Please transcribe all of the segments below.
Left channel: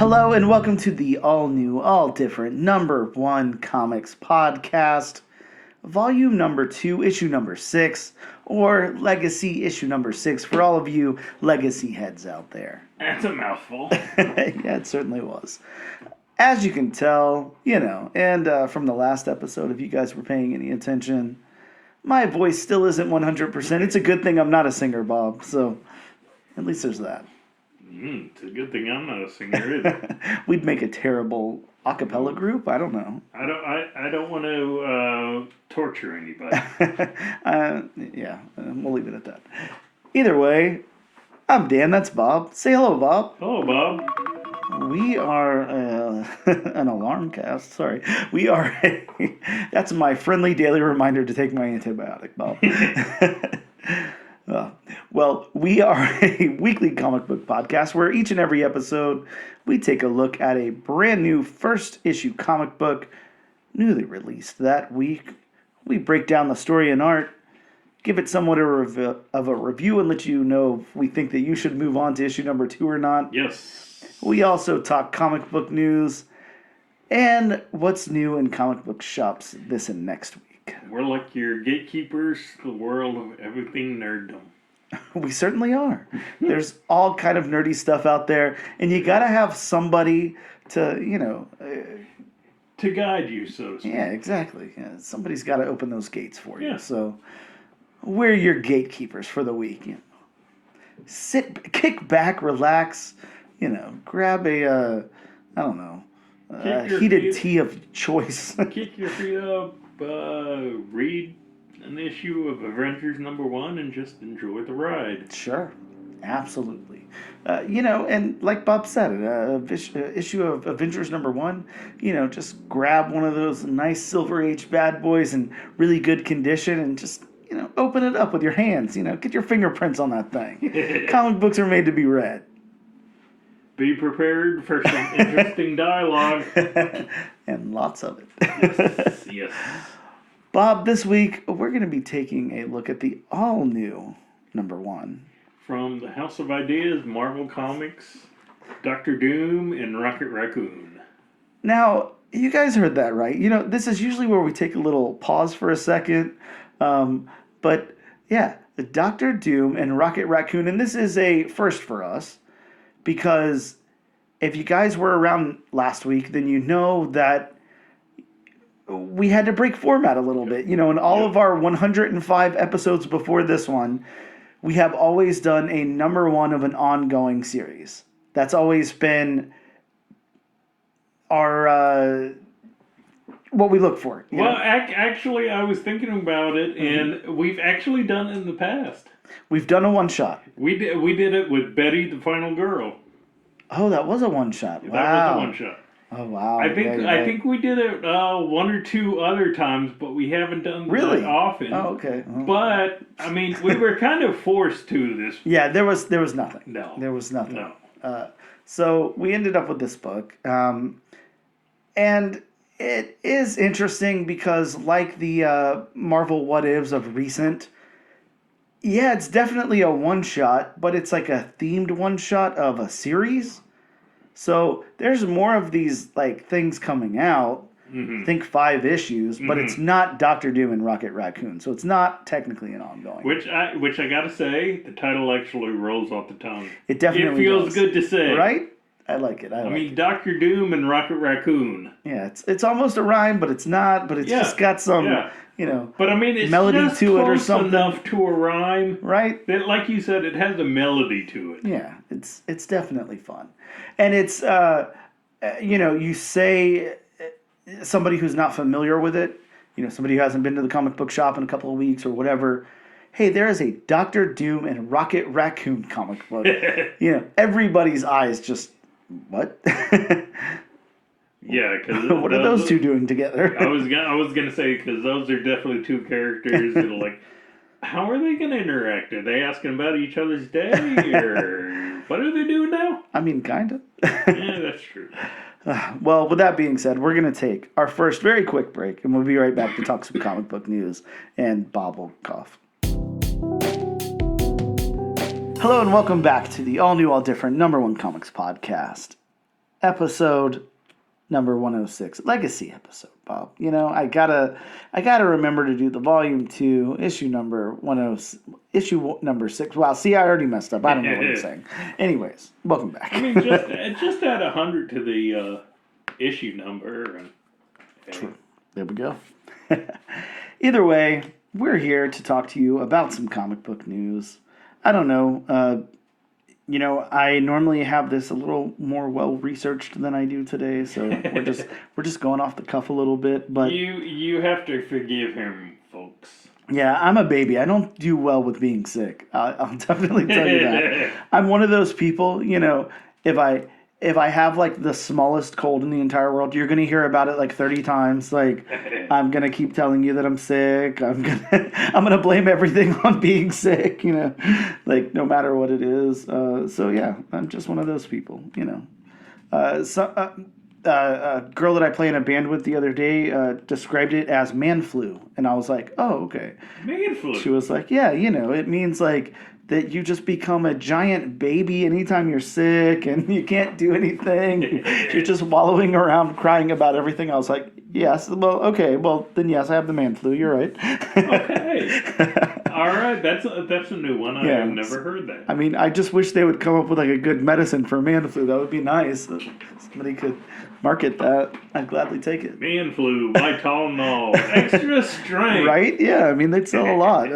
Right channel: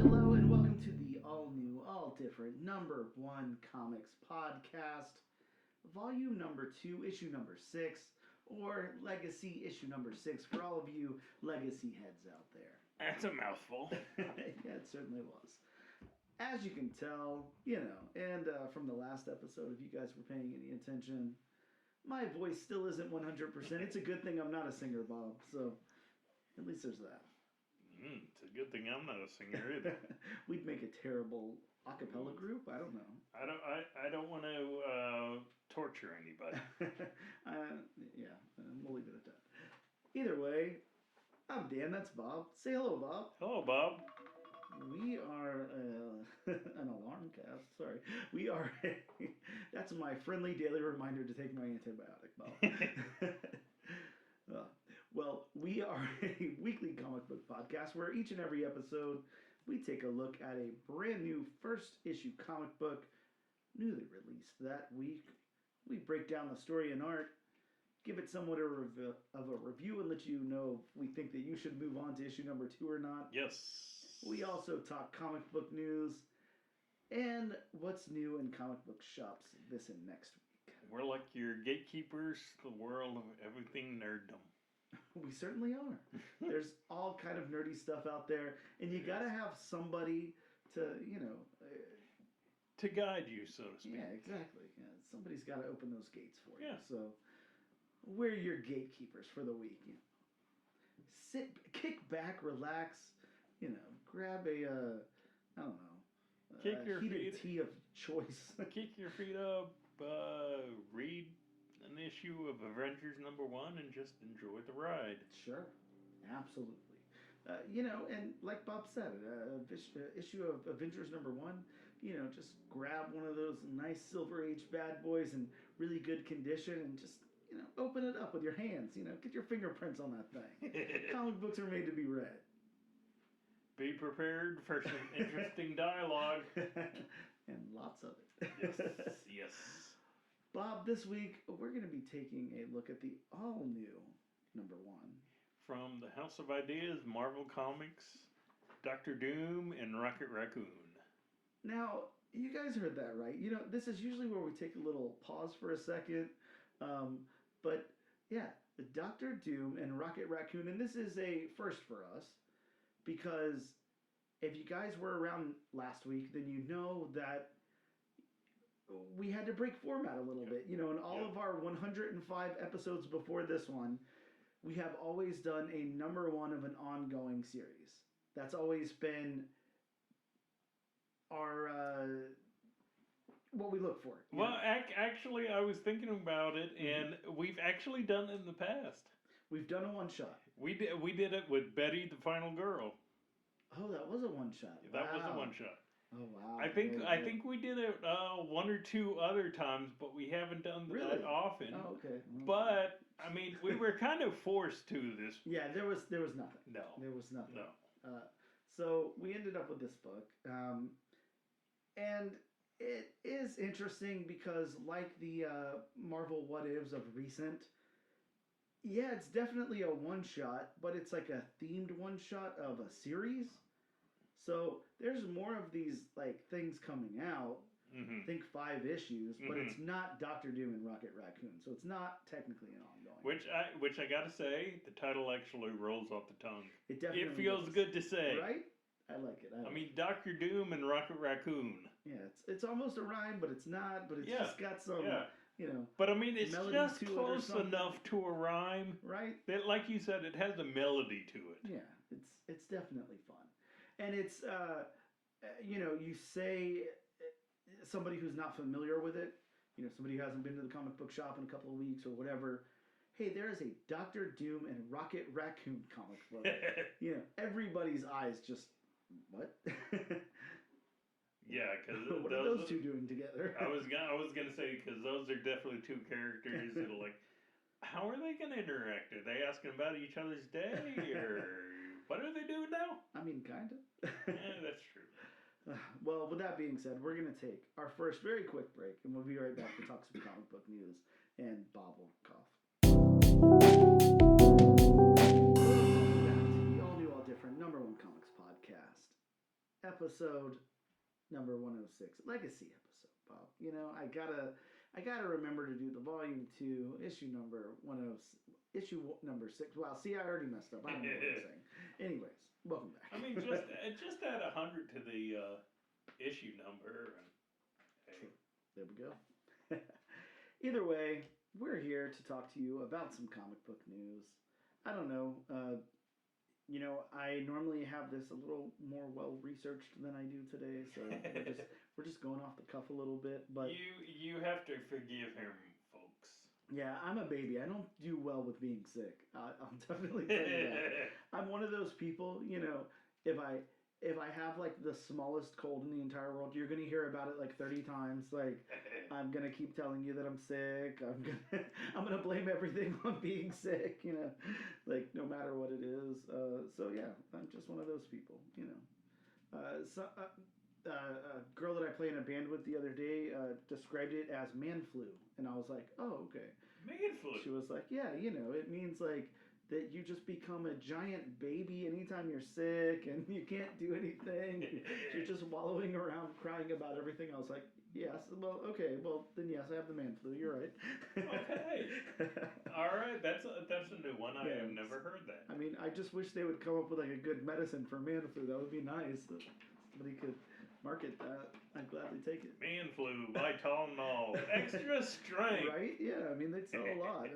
Hello and welcome to the all-new, all-different number one comics podcast, volume number 2, issue number 6, or legacy issue number 6 for all of you legacy heads out there. That's a mouthful. Yeah, it certainly was. As you can tell, and from the last episode, if you guys were paying any attention, my voice still isn't 100%. It's a good thing I'm not a singer, Bob, so at least there's that. It's a good thing I'm not a singer either. We'd make a terrible a cappella group. I don't know. I don't want to torture anybody. We'll leave it at that. Either way, I'm Dan. That's Bob. Say hello, Bob. Hello, Bob. We are an alarm cast. Sorry. We are. That's my friendly daily reminder to take my antibiotic, Bob. Well, we are a weekly comic book podcast where each and every episode we take a look at a brand new first issue comic book newly released that week. We break down the story and art, give it somewhat of a review, and let you know if we think that you should move on to issue number 2 or not. Yes. We also talk comic book news and what's new in comic book shops this and next week. We're like your gatekeepers to the world of everything nerddom. We certainly are. There's all kind of nerdy stuff out there, and you gotta have somebody to, to guide you, so to speak. Yeah, exactly. Yeah, somebody's got to open those gates for you. Yeah. So we're your gatekeepers for the week. Kick back, relax. Grab a, heated tea of choice. Kick your feet up, read an issue of Avengers number 1 and just enjoy the ride. Sure, absolutely. And like Bob said, issue of Avengers number 1, just grab one of those nice Silver Age bad boys in really good condition and just, open it up with your hands. Get your fingerprints on that thing. Comic books are made to be read. Be prepared for some interesting dialogue. And lots of it. Yes. Bob, this week we're going to be taking a look at the all-new number 1. From the House of Ideas, Marvel Comics, Dr. Doom, and Rocket Raccoon. Now, you guys heard that right. This is usually where we take a little pause for a second. But, yeah, the Dr. Doom and Rocket Raccoon, and this is a first for us, because if you guys were around last week, then you know that we had to break format a little bit. In all of our 105 episodes before this one, we have always done a number 1 of an ongoing series. That's always been our what we look for. Well, actually, I was thinking about it, and we've actually done it in the past. We've done a one-shot. We did it with Betty, the Final Girl. Oh, that was a one-shot. Wow. That was a one-shot. Oh, wow. I think we did it 1 or 2 other times, but we haven't done that often. Oh, okay. Oh. But we were kind of forced to this. Yeah, there was nothing. No. There was nothing. No. So we ended up with this book. And it is interesting because like the Marvel What Ifs of recent, yeah, it's definitely a one-shot, but it's like a themed one-shot of a series. So there's more of these things coming out. I think 5 issues, but it's not Dr. Doom and Rocket Raccoon, so it's not technically an ongoing. Which I gotta say, the title actually rolls off the tongue. It definitely feels good to say, right? I like it. I mean, Dr. Doom and Rocket Raccoon. Yeah, it's almost a rhyme, but it's not. But it's just got some, But I mean, it's melody just to it or close something enough to a rhyme, right? That, like you said, it has a melody to it. Yeah, it's definitely fun, and it's you say somebody who's not familiar with it, somebody who hasn't been to the comic book shop in a couple of weeks or whatever. Hey, there is a Dr. Doom and Rocket Raccoon comic book. Everybody's eyes just. What? Yeah, because what are those two doing together? I was gonna say, because those are definitely 2 characters that are how are they gonna interact? Are they asking about each other's day, or what are they doing now? I mean, kind of. Yeah, that's true. Well, with that being said, we're gonna take our first very quick break, and we'll be right back to talk some comic book news, and Bob will cough. Hello and welcome back to the all-new, all-different number 1 comics podcast. episode number 106, legacy episode, Bob. I gotta remember to do the volume 2 issue number 10, issue number 6. Wow, see, I already messed up. I don't know what I'm saying. Anyways, welcome back. I mean, just add 100 to the issue number. And, hey. True. There we go. Either way, we're here to talk to you about some comic book news. I don't know. I normally have this a little more well researched than I do today, so we're just going off the cuff a little bit. But you have to forgive him, folks. Yeah, I'm a baby. I don't do well with being sick. I'll definitely tell you that. I'm one of those people. If I have like the smallest cold in the entire world, you're gonna hear about it like 30 times. Like, I'm gonna keep telling you that I'm sick. I'm gonna blame everything on being sick. Like no matter what it is. So yeah, I'm just one of those people. A girl that I play in a band with the other day described it as man flu, and I was like, oh, okay. Man flu. She was like, yeah, it means like that you just become a giant baby anytime you're sick and you can't do anything. You're just wallowing around crying about everything. I was like, yes, well, okay, well, then yes, I have the man flu. You're right. Okay. All right, that's a new one. I have never heard that. I mean, I just wish they would come up with like a good medicine for man flu. That would be nice. Somebody could market that. I'd gladly take it. Man flu, Tylenol, extra strength. Right? Yeah, I mean, they'd sell a lot.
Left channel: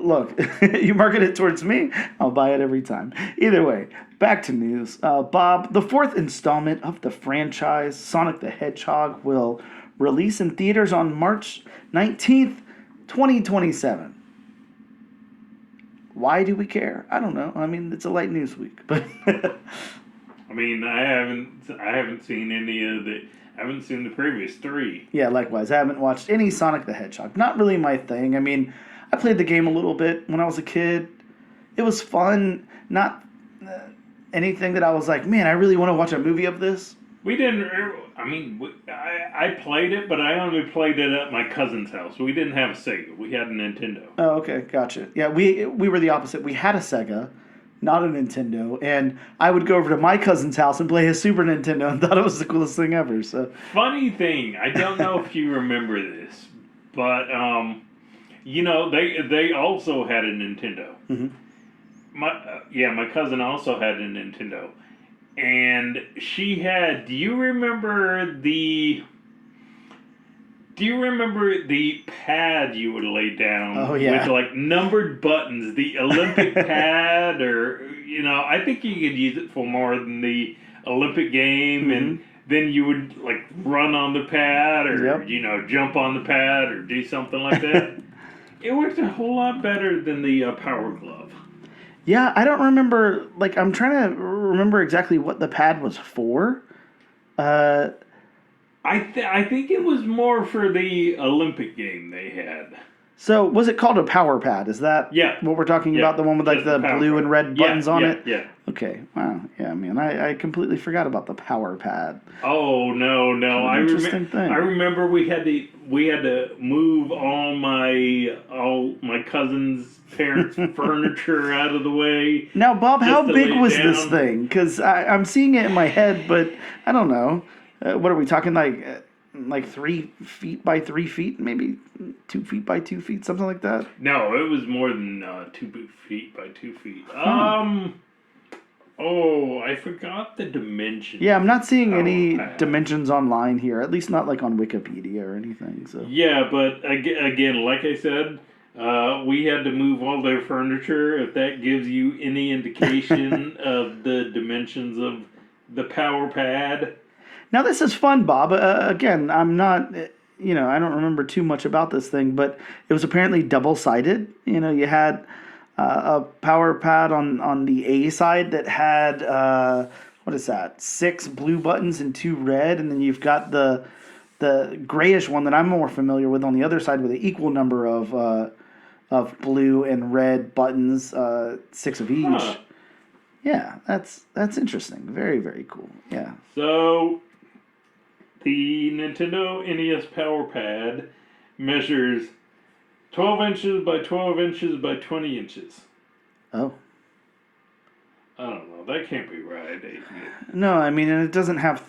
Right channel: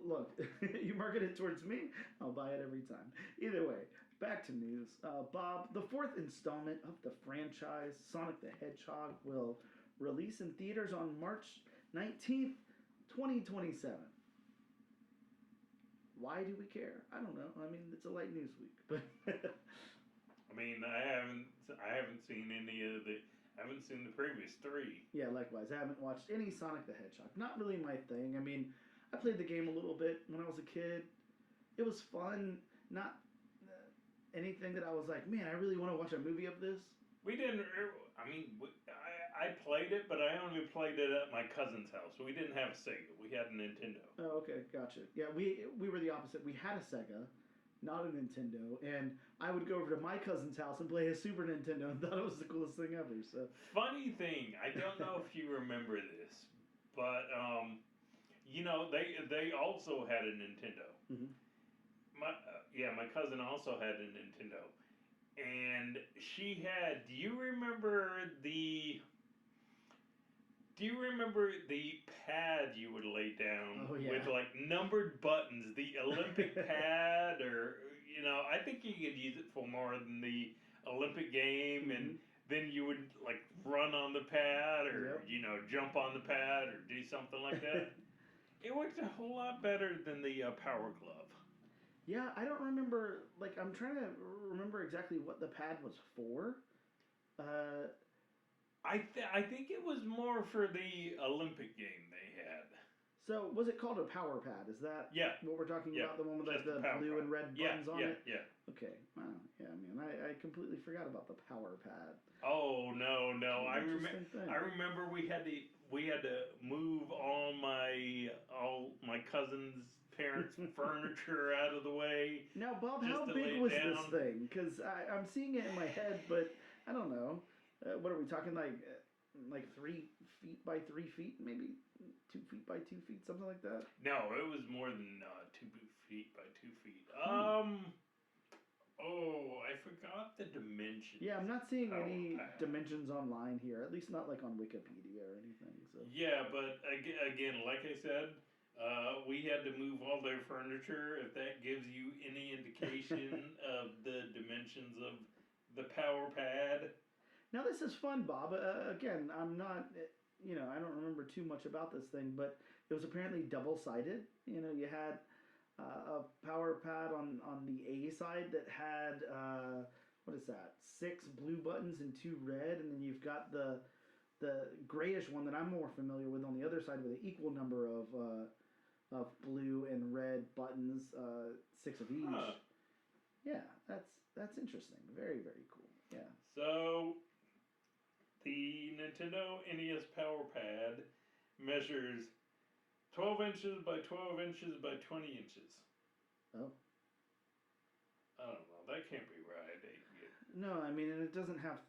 Look, you market it towards me, I'll buy it every time. Either way, back to news. Bob, the 4th installment of the franchise, Sonic the Hedgehog, will release in theaters on March 19th, 2027. Why do we care? I don't know. I mean, it's a light news week, but... I mean, I haven't seen any of the... I haven't seen the previous 3. Yeah, likewise. I haven't watched any Sonic the Hedgehog. Not really my thing. I mean, I played the game a little bit when I was a kid. It was fun. Not anything that I was like, man, I really want to watch a movie of this. We didn't... I mean, I played it, but I only played it at my cousin's house. We didn't have a Sega. We had a Nintendo. Oh, okay. Gotcha. Yeah, we were the opposite. We had a Sega, not a Nintendo, and I would go over to my cousin's house and play his Super Nintendo and thought it was the coolest thing ever. So funny thing, I don't know if you remember this, but they also had a Nintendo. Mm-hmm. My cousin also had a Nintendo, and she had. Do you remember the pad you would lay down? Oh, yeah. With like numbered buttons, the Olympic pad, or I think you could use it for more than the Olympic game, mm-hmm. and then you would like run on the pad, or jump on the pad, or do something like that. It worked a whole lot better than the Power Glove. Yeah, I don't remember. Like, I'm trying to remember exactly what the pad was for. I think it was more for the Olympic game they had. So, was it called a power pad? Is that what we're talking about? The one with like the blue pad. And red buttons on it? Yeah. Okay. Wow. Yeah, man, I completely forgot about the power pad. Oh, no. Interesting thing. I remember we had to move all my cousins' parents' furniture out of the way. Now, Bob, how big was this thing? Because I'm seeing it in my head, but I don't know. What are we talking like 3 feet by 3 feet, maybe 2 feet by 2 feet, something like that? No, it was more than 2 feet by 2 feet. Oh, I forgot the dimensions. Yeah, I'm not seeing any dimensions online here, at least not like on Wikipedia or anything. So yeah, but again, like I said, we had to move all their furniture. If that gives you any indication of the dimensions of the power pad. Now, this is fun, Bob. Again, I'm not, I don't remember too much about this thing, but it was apparently double-sided. You had a power pad on the A side that had, 6 blue buttons and 2 red, and then you've got the grayish one that I'm more familiar with on the other side with an equal number of blue and red buttons, 6 of each. Huh. Yeah, that's interesting. Very, very cool. Yeah. So the Nintendo NES Power Pad measures 12 inches by 12 inches by 20 inches. Oh. I don't know. that can't be right. No, I mean, and it doesn't have.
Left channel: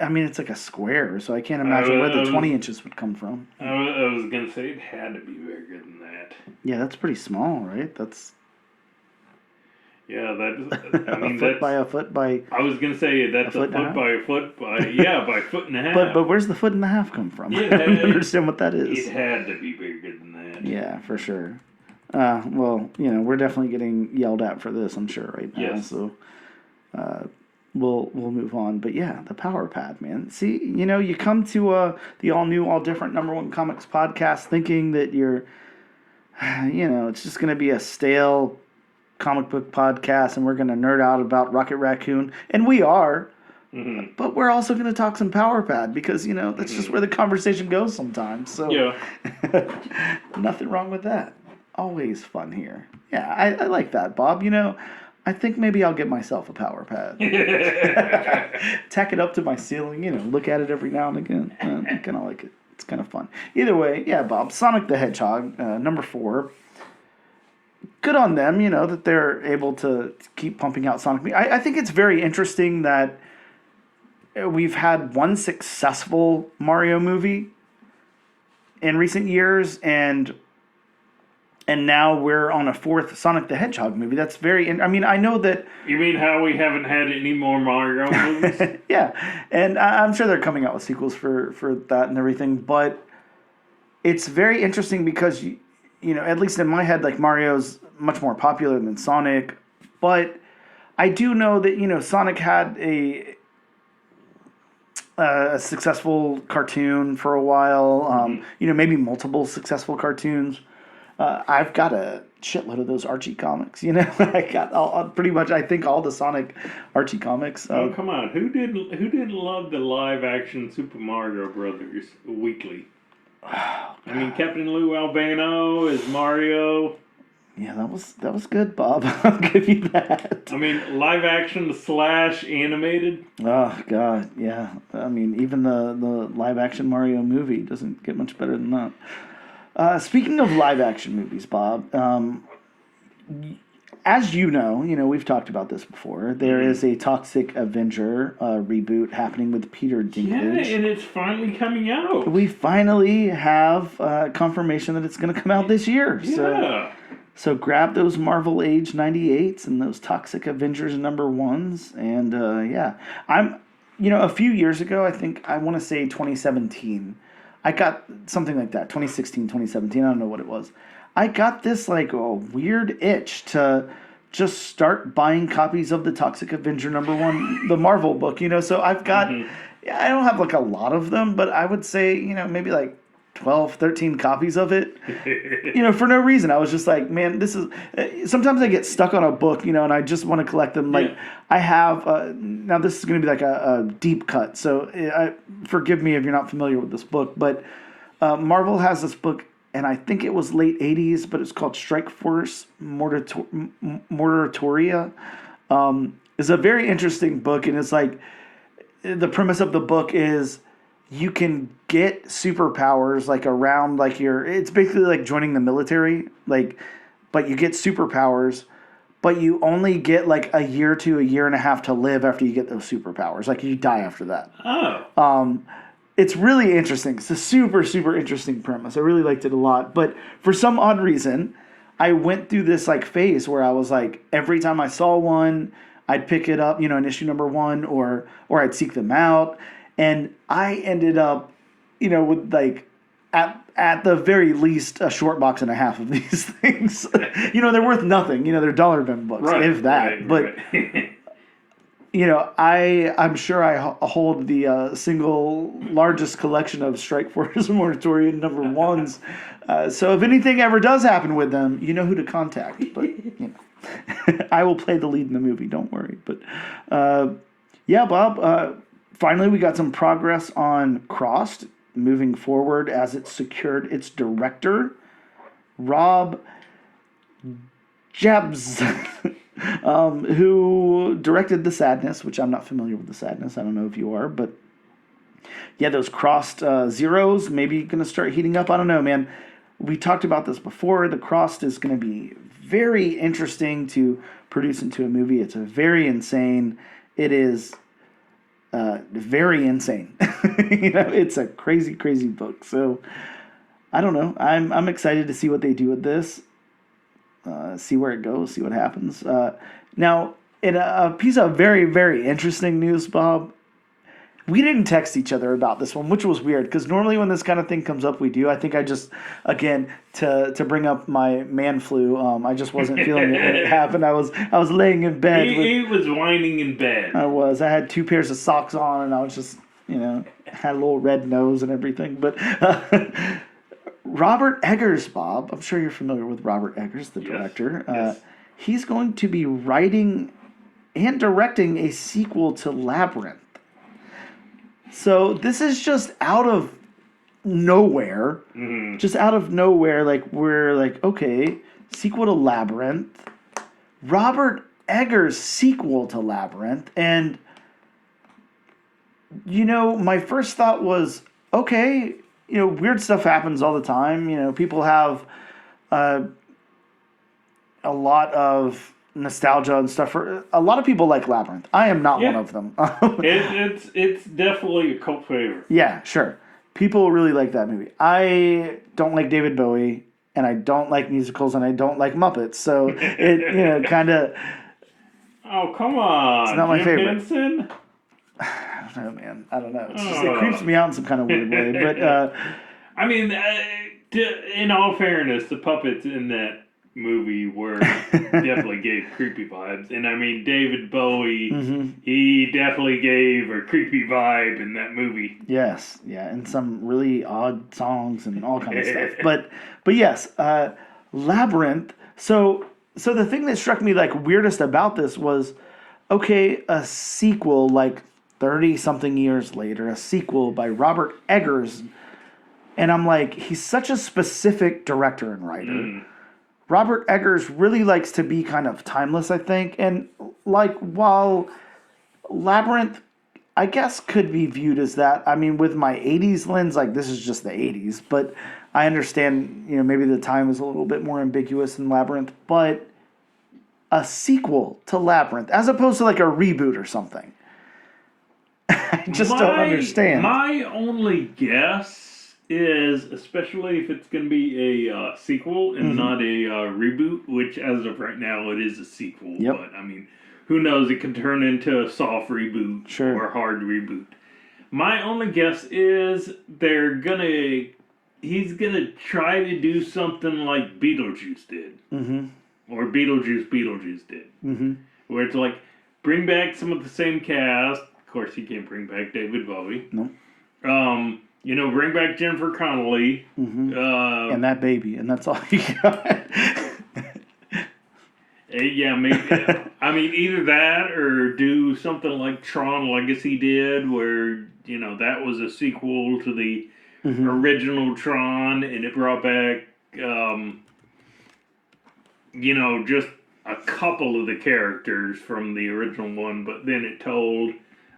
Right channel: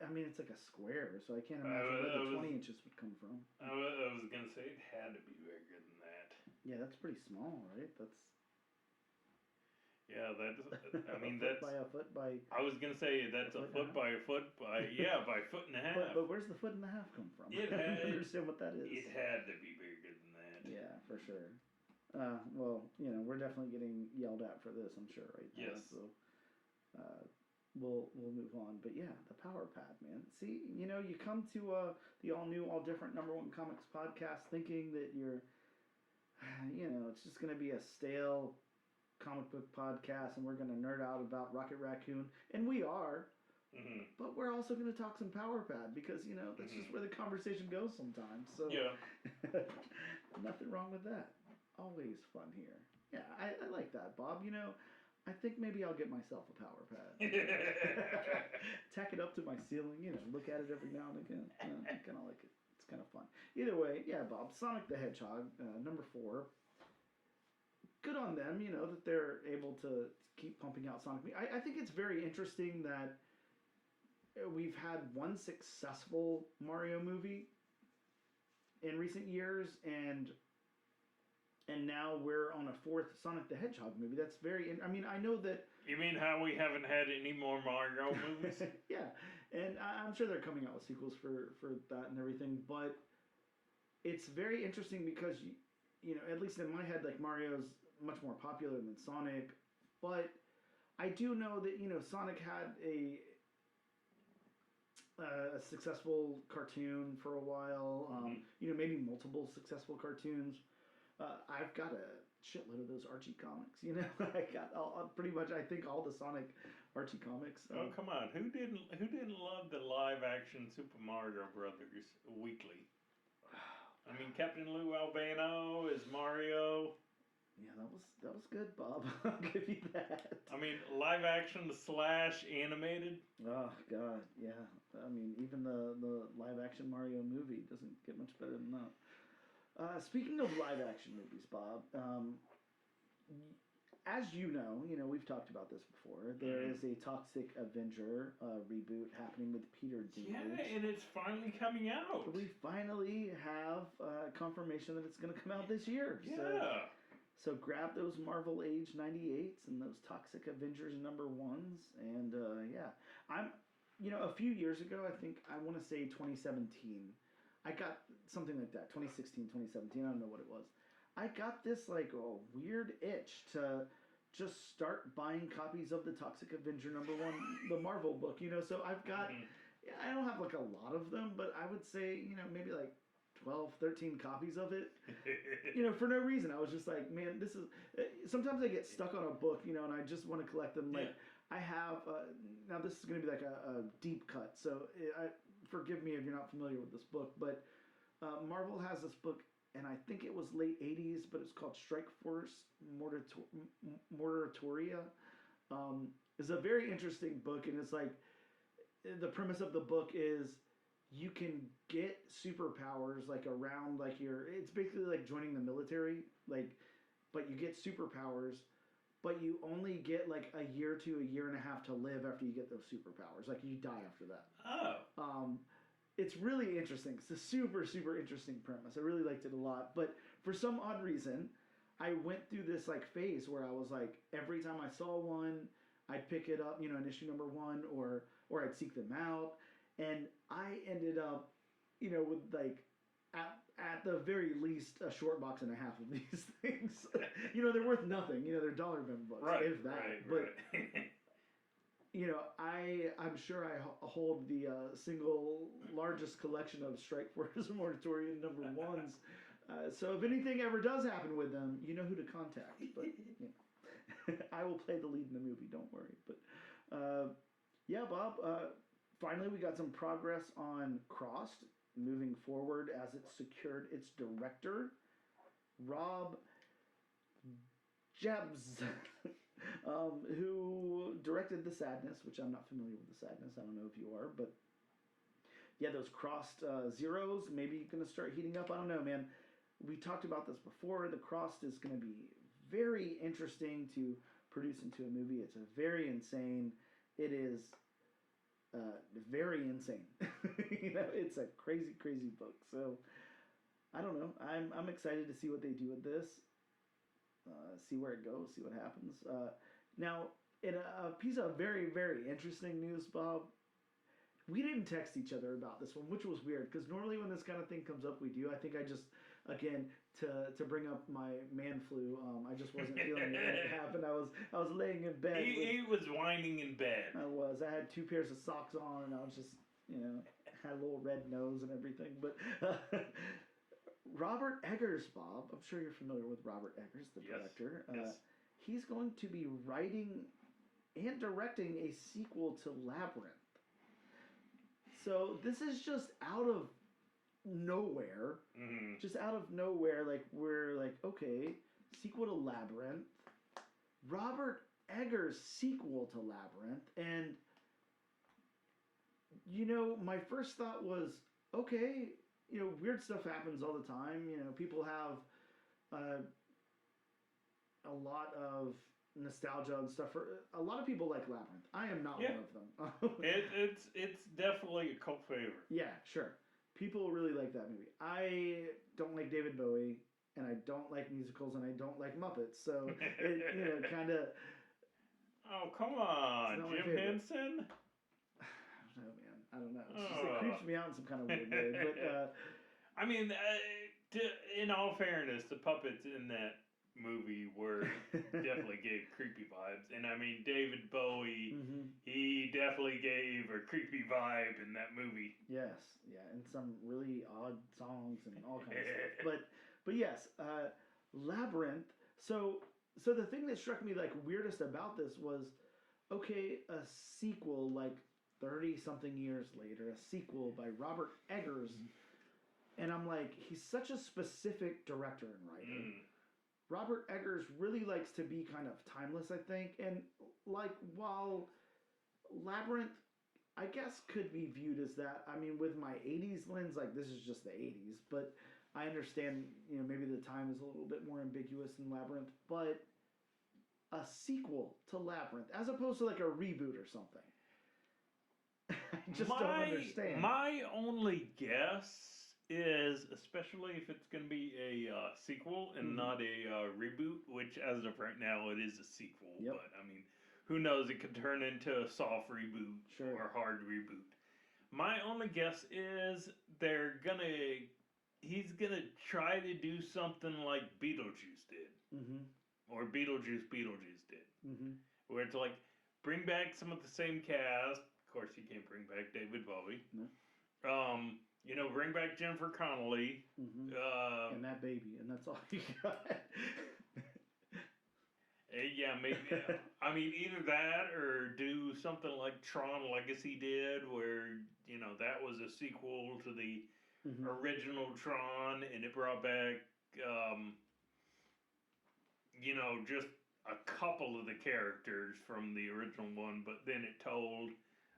I mean, it's like a square, so I can't imagine where the 20 inches would come from. I was gonna say it had to be bigger than that. Yeah, that's pretty small, right? That's. Yeah, that's. I mean, a foot that's by a foot by. I was gonna say that's a foot by a foot by by foot and a half. But where's the foot and a half come from? Yeah, I don't understand what that is. It had to be bigger than that. Yeah, for sure. Well, we're definitely getting yelled at for this, I'm sure, right now. Yes. So we'll move on. But yeah, the Power Pad, man. See, you come to the all new, all different #1 comics podcast thinking that you're, it's just gonna be a stale comic book podcast, and we're gonna nerd out about Rocket Raccoon, and we are. Mm-hmm. But we're also going to talk some Power Pad because, that's just where the conversation goes sometimes. So, yeah. Nothing wrong with that. Always fun here. Yeah, I like that, Bob. I think maybe I'll get myself a Power Pad. Tack it up to my ceiling, look at it every now and again. I kind of like it. It's kind of fun. Either way, yeah, Bob, Sonic the Hedgehog, #4. Good on them, that they're able to keep pumping out Sonic. I think it's very interesting that we've had one successful Mario movie in recent years, and now we're on a 4th Sonic the Hedgehog movie. That's I mean, I know that... You mean how we haven't had any more Mario movies? Yeah, and I'm sure they're coming out with sequels for that and everything, but it's very interesting because, at least in my head, like, Mario's much more popular than Sonic, but I do know that, Sonic had a successful cartoon for a while, maybe multiple successful cartoons. I've got a shitload of those Archie comics, I got pretty much, I think, all the Sonic Archie comics. Oh, come on. Who didn't love the live action Super Mario Brothers weekly? Oh, I mean, Captain Lou Albano is Mario. Yeah, that was good, Bob. I'll give you that. I mean, live action / animated. Oh God, yeah. I mean, even the live action Mario movie doesn't get much better than that. Speaking of live action movies, Bob, as you know, we've talked about this before. There is a Toxic Avenger reboot happening with Peter Dinklage. Yeah, and it's finally coming out. We finally have confirmation that it's going to come out this year. Yeah. So grab those Marvel Age 98s and those Toxic Avengers #1s. And yeah, a few years ago, I want to say 2017, I got something like that, 2016, 2017, I don't know what it was. I got this like a weird itch to just start buying copies of the Toxic Avenger #1, the Marvel book, so I've got, I don't have like a lot of them, but I would say, maybe like 12, 13 copies of it, for no reason. I was just like, man, this is... sometimes I get stuck on a book, and I just want to collect them. Like, I have... now, this is going to be like a deep cut, so forgive me if you're not familiar with this book, but Marvel has this book, and I think it was late 80s, but it's called Strike Force Moratoria. It's a very interesting book, and it's like... the premise of the book is... you can get superpowers like around like it's basically like joining the military, like, but you get superpowers, but you only get like a year to a year and a half to live after you get those superpowers. Like you die after that. Oh. It's really interesting. It's a super, super interesting premise. I really liked it a lot. But for some odd reason, I went through this like phase where I was like, every time I saw one, I'd pick it up, in issue #1 or I'd seek them out. And I ended up, with like, at the very least, a short box and a half of these things. They're worth nothing. They're dollar bin books, right, if that. But, I'm sure I hold the single largest collection of Strike Force Moratorium #1s. So if anything ever does happen with them, you know who to contact. But, I will play the lead in the movie. Don't worry. But, yeah, Bob... finally, we got some progress on Crossed moving forward as it secured its director, Rob Jabs, who directed The Sadness, which I'm not familiar with The Sadness. I don't know if you are, but yeah, those Crossed Zeros maybe going to start heating up. I don't know, man. We talked about this before. The Crossed is going to be very interesting to produce into a movie. It's very insane. It is very insane. It's a crazy, crazy book. So I don't know. I'm excited to see what they do with this. See where it goes. See what happens. Now, in a piece of very, very interesting news, Bob. We didn't text each other about this one, which was weird because normally when this kind of thing comes up, we do. I think I just, again, to bring up my man flu, I just wasn't feeling it when it happened. I was laying in bed. He was whining in bed. I was. I had 2 pairs of socks on, and I was just, had a little red nose and everything. But Robert Eggers, Bob, I'm sure you're familiar with Robert Eggers, the director. Yes. He's going to be writing and directing a sequel to Labyrinth. So this is just out of nowhere. Mm-hmm. Just out of nowhere, we're like, okay, sequel to Labyrinth. Robert Eggers' sequel to Labyrinth. And, my first thought was, okay, weird stuff happens all the time. People have a lot of nostalgia and stuff. For a lot of people like Labyrinth. I am not one of them. It's definitely a cult favorite. Yeah, sure. People really like that movie. I don't like David Bowie, and I don't like musicals, and I don't like Muppets. So it kind of. Oh, come on! It's not my favorite. Henson? I don't know, man. I don't know. It's just, it creeps me out in some kind of weird way. But I mean, in all fairness, the puppets in that movie were definitely gave creepy vibes, and I mean David Bowie, he definitely gave a creepy vibe in that movie. Yes, yeah, and some really odd songs and all kinds of stuff. But yes, Labyrinth. So the thing that struck me weirdest about this was, okay, a sequel 30 something years later, a sequel by Robert Eggers, and I'm like, he's such a specific director and writer. Robert Eggers really likes to be kind of timeless, I think. And, while Labyrinth, I guess, could be viewed as that. I mean, with my 80s lens, this is just the 80s. But I understand, maybe the time is a little bit more ambiguous in Labyrinth. But a sequel to Labyrinth, as opposed to, a reboot or something. I just don't understand. My only guess is, especially if it's going to be a sequel and not a reboot, which as of right now it is a sequel. Yep. But I mean, who knows? It can turn into a soft reboot or a hard reboot. My only guess is he's gonna try to do something like Beetlejuice did, or Beetlejuice did, where it's bring back some of the same cast. Of course, he can't bring back David Bowie. No. Bring back Jennifer Connelly. And that baby, and that's all you got. Yeah, maybe. I mean, either that or do something like Tron Legacy did, where, that was a sequel to the original Tron, and it brought back, just a couple of the characters from the original one, but then it told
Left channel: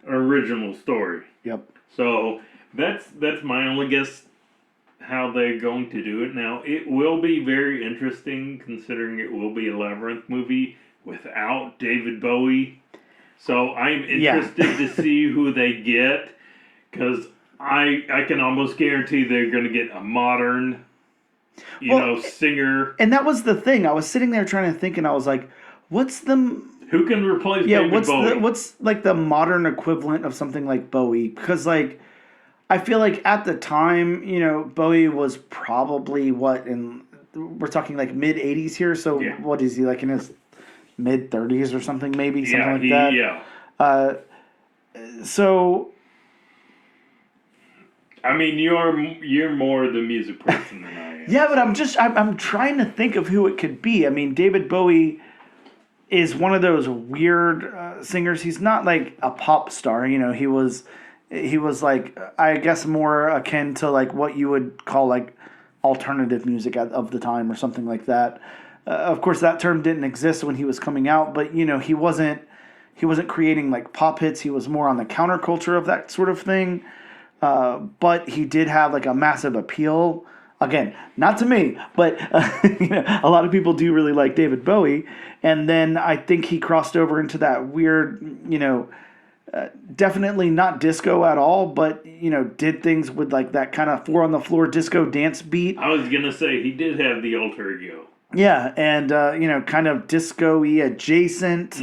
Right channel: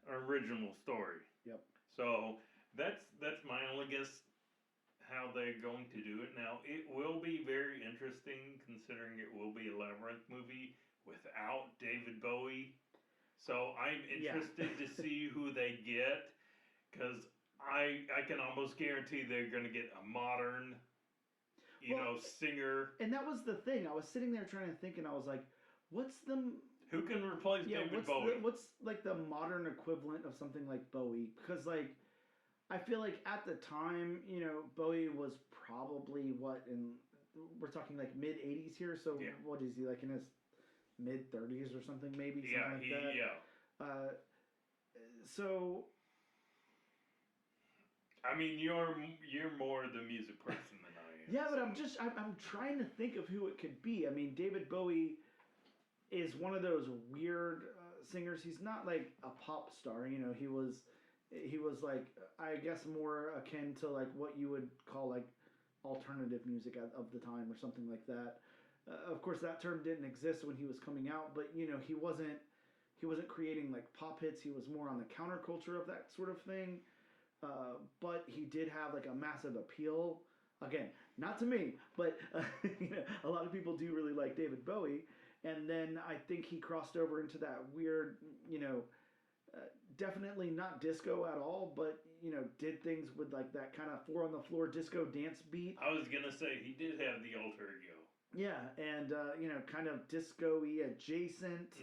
an original story. Yep. So that's my only guess how they're going to do it. Now, it will be very interesting considering it will be a Labyrinth movie without David Bowie. So I'm interested to see who they get, because I can almost guarantee they're going to get a modern, singer. And that was the thing. I was sitting there trying to think, and I was like, what's the... Who can replace David Bowie? What's the modern equivalent of something like Bowie? Because I feel at the time, Bowie was probably we're talking mid 80s here. So what is he in his mid 30s or something? Maybe something like that. Yeah. So. I mean, you're more the music person than I am. Yeah, but I'm trying to think of who it could be. I mean, David Bowie is one of those weird singers. He's not a pop star. He was I guess more akin to what you would call alternative music of the time or something like that. Of course, that term didn't exist when he was coming out, but he wasn't creating pop hits. He was more on the counterculture of that sort of thing. But he did have a massive appeal again, not to me, but a lot of people do really like David Bowie. And then I think he crossed over into that weird, definitely not disco at all, but did things with like that kind of four on the floor disco dance beat. I was gonna say he did have the alter ego. Yeah, and kind of disco-y adjacent,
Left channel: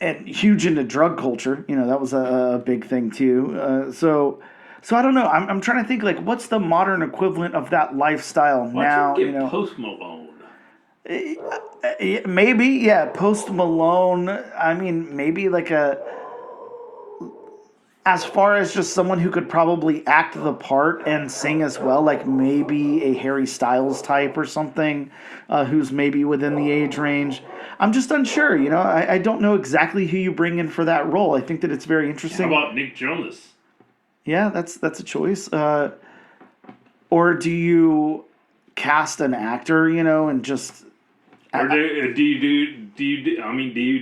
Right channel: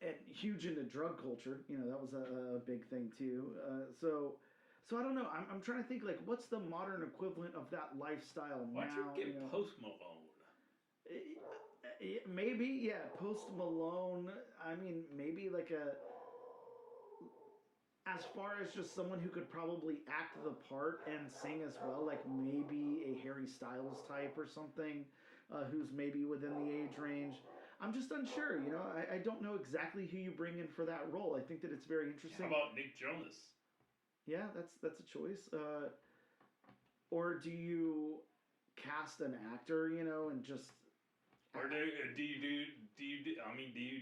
and huge into drug culture. That was a big thing too. So I don't know. I'm trying to think like what's the modern equivalent of that lifestyle Why now. don't you get Post Malone? Maybe, yeah, Post Malone. I mean, maybe like as far as just someone who could probably act the part and sing as well, like maybe a Harry Styles type or something, who's maybe within the age range. I'm just unsure. I don't know exactly who you bring in for that role. I think that it's very interesting. How about Nick Jonas? Yeah, that's a choice. Or do you cast an actor, and just Or do you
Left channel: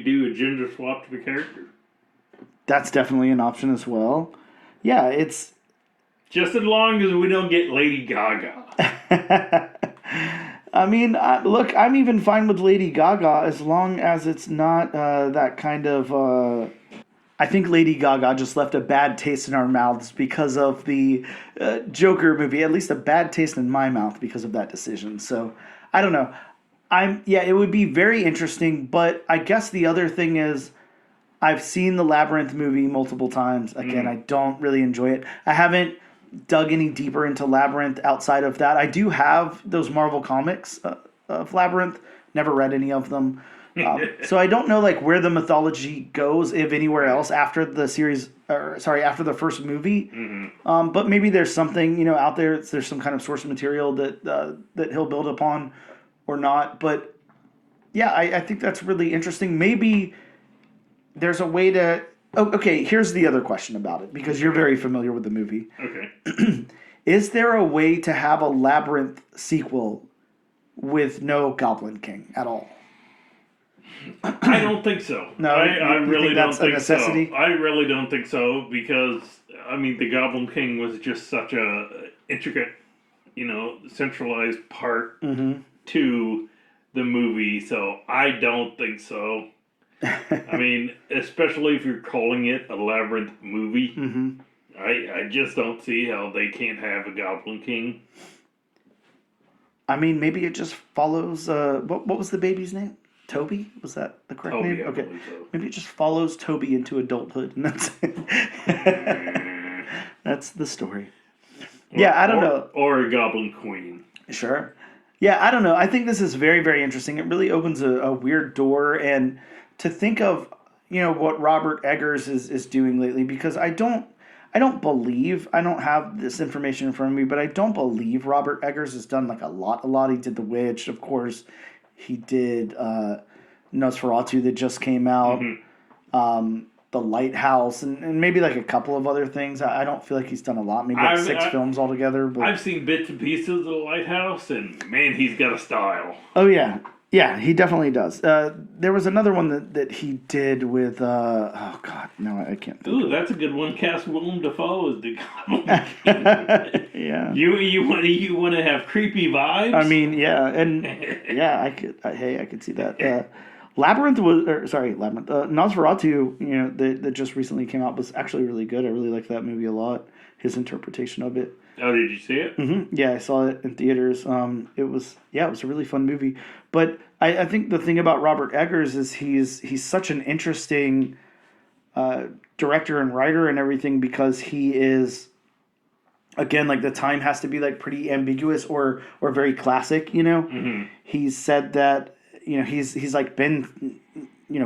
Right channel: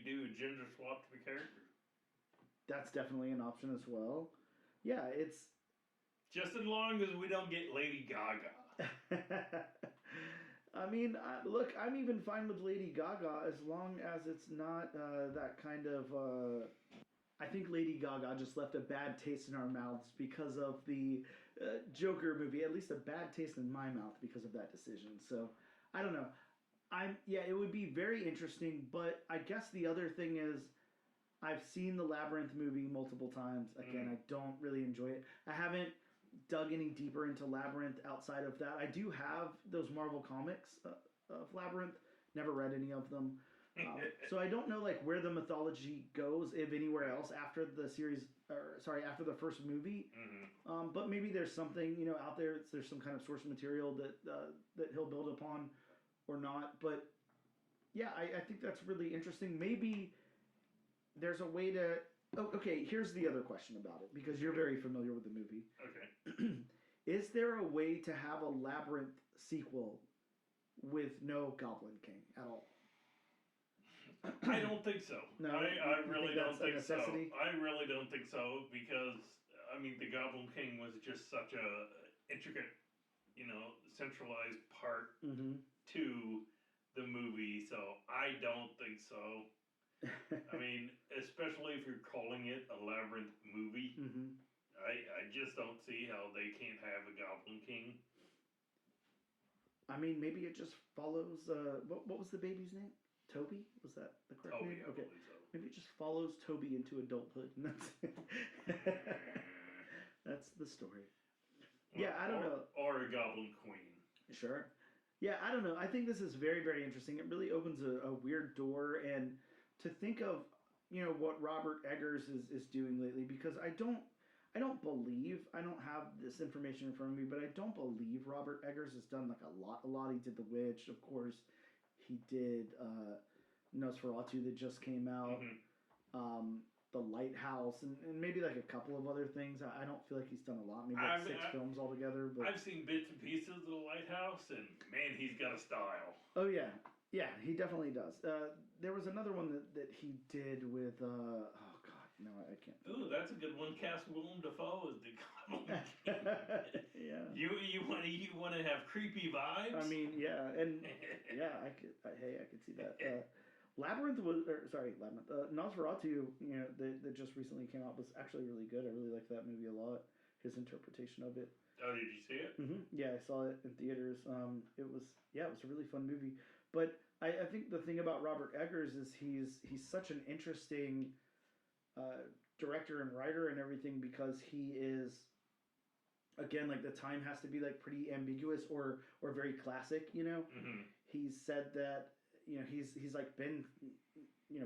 do a gender swap to the character? that's definitely an option as well. Yeah, it's just as long as we don't get Lady Gaga. I mean, look, I'm even fine with Lady Gaga as long as it's not that kind of. I think Lady Gaga just left a bad taste in our mouths because of the Joker movie. At least a bad taste in my mouth because of that decision. So I don't know. It would be very interesting, but I guess the other thing is I've seen the Labyrinth movie multiple times. Again, I don't really enjoy it. I haven't dug any deeper into Labyrinth outside of that. I do have those Marvel comics of Labyrinth. Never read any of them. So I don't know like where the mythology goes, if anywhere else after the series, after the first movie. But maybe there's something out there. There's some kind of source material that he'll build upon, or not. But yeah, I think that's really interesting. Maybe there's a way to. Oh, okay. Here's the other question about it because you're very familiar with the movie. Okay. Is there a way to have a Labyrinth sequel with no Goblin King at all? I don't think so. No, I really don't think so. I really don't think so because the Goblin King was just such a intricate, centralized part to the movie. So I don't think so. Especially if you're calling it a Labyrinth movie, I just don't see how they can't have a Goblin King. Maybe it just follows. What was the baby's name? Toby? Was that the correct name? I Okay. believe so. Maybe it just follows Toby into adulthood, and that's it. That's the story. I don't know. Or a Goblin Queen. Sure. Yeah, I don't know. I think this is very, very interesting. It really opens a weird door, and to think of, what Robert Eggers is doing lately, because I don't believe, I don't have this information in front of me, but I don't believe Robert Eggers has done like a lot. He did The Witch, of course. He did Nosferatu that just came out, The Lighthouse, and maybe like a couple of other things. I don't feel like he's done a lot. Maybe like six films altogether. But I've seen bits and pieces of The Lighthouse, and man, he's got a style. Oh yeah. Yeah, he definitely does. There was another one that he did with oh god, no, I can't think. Ooh, that's a good one. Cast Willem Dafoe as the Goblin King. Yeah. You want to have creepy vibes? And yeah, I could see that. Labyrinth. Nosferatu, that just recently came out was actually really good. I really liked that movie a lot. His interpretation of it. Oh, did you see it? Mm-hmm. Yeah, I saw it in theaters. It was a really fun movie. But I think the thing about Robert Eggers is he's such an interesting director and writer and everything because he is, again, like the time has to be like pretty ambiguous or very classic. He's said that he's like been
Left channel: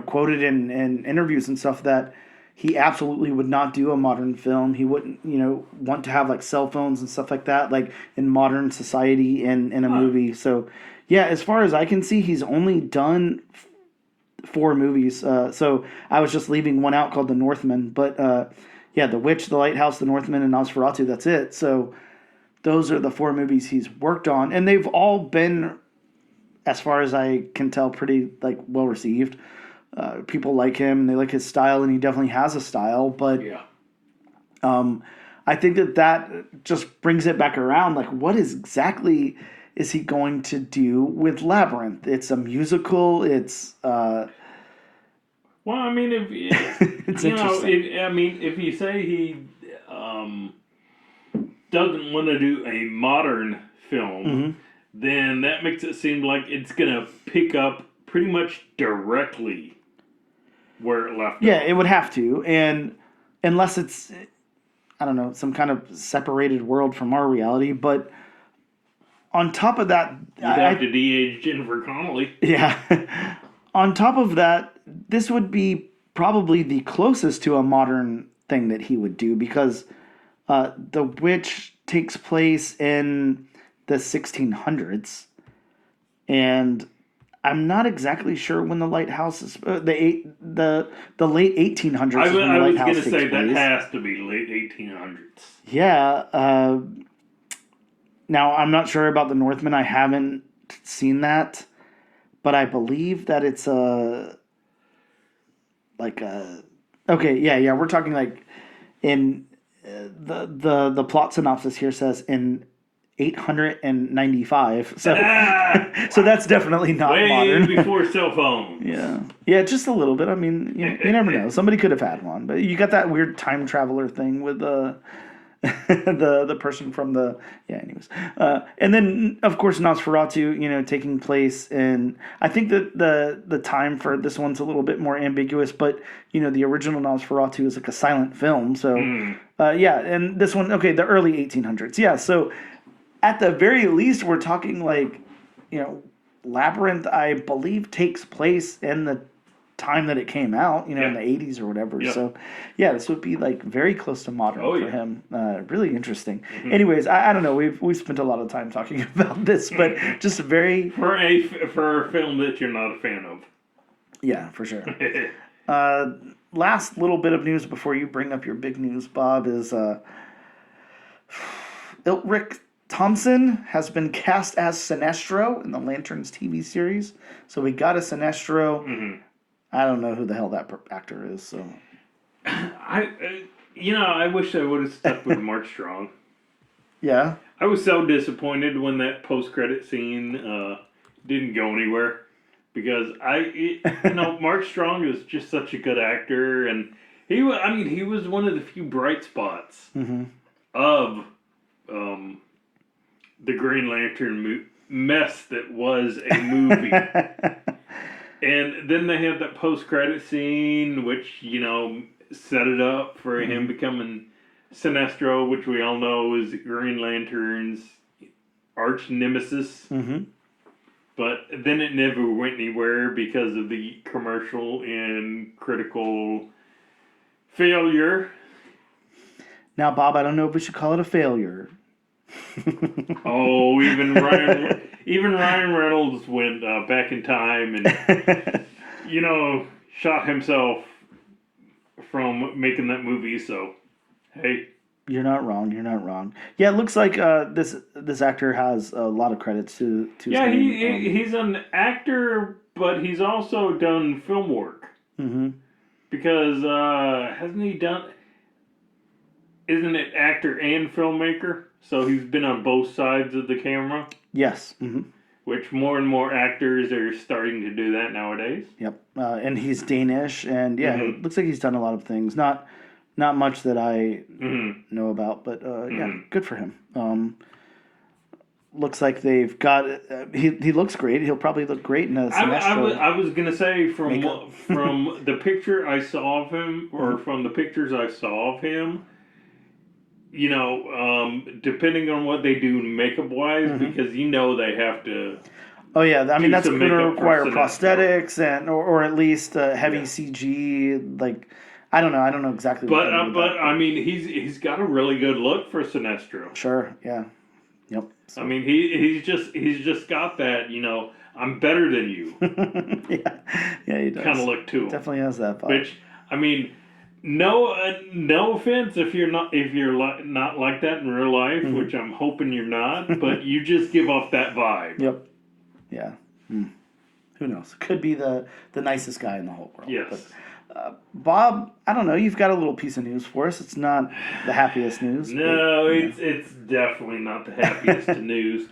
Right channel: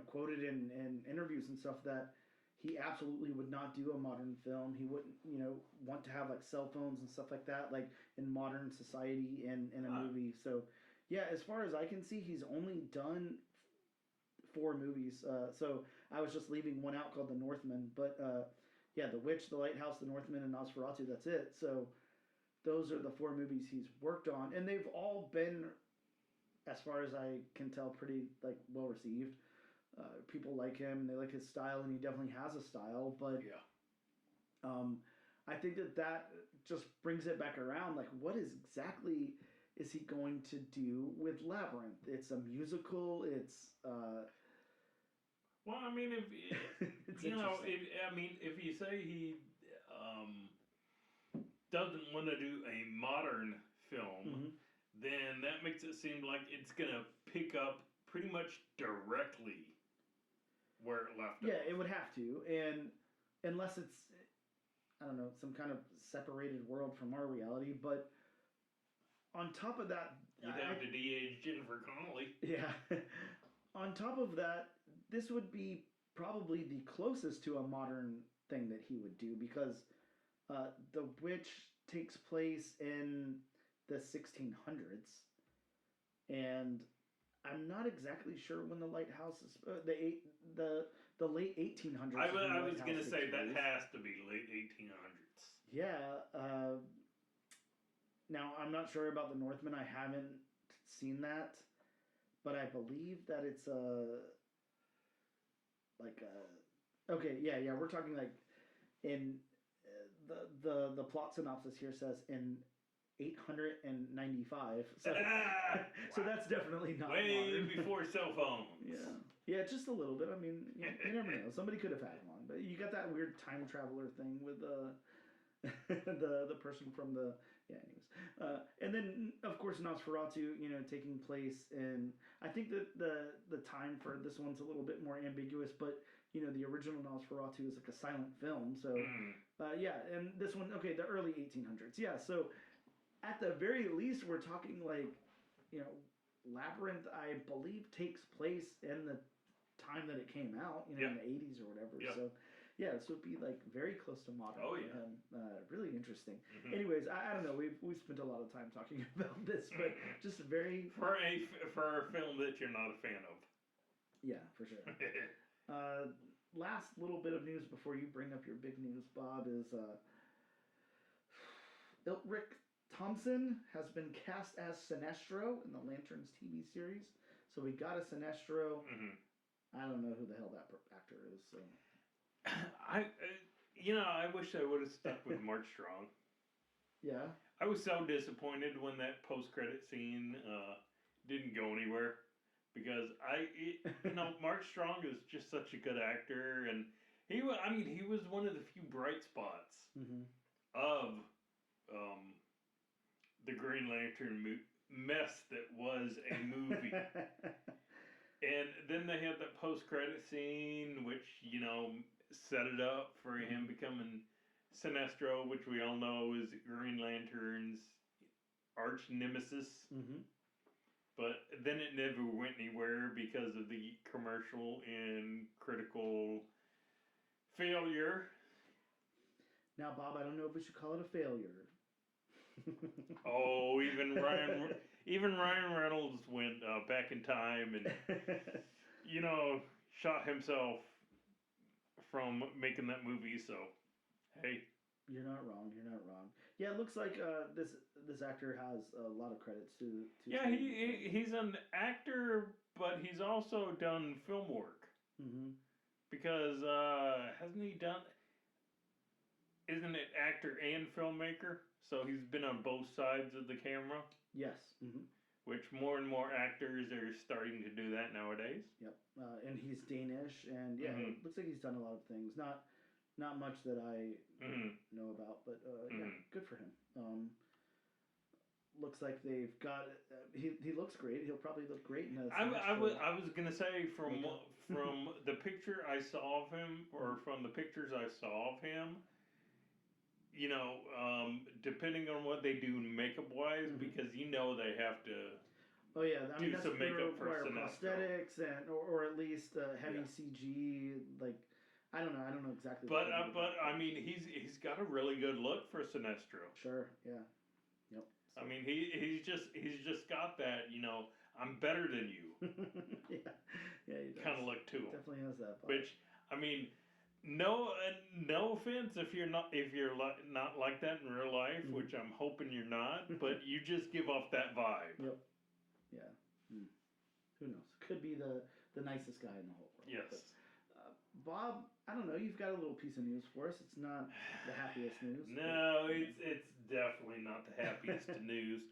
quoted in interviews and stuff that he absolutely would not do a modern film. He wouldn't, want to have like cell phones and stuff like that, like in modern society in a movie. So, yeah, as far as I can see, he's only done 4 movies. So I was just leaving one out called The Northman. But, The Witch, The Lighthouse, The Northman, and Nosferatu, that's it. So those are the 4 movies he's worked on. And they've all been, as far as I can tell, pretty like well received. People like him and they like his style, and he definitely has a style. But I think that just brings it back around. Like, what exactly is he going to do with Labyrinth? It's a musical. It's Well, I mean, if it's you know, interesting. if you say he um, doesn't want to do a modern film, Hmm. then that makes it seem like it's gonna pick up pretty much directly where it left Yeah, off. it would have to, and unless it's I don't know some kind of separated world from our reality. But on top of that, You'd have to de-age Jennifer Connelly. yeah. On top of that, this would be probably the closest to a modern thing that he would do because The Witch takes place in the 1600s, and I'm not exactly sure when the lighthouse is the late 1800s is when the I was lighthouse gonna takes say that place. has to be late 1800s. Yeah. Now I'm not sure about the Northman. I haven't seen that, but I believe that it's a like a okay. Yeah. We're talking like in the plot synopsis here says in 895. So so that's definitely not Way modern. before cell phones. Yeah. Yeah, just a little bit. I mean, you never know. Somebody could have had one, but you got that weird time traveler thing with the person from the yeah. Anyways, and then of course Nosferatu, taking place in. I think that the time for this one's a little bit more ambiguous, but the original Nosferatu is like a silent film, so yeah. And this one, okay, the early 1800s, yeah. So at the very least, we're talking like, you know, Labyrinth, I believe, takes place in the time that it came out, in Yeah. the 80s or whatever. Yeah. So, yeah, this would be like very close to modern Oh, for yeah. him. Really interesting. Anyways, I don't know. We've spent a lot of time talking about this, but just very, For a film that you're not a fan of. yeah, for sure. Last little bit of news before you bring up your big news, Bob, is Rick Thompson has been cast as Sinestro in the Lanterns TV series. So we got a Sinestro. I don't know who the hell that actor is. So I wish I would have stuck with Mark Strong. yeah, I was so disappointed when that post-credit scene didn't go anywhere because Mark Strong is just such a good actor, and he was one of the few bright spots of the Green Lantern mess that was a movie. And then they had that post-credit scene, which set it up for him becoming Sinestro, which we all know is Green Lantern's arch nemesis. But then it never went anywhere because of the commercial and critical failure. Now, Bob, I don't know if we should call it a failure. Oh, even Ryan Reynolds went back in time and shot himself from making that movie. So, hey, You're not wrong. You're not wrong. Yeah, it looks like this actor has a lot of credits to his yeah, name. he's an actor, but he's also done film work because hasn't he done? Isn't it actor and filmmaker? So he's been on both sides of the camera. Yes. Which more and more actors are starting to do that nowadays. Yep. And he's Danish, and yeah, it looks like he's done a lot of things. Not much that I know about, but yeah, good for him. Looks like they've got. He looks great. He'll probably look great in a Sinestro. I was gonna say from the picture I saw of him, or from the pictures I saw of him. Depending on what they do makeup wise, because they have to. Oh yeah, I mean that's some going to makeup for require Sinestro. prosthetics or at least heavy CG. Like I don't know exactly. But I mean he's got a really good look for Sinestro. Sure. Yeah. Yep. So. I mean he's just got that I'm better than you. Yeah, he does. Kind of look to him. Definitely has that vibe. Which I mean. No offense if you're not like that in real life, which I'm hoping you're not, but you just give off that vibe. Yep. Yeah. Who knows? Could be the nicest guy in the whole world. Yes. Bob, I don't know. You've got a little piece of news for us. It's not the happiest news. No, but, it's definitely not the happiest of news.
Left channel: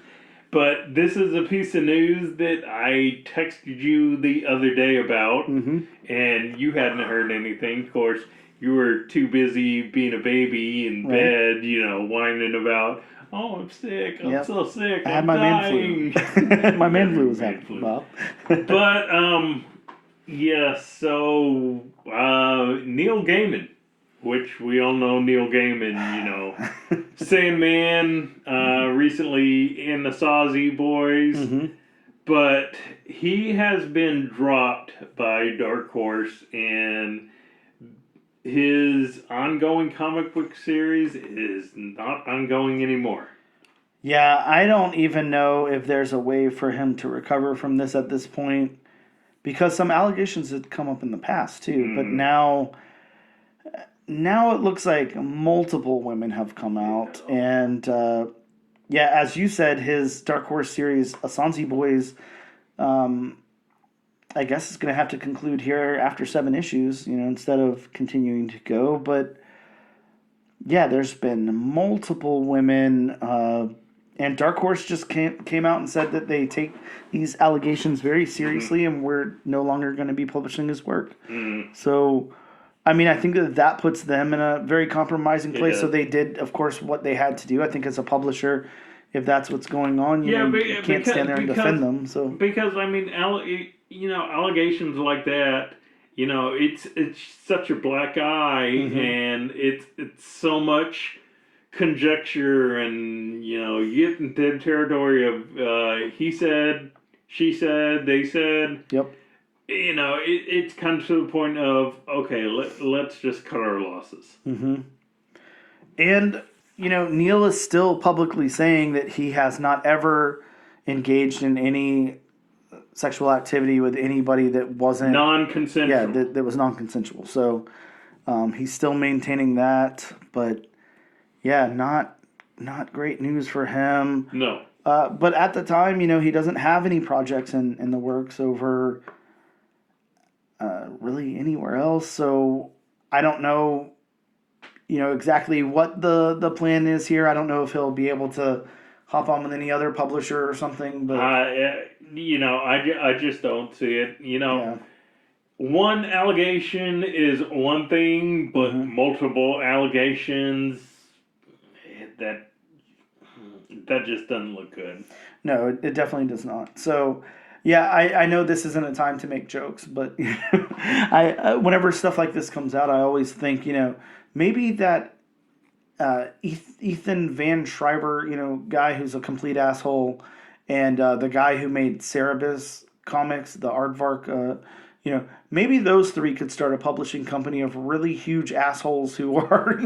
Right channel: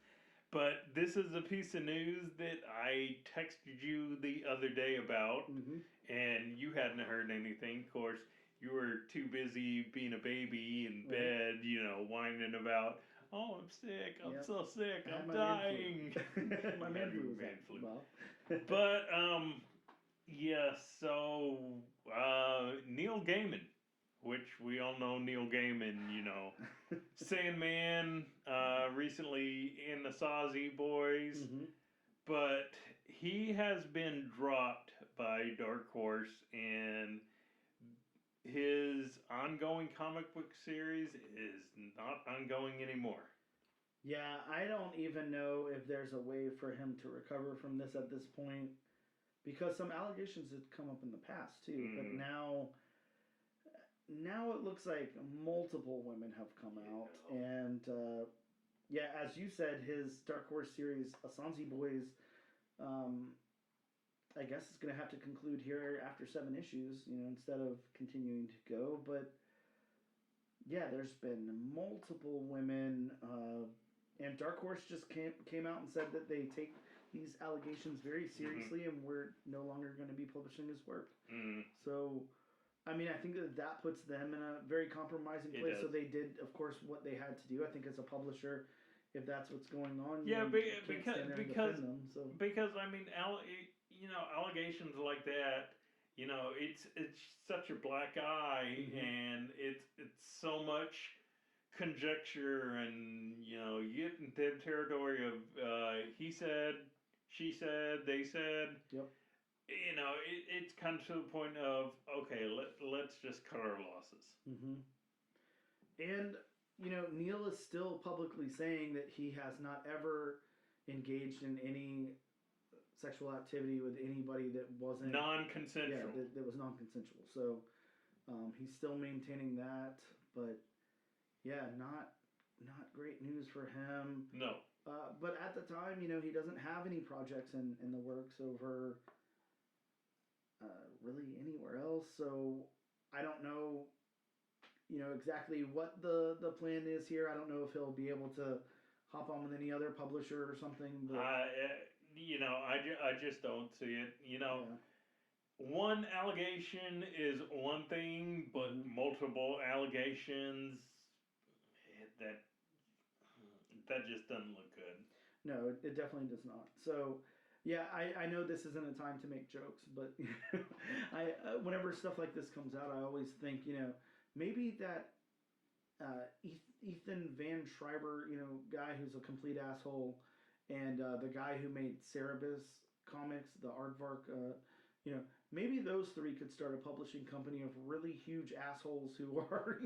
But this is a piece of news that I texted you the other day about, and you hadn't heard anything. Of course, you were too busy being a baby in bed, whining about, oh, I'm sick, I'm so sick, I'm dying. Man flu. My man flu was happening, Bob. But, yeah, so Neil Gaiman, which we all know Neil Gaiman, Sandman, recently in the Sawzy Boys, but he has been dropped by Dark Horse, and his ongoing comic book series is not ongoing anymore. Yeah, I don't even know if there's a way for him to recover from this at this point, because some allegations had come up in the past too, but now it looks like multiple women have come out, and as you said, his Dark Horse series, Assange Boys, I guess it's going to have to conclude here after 7 issues, instead of continuing to go. But yeah, there's been multiple women, and Dark Horse just came out and said that they take these allegations very seriously, and we're no longer going to be publishing his work. So, I mean, I think that puts them in a very compromising place. So they did, of course, what they had to do. I think as a publisher, if that's what's going on, you can't stand there and defend them. So because I mean, allegations like that, it's such a black eye, and it's so much conjecture, and you get into the territory of he said, she said, they said. Yep. It's kind of to the point of, okay, let's just cut our losses. And Neil is still publicly saying that he has not ever engaged in any sexual activity with anybody that wasn't non-consensual. Yeah, that was non-consensual. So he's still maintaining that, but yeah, not great news for him. No. But at the time, he doesn't have any projects in the works over really anywhere else. So I don't know, exactly what the plan is here. I don't know if he'll be able to hop on with any other publisher or something. But I just don't see it. One allegation is one thing, but multiple allegations, that just doesn't look good. No, it definitely does not. So, yeah, I know this isn't a time to make jokes, but whenever stuff like this comes out, I always think, maybe that Ethan Van Schreiber, guy who's a complete asshole, and the guy who made Cerebus Comics, the Aardvark, maybe those 3 could start a publishing company of really huge assholes who are,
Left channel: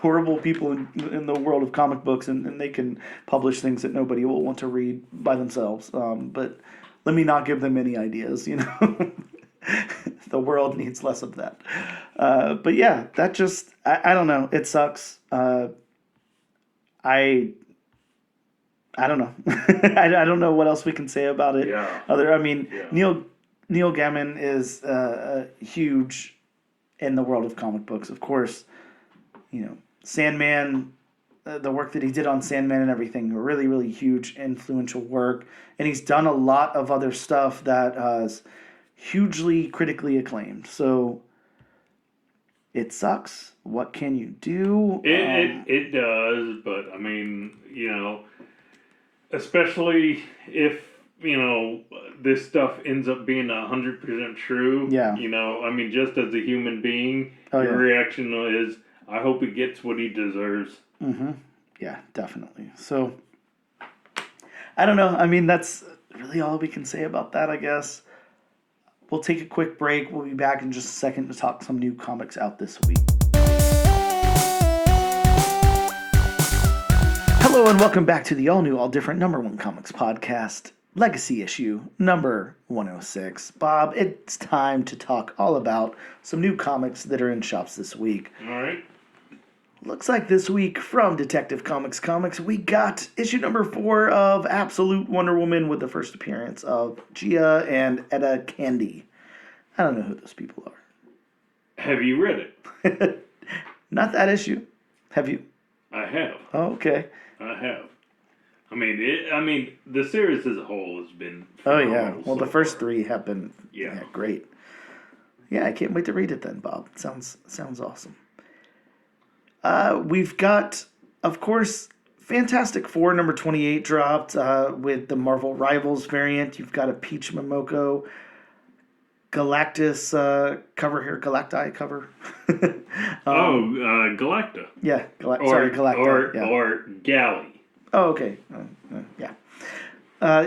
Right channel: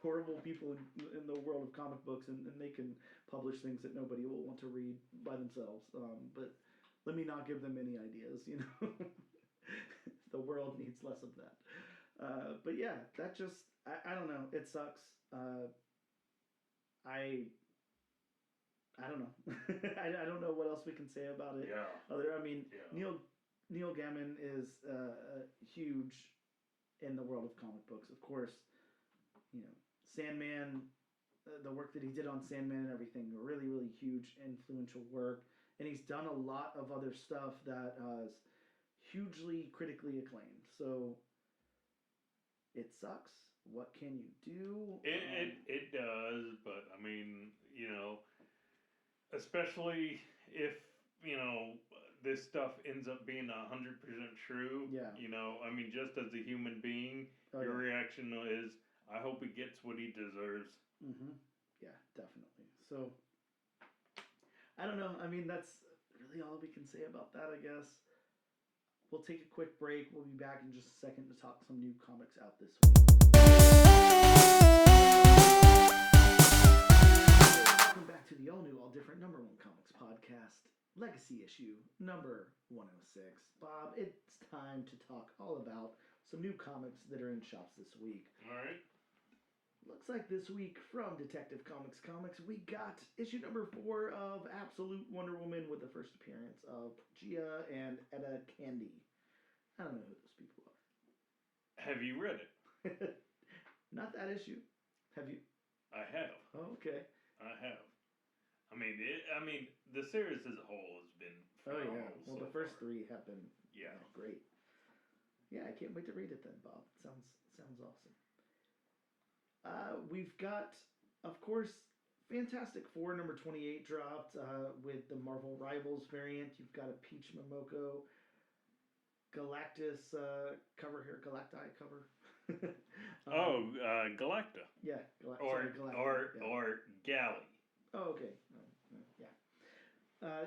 horrible people in the world of comic books, and they can publish things that nobody will want to read by themselves. But let me not give them any ideas, The world needs less of that. But yeah, that just, I don't know. It sucks. I don't know. I don't know what else we can say about it. Yeah. Neil Gaiman is huge in the world of comic books. Of course, Sandman, the work that he did on Sandman and everything, really, really huge, influential work. And he's done a lot of other stuff that is hugely critically acclaimed. So it sucks. What can you do? It does, but I mean, especially if this stuff ends up being 100% true. Yeah. Just as a human being, your reaction is, I hope he gets what he deserves. Yeah, definitely. So, I don't know. That's really all we can say about that, I guess. We'll take a quick break. We'll be back in just a second to talk some new comics out this week. Hello and welcome back to the all-new, all-different #1 Comics podcast, Legacy issue number 106. Bob, it's time to talk all about some new comics that are in shops this week. All right. Looks like this week from Detective Comics, we got issue number 4 of Absolute Wonder Woman with the first appearance of Gia and Etta Candy. I don't know who those people are. Have you read it? Not that issue. Have you? I have. Oh, okay. I have. I mean, the series as a whole has been. Oh yeah. phenomenal Well, so the first far. 3 have been great. Yeah, I can't wait to read it then, Bob. Sounds awesome. We've got, of course, Fantastic Four number 28 dropped with the Marvel Rivals variant. You've got a Peach Momoko Galactus cover here, Galacti cover. Galacta. Yeah, Or Galacta. Yeah. or Galley. Oh, okay. Yeah.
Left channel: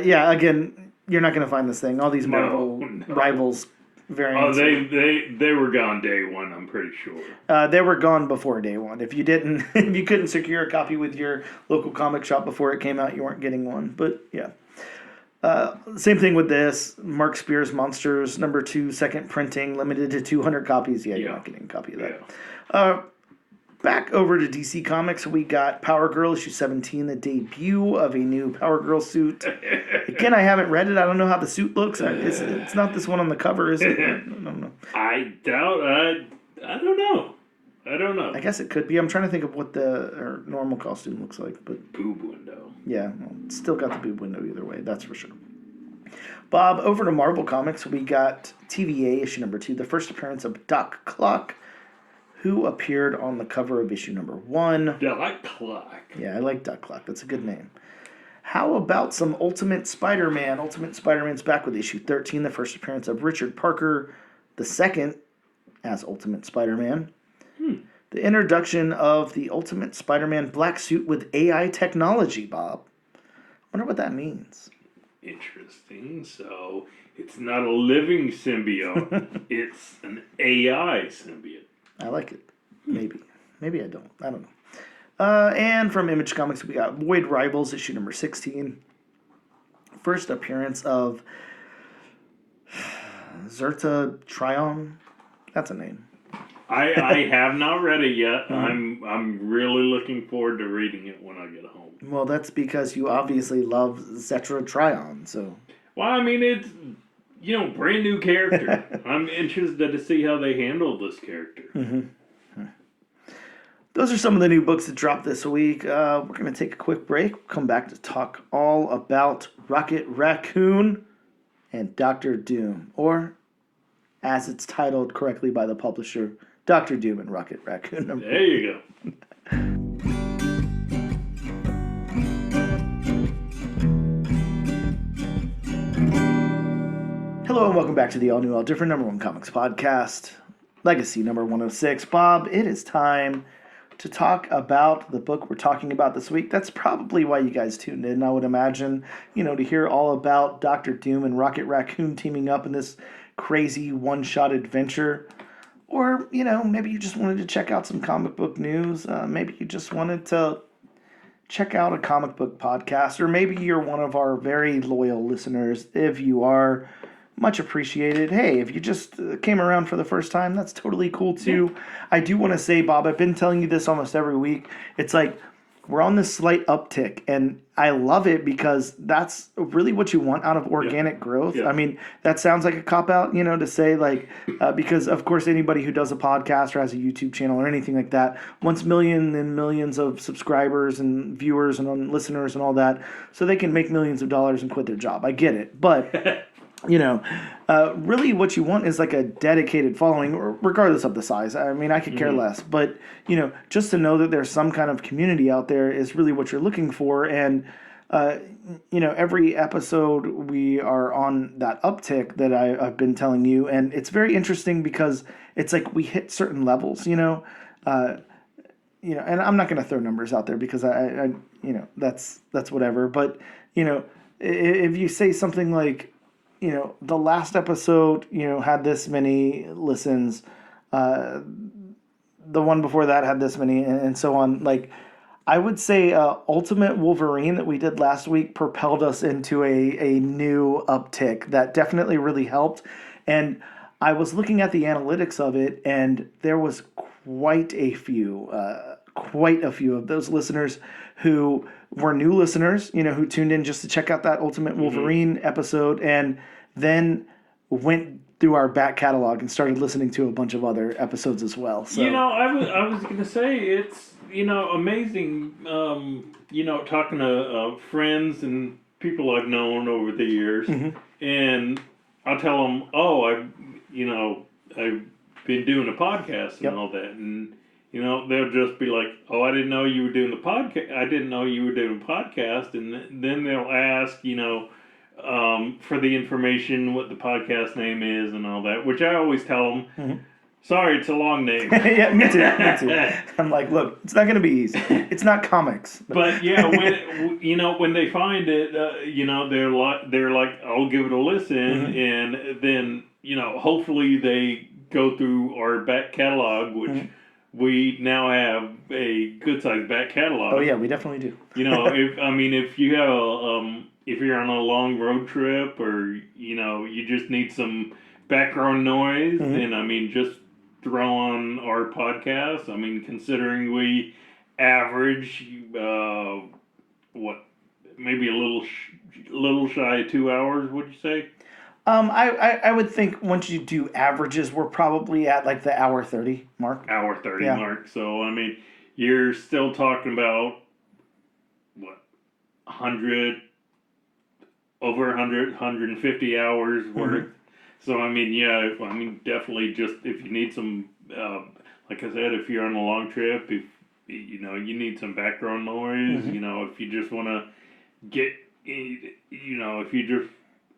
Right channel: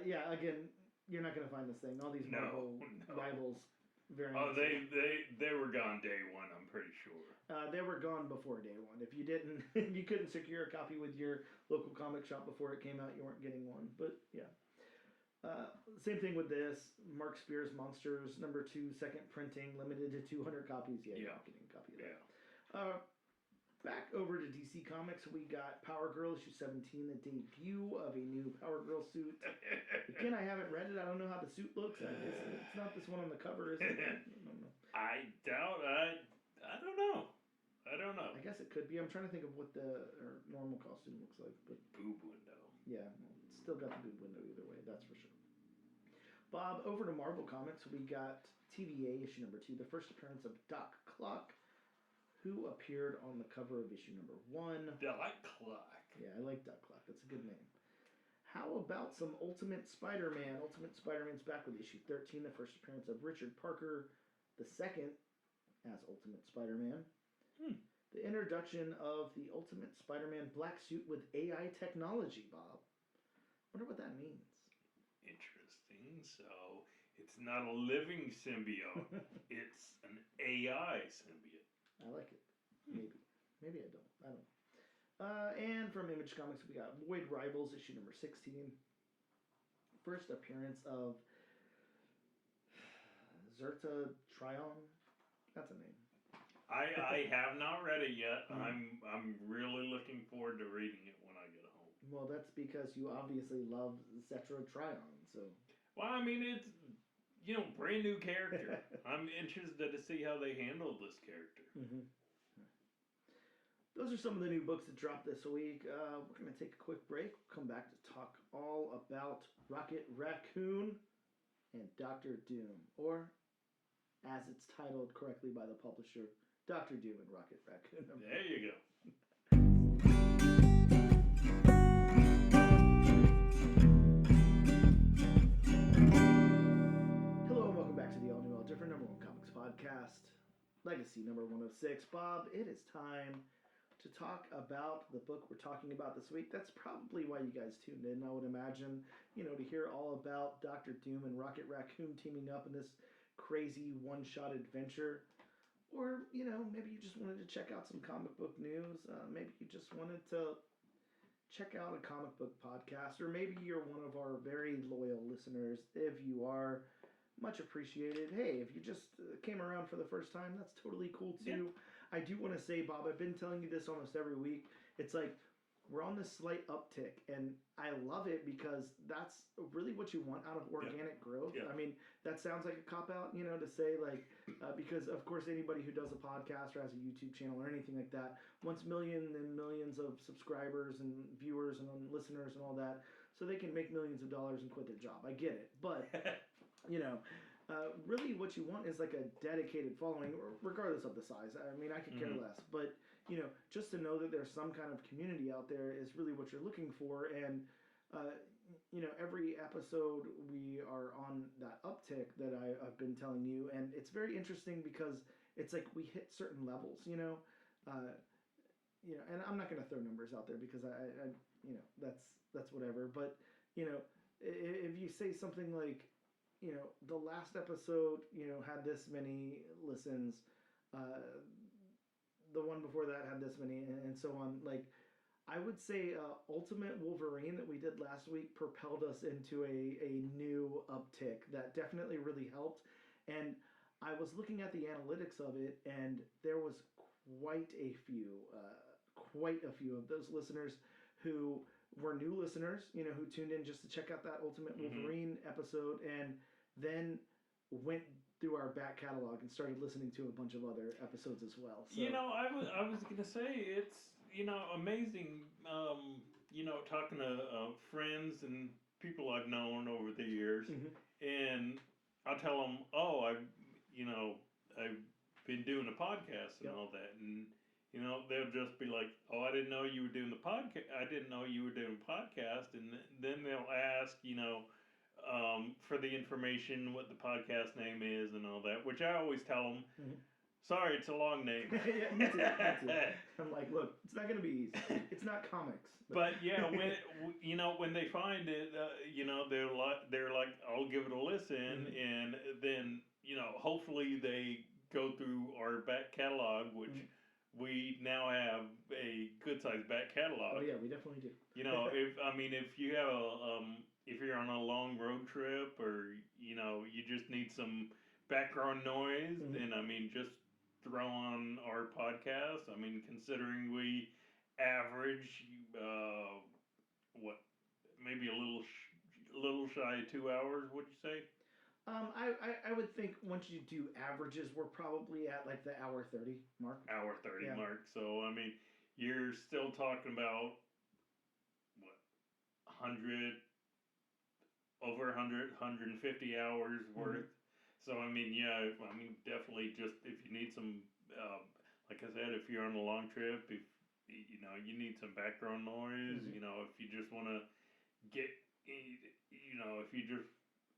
Yeah. Again, you're not going to find this thing. All these Marvel No. Rivals Oh, variants. they were gone day one. I'm pretty sure. They were gone before day one. If you didn't, if you couldn't secure a copy with your local comic shop before it came out, you weren't getting one. But yeah. Same thing with this. Mark Spears Monsters number 2, second printing, limited to 200 copies. Yeah, you're not getting a copy of that. Yeah. Back over to DC Comics, we got Power Girl issue 17, the debut of a new Power Girl suit. Again, I haven't read it. I don't know how the suit looks. It's not this one on the cover, is it? I don't know. I doubt. I don't know. I don't know. I guess it could be. I'm trying to think of what her normal costume looks like, but Boob window. yeah, well, it's still got the boob window either way. That's for sure. Bob, over to Marvel Comics, we got TVA issue number 2, the first appearance of Doc Clock, who appeared on the cover of issue number 1. Doc Clock. Yeah, I like Doc Clock. That's a good name. How about some Ultimate Spider-Man? Ultimate Spider-Man's back with issue 13, the first appearance of Richard Parker, the second as Ultimate Spider-Man. The introduction of the Ultimate Spider-Man black suit with AI technology, Bob. I wonder what that means. Interesting. So it's not a living symbiote. It's an AI symbiote. I like it. Maybe. Maybe I don't. I don't know. And from Image Comics, we got Void Rivals, issue number 16. First appearance of Zerta Trion. That's a name. I have not read it yet. I'm really looking forward to reading it when I get home. Well, that's because you obviously love Zetra Trion, so. Well, I mean, it's, brand new character. I'm interested to see how they handle this character. Mm-hmm. Those are some of the new books that dropped this week. We're going to take a quick break. We'll come back to talk all about Rocket Raccoon and Doctor Doom, or as it's titled correctly by the publisher, Doctor Doom and Rocket Raccoon. There you go. Hello and welcome back to the all-new, all-different #1 comics podcast, Legacy number 106. Bob, it is time to talk about the book we're talking about this week. That's probably why you guys tuned in, I would imagine, to hear all about Doctor Doom and Rocket Raccoon teaming up in this crazy one-shot adventure. Or, maybe you just wanted to check out some comic book news. Maybe you just wanted to check out a comic book podcast. Or maybe you're one of our very loyal listeners. If you are, much appreciated. Hey, if you just came around for the first time, that's totally cool too. Yeah. I do want to say, Bob, I've been telling you this almost every week. It's like we're on this slight uptick, and I love it because that's really what you want out of organic growth. Yeah. I mean, that sounds like a cop-out, to say, like, because, of course, anybody who does a podcast or has a YouTube channel or anything like that wants millions and millions of subscribers and viewers and listeners and all that so they can make millions of dollars and quit their job. I get it. But... really what you want is like a dedicated following, regardless of the size. I mean, I could care less, but, just to know that there's some kind of community out there is really what you're looking for. And, every episode we are on that uptick that I've been telling you. And it's very interesting because it's like we hit certain levels, and I'm not going to throw numbers out there because I that's whatever. But, if you say something like, the last episode, had this many listens. The one before that had this many, and so on. Like, I would say Ultimate Wolverine that we did last week propelled us into a new uptick that definitely really helped. And I was looking at the analytics of it, and there was quite a few of those listeners who were new listeners, who tuned in just to check out that Ultimate Wolverine episode and then went through our back catalog and started listening to a bunch of other episodes as well. So I was gonna say it's amazing. Talking to friends and people I've known over the years, and I'll tell them, oh, I've been doing a podcast and all that, and they'll just be like, oh, I didn't know you were doing the podcast. I didn't know you were doing a podcast, and then they'll ask, for the information, what the podcast name is and all that, which I always tell them. Sorry, it's a long name. Yeah, me too. I'm like, look, it's not going to be easy. It's not comics. But yeah, when they find it, they're like, I'll give it a listen, and then hopefully they go through our back catalog, which we now have a good sized back catalog. Oh yeah, we definitely do. If you have if you're on a long road trip, or you just need some background noise, then just throw on our podcast. Considering we average maybe a little shy of 2 hours, would you say? I would think once you do averages, we're probably at like the hour 30 mark. Hour 30 mark. So you're still talking about what 150 hours worth. So definitely, just if you need some, like I said, if you're on a long trip, if you need some background noise, if you just want to get, if you just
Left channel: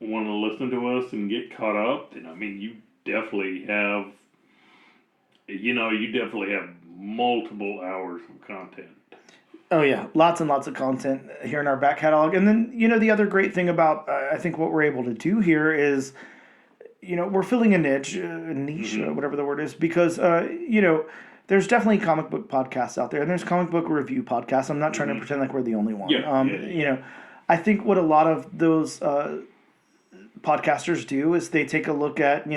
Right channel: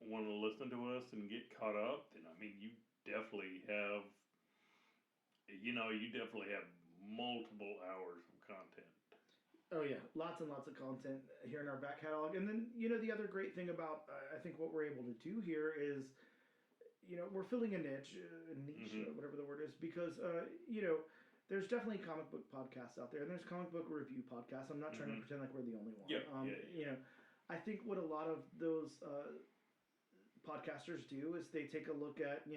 want to listen to us and get caught up, then you definitely have, multiple hours of content. Oh yeah, lots and lots of content here in our back catalog. And then the other great thing about I think what we're able to do here is, we're filling a niche, whatever the word is, because there's definitely comic book podcasts out there, and there's comic book review podcasts. I'm not trying to pretend like we're the only one. I think what a lot of those podcasters do is they take a look at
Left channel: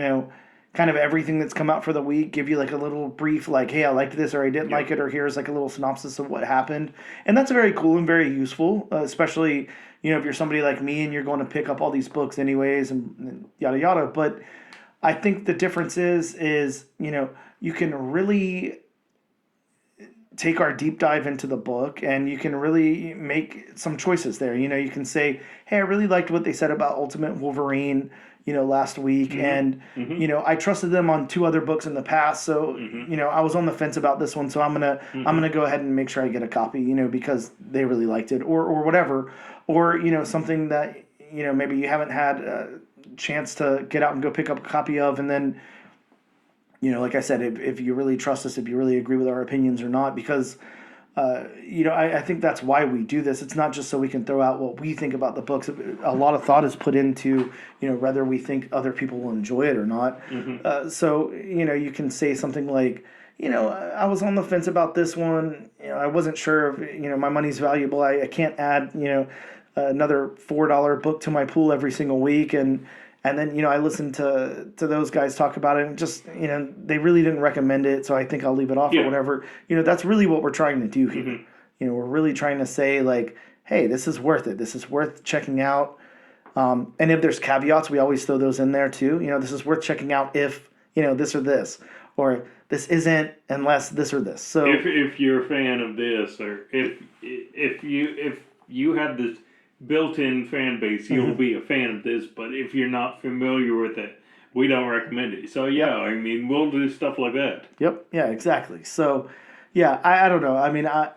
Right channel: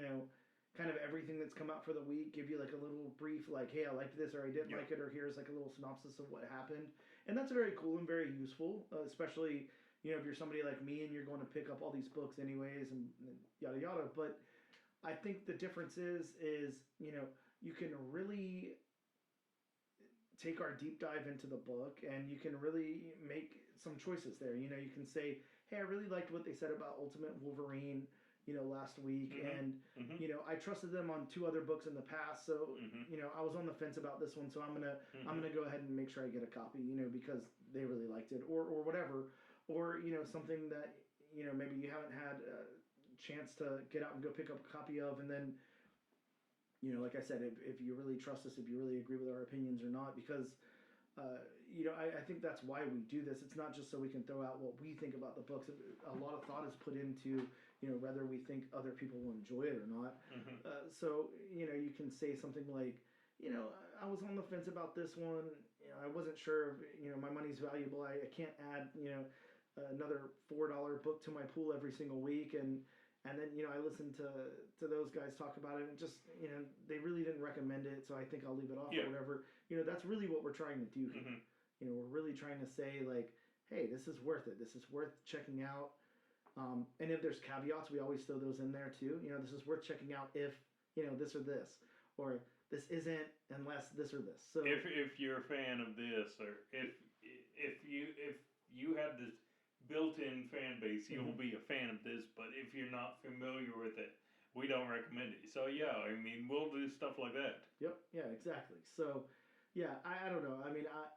kind of everything that's come out for the week, give you like a little brief, like, hey, I liked this, or I didn't like it, or here's like a little synopsis of what happened. And that's very cool and very useful, especially, if you're somebody like me and you're going to pick up all these books anyways and yada yada. But I think the difference is you can really take our deep dive into the book, and you can really make some choices there. You can say, hey, I really liked what they said about Ultimate Wolverine, last week, and I trusted them on 2 other books in the past, so I was on the fence about this one, so I'm gonna go ahead and make sure I get a copy, because they really liked it, or whatever, or something that maybe you haven't had a chance to get out and go pick up a copy of, and then like I said, if you really trust us, if you really agree with our opinions or not, because I think that's why we do this. It's not just so we can throw out what we think about the books. A lot of thought is put into, whether we think other people will enjoy it or not. So, you can say something like, I was on the fence about this one. I wasn't sure if, my money's valuable. I can't add, another $4 book to my pool every single week. And then, I listened to those guys talk about it, and just, they really didn't recommend it, so I think I'll leave it off or whatever. That's really what we're trying to do here. We're really trying to say, like, hey, this is worth it. This is worth checking out. And if there's caveats, we always throw those in there too. This is worth checking out if, this or this, or this isn't unless this or this. So if you're a fan of this, or if you have this built-in fan base, you'll be a fan of this, but if you're not familiar with it, we don't recommend it. So we'll do stuff like that. Yep. Yeah, exactly. So I don't know.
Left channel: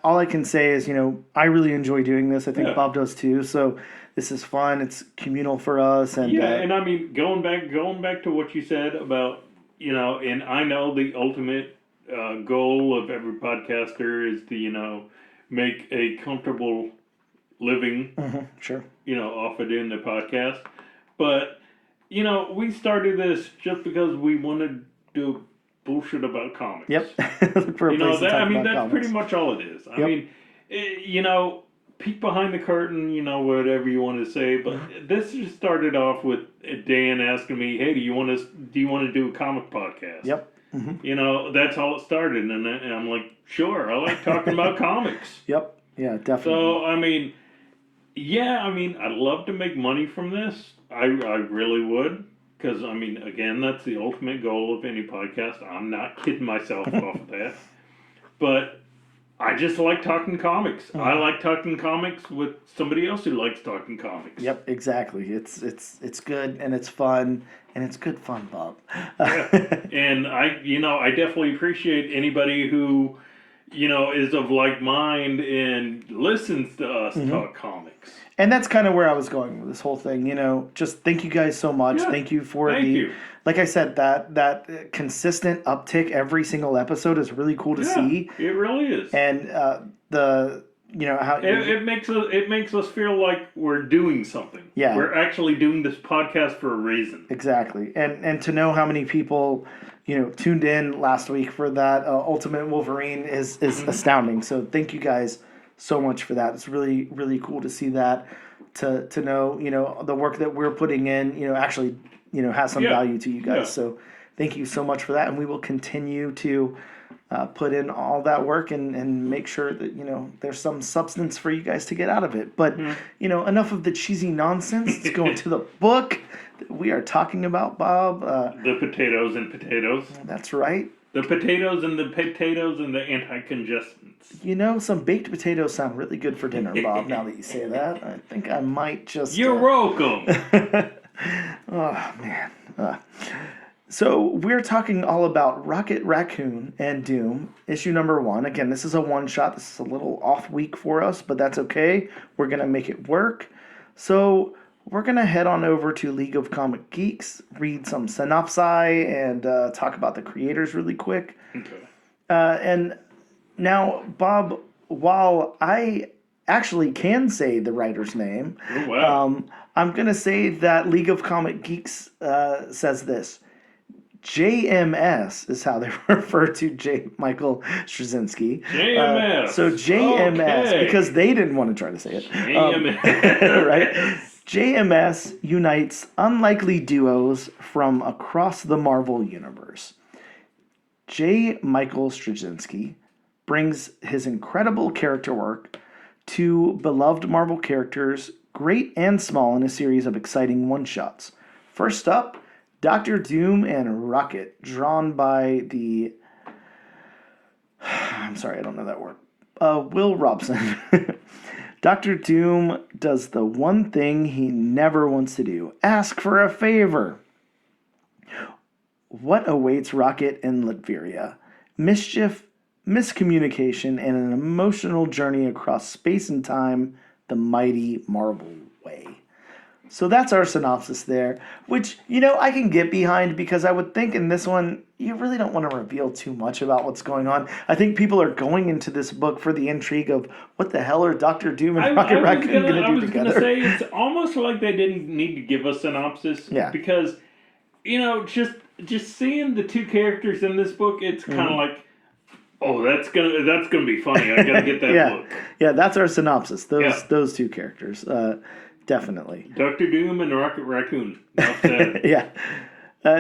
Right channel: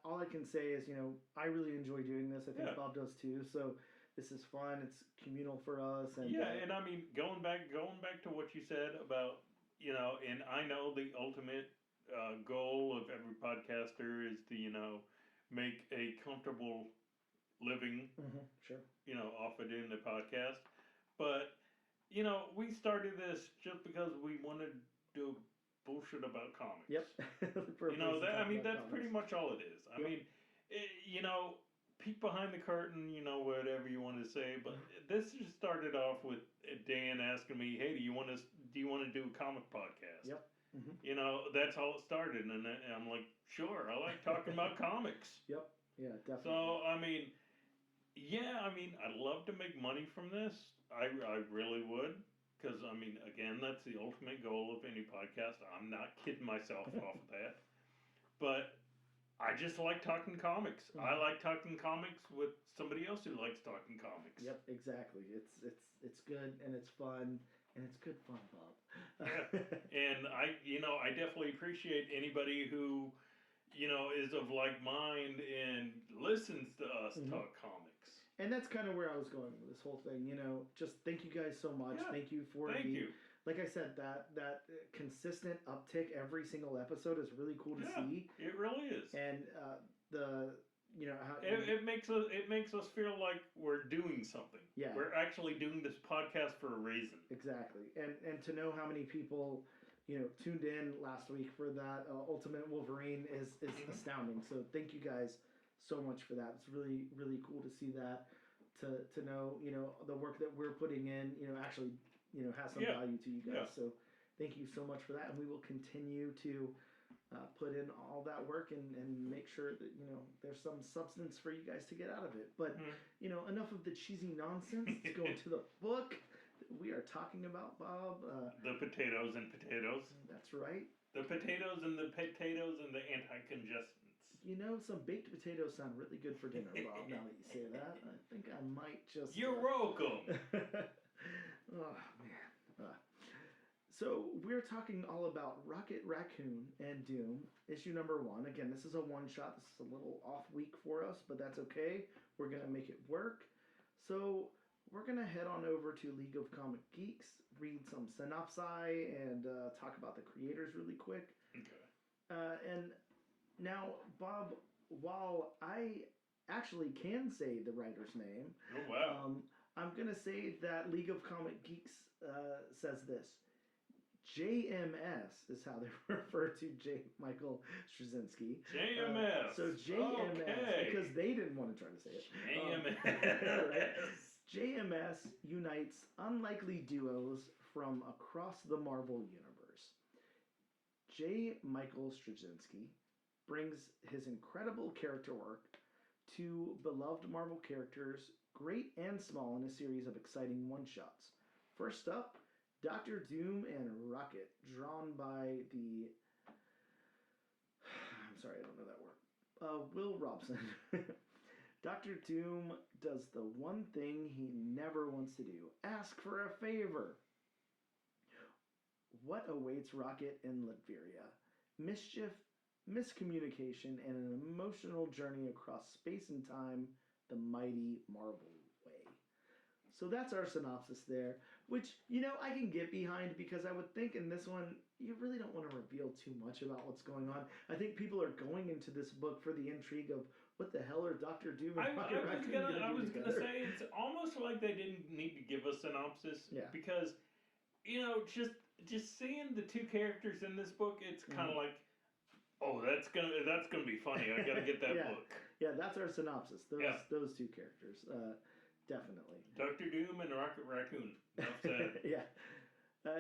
All I can say is, I really enjoy doing this. I think Bob does too. So this is fun. It's communal for us. And and going back to what you said about, and I know the ultimate goal of every podcaster is to, make a comfortable living, sure, off of doing the podcast. But, we started this just because we wanted to do bullshit about comics. Yep. That's pretty much all it is. Peek behind the curtain, whatever you want to say. But this just started off with Dan asking me, hey, do you want to do a comic podcast? Yep. That's how it started. And I'm like, sure, I like talking about comics. Yep. Yeah, definitely. So, I'd love to make money from this. I really would. because I mean, again, that's the ultimate goal of any podcast. I'm not kidding myself off of that, but I just like talking comics. I like talking comics with somebody else who likes talking comics. Yep, exactly. It's good and it's fun and it's good fun, Bob. Yeah. And I definitely appreciate anybody who, is of like mind and listens to us talk comics. And that's kind of where I was going with this whole thing. Just thank you guys so much. Yeah, Thank you for thank you. like I said, that consistent uptick every single episode is really cool to see. It really is. And how it makes us feel like we're doing something. Yeah. We're actually doing this podcast for a reason. Exactly. And to know how many people tuned in last week for that Ultimate Wolverine is astounding. So thank you guys so much for that. It's really, really cool to see that, to know, the work that we're putting in, actually, has some value to you guys. Yeah. So thank you so much for that. And we will continue to put in all that work and make sure that, there's some substance for you guys to get out of it. But, enough of the cheesy nonsense. Let's go into the book that we are talking about, Bob. The potatoes and potatoes. That's right. The potatoes and the anti-congestions. Some baked potatoes sound really good for dinner, Bob, now that you say that. I think I might just... You're welcome. Oh, man. So we're talking all about Rocket Raccoon and Doom, issue number 1. Again, this is a one-shot. This is a little off week for us, but that's okay. We're going to make it work. So we're going to head on over to League of Comic Geeks, read some synopsi, and talk about the creators really quick. Okay. And now, Bob, while I actually can say the writer's name, oh, wow. I'm going to say that League of Comic Geeks says this. JMS is how they refer to J. Michael Straczynski. JMS. So JMS, okay. Because they didn't want to try to say it. JMS. Right? JMS unites unlikely duos from across the Marvel Universe. J. Michael Straczynski brings his incredible character work to beloved Marvel characters, great and small, in a series of exciting one-shots. First up, Dr. Doom and Rocket, drawn by the... I'm sorry, I don't know that word. Will Robson. Dr. Doom does the one thing he never wants to do. Ask for a favor. What awaits Rocket in Latveria? Mischief, miscommunication, and an emotional journey across space and time, the mighty Marvel way. So that's our synopsis there, which, I can get behind, because I would think in this one, you really don't want to reveal too much about what's going on. I think people are going into this book for the intrigue of what the hell are Dr. Doom and Rocket Raccoon going to do together. I was going to say, it's almost like they didn't need to give a synopsis. Yeah. Because, just seeing the two characters in this book, it's kind of like, oh, that's gonna be funny. I gotta get that book. Yeah, that's our synopsis. Those two characters. Definitely. Dr. Doom and Rocket Raccoon. Yeah.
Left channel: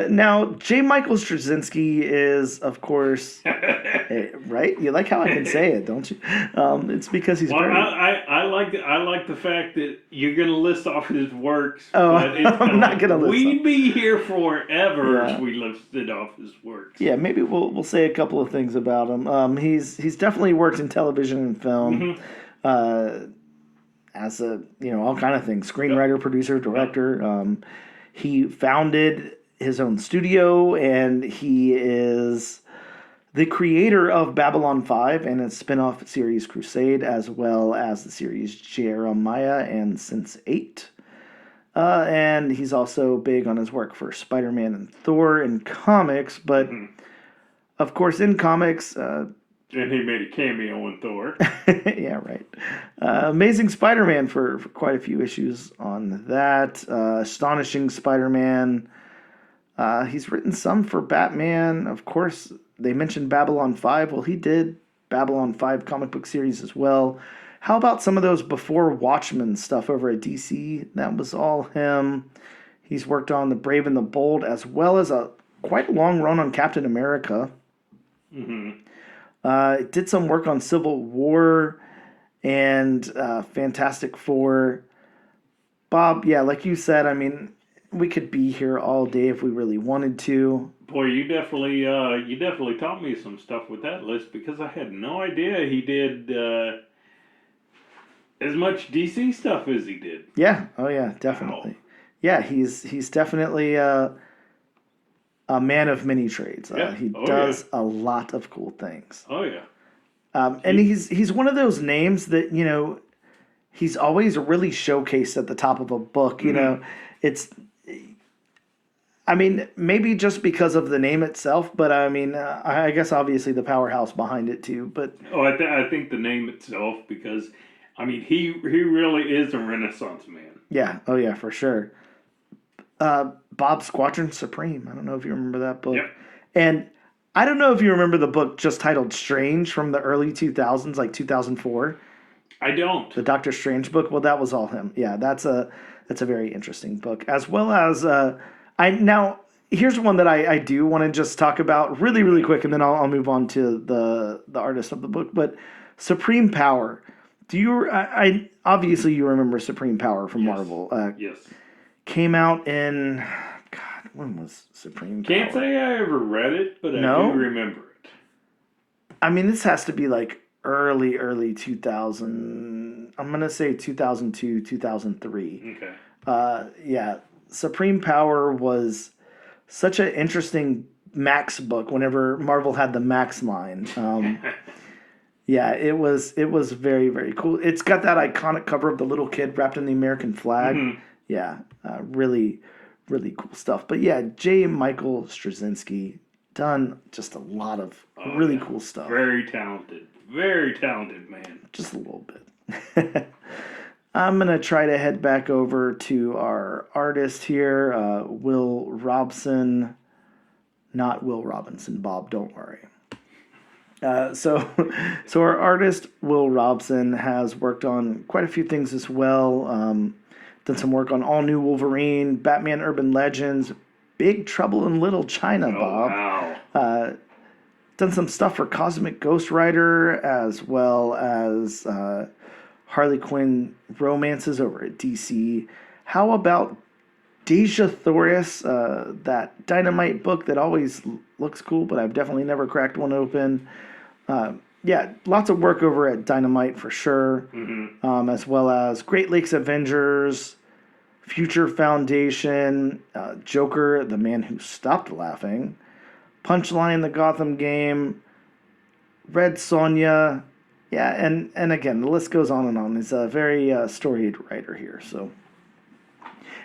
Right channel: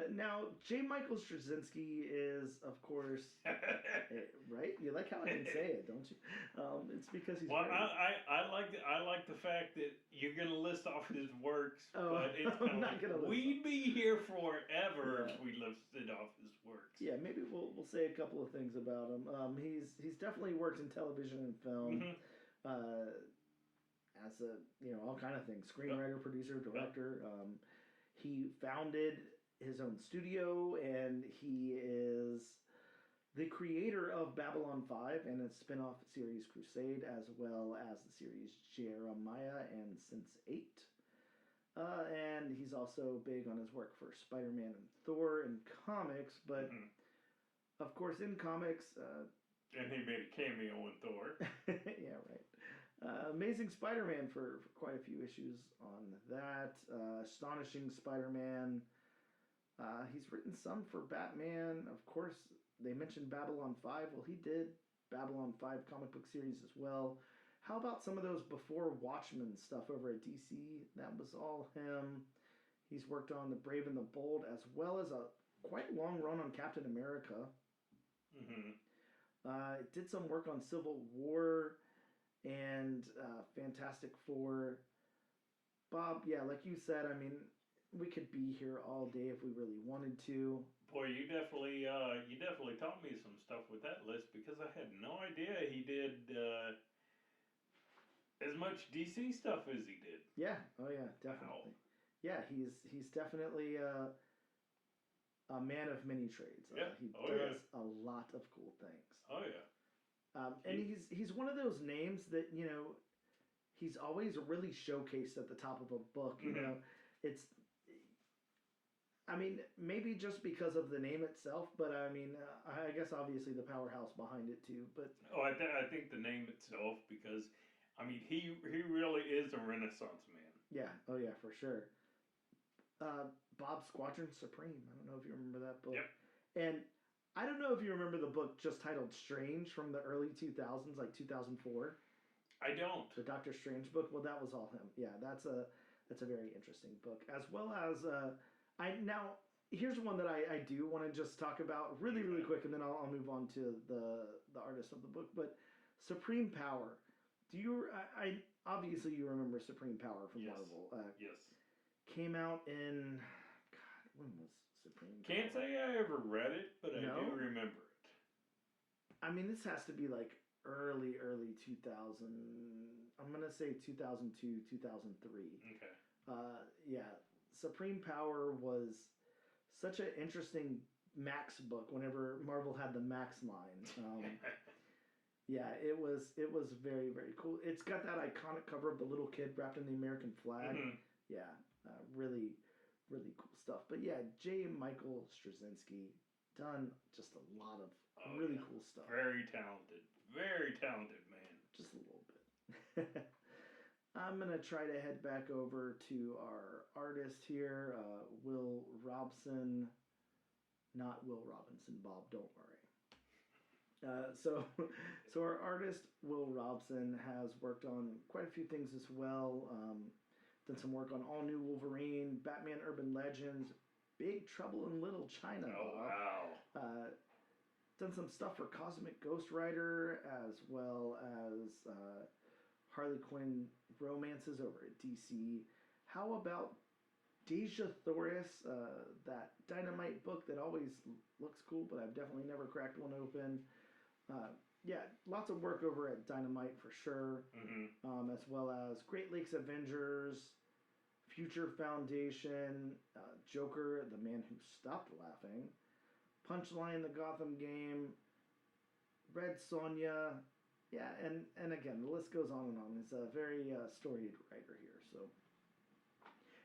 Now, J. Michael Straczynski is, of course, right? You like how I can say it, don't you? It's because he's very... I like the fact that you're going to list off his works. Oh, but it's I'm not going to list We'd them. be here forever if we listed off his works. Yeah, maybe we'll say a couple of things about him. He's definitely worked in television and film. As a, all kind of things. Screenwriter, producer, director. He founded his own studio, and he is the creator of Babylon 5 and its spin-off series Crusade, as well as the series Jeremiah and Sense 8. And he's also big on his work for Spider-Man and Thor in comics, but of course in comics... and he made a cameo in Thor. Yeah, right. Amazing Spider-Man for quite a few issues on that. Astonishing Spider-Man. He's written some for Batman. Of course, they mentioned Babylon 5. Well, he did Babylon 5 comic book series as well. How about some of those before Watchmen stuff over at DC? That was all him. He's worked on The Brave and the Bold, as well as a quite long run on Captain America. Did some work on Civil War and Fantastic Four. Bob, yeah, like you said, I mean, we could be here all day if we really wanted to. Boy, you definitely taught me some stuff with that list because I had no idea he did as much DC stuff as he did. Yeah. Oh yeah, definitely. Wow. Yeah, he's definitely a man of many trades. Yeah. He Oh does a lot of cool things. yeah. Oh yeah. And he's one of those names that, he's always really showcased at the top of a book. It's, I mean, maybe just because of the name itself, but I mean, I guess obviously the powerhouse behind it too. But Oh, I think the name itself because, I mean, he really is a Renaissance man. yeah, oh yeah, for sure. Bob Squadron Supreme. I don't know if you remember that book. Yep. And I don't know if you remember the book just titled Strange from the early 2000s, like 2004. I don't. The Doctor Strange book. Well, that was all him. Yeah, that's a very interesting book. As well as here's one that I do want to just talk about really really quick, and then I'll move on to the artist of the book. But Supreme Power. Do you? I obviously you remember Supreme Power from Yes. Marvel. Yes. Came out in God. When was Supreme Power? Can't say I ever read it, but No? I do remember it. I mean, this has to be like early 2000. I'm gonna say 2002, 2003. Okay. Yeah, Supreme Power was such an interesting Max book. Whenever Marvel had the Max line, yeah, it was very very cool. It's got that iconic cover of the little kid wrapped in the American flag. Mhm. Yeah, really cool stuff. But yeah, J. Michael Straczynski done just a lot of really cool stuff. Very talented man. Just a little bit. I'm going to try to head back over to our artist here, Will Robson. Not Will Robinson, Bob, don't worry. So our artist, Will Robson, has worked on quite a few things as well. Done some work on All New Wolverine, Batman Urban Legends, Big Trouble in Little China, Bob. Wow. Done some stuff for Cosmic Ghost Rider as well as Harley Quinn romances over at DC. How about Deja Thoris, that Dynamite book that always looks cool, but I've definitely never cracked one open. Yeah, lots of work over at Dynamite for sure, as well as Great Lakes Avengers, Future Foundation, Joker, the Man Who Stopped Laughing, Punchline, the Gotham Game, Red Sonja. Yeah, and again, the list goes on and on. He's a very storied writer here. So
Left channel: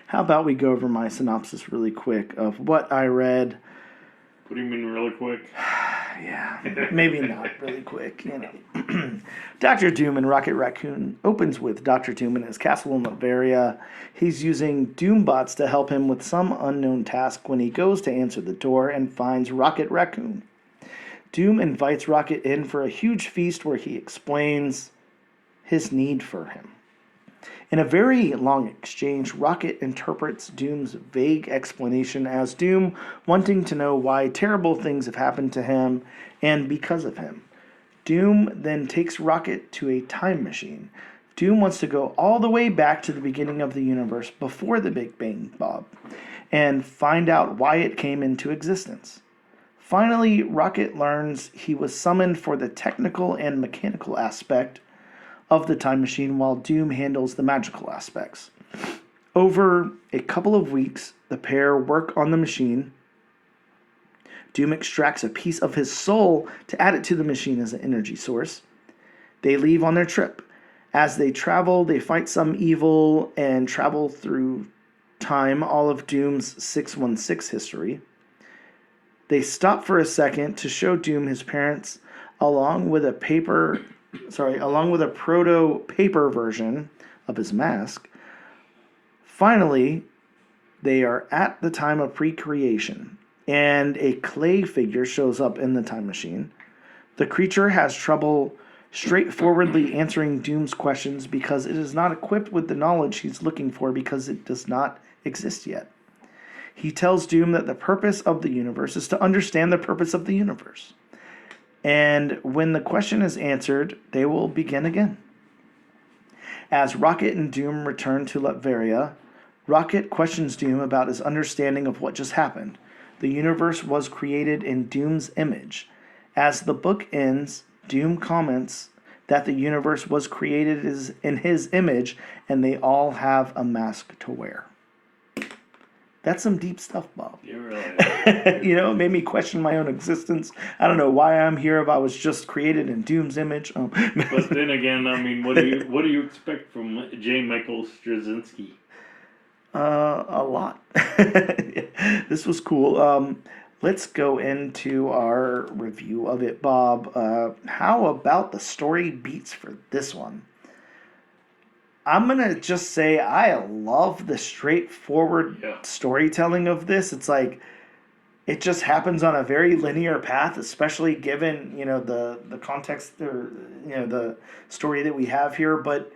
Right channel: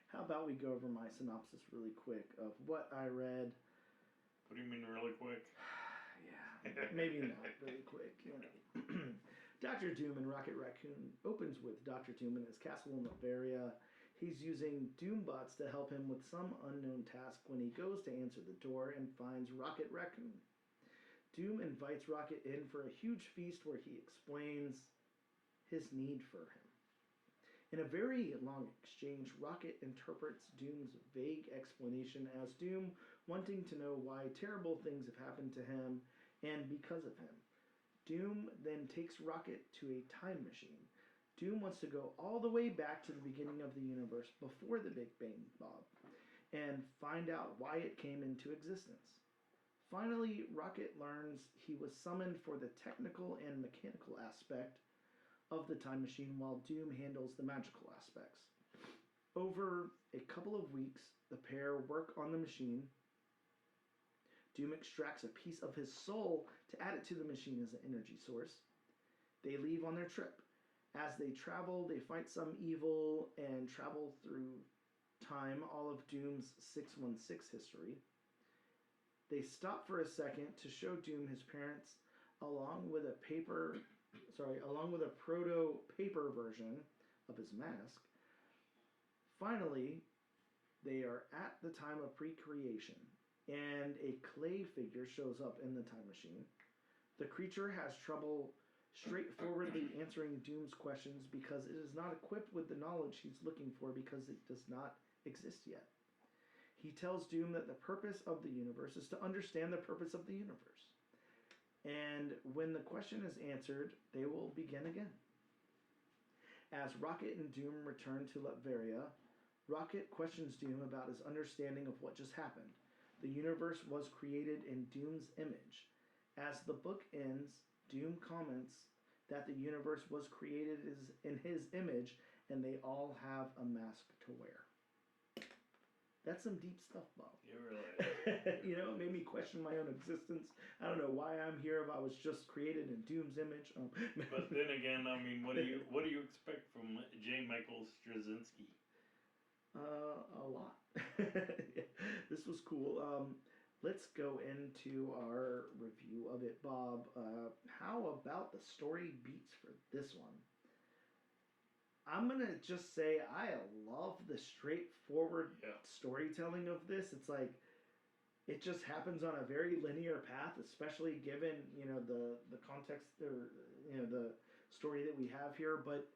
how about we go over my synopsis really quick of what I read. What do you mean really quick? Yeah, maybe not really quick. Dr. Doom and Rocket Raccoon opens with Dr. Doom in his castle in Latveria. He's using Doombots to help him with some unknown task when he goes to answer the door and finds Rocket Raccoon. Doom invites Rocket in for a huge feast where he explains his need for him. In a very long exchange, Rocket interprets Doom's vague explanation as Doom wanting to know why terrible things have happened to him and because of him. Doom then takes Rocket to a time machine. Doom wants to go all the way back to the beginning of the universe before the Big Bang, Bob, and find out why it came into existence. Finally, Rocket learns he was summoned for the technical and mechanical aspect of the time machine while Doom handles the magical aspects. Over a couple of weeks, the pair work on the machine. Doom extracts a piece of his soul to add it to the machine as an energy source. They leave on their trip. As they travel, they fight some evil and travel through time, all of Doom's 616 history. They stop for a second to show Doom his parents along with a proto-paper version of his mask. Finally, they are at the time of pre-creation, and a clay figure shows up in the time machine. The creature has trouble straightforwardly answering Doom's questions because it is not equipped with the knowledge he's looking for because it does not exist yet. He tells Doom that the purpose of the universe is to understand the purpose of the universe. And when the question is answered, they will begin again. As Rocket and Doom return to Latveria, Rocket questions Doom about his understanding of what just happened. The universe was created in Doom's image. As the book ends, Doom comments that the universe was created in his image and they all have a mask to wear. That's some deep stuff, Bob. You really You know, it made me question my own existence. I don't know why I'm here if I was just created in Doom's image. But then again, I mean, what do you expect from J. Michael Straczynski? A lot. This was cool. Let's go into our review of it, Bob. How about the story beats for this one? I'm going to just say I love the straightforward storytelling of this. It's like it just happens on a very linear path, especially given, you know, the context or, you know, the story that we have here. But,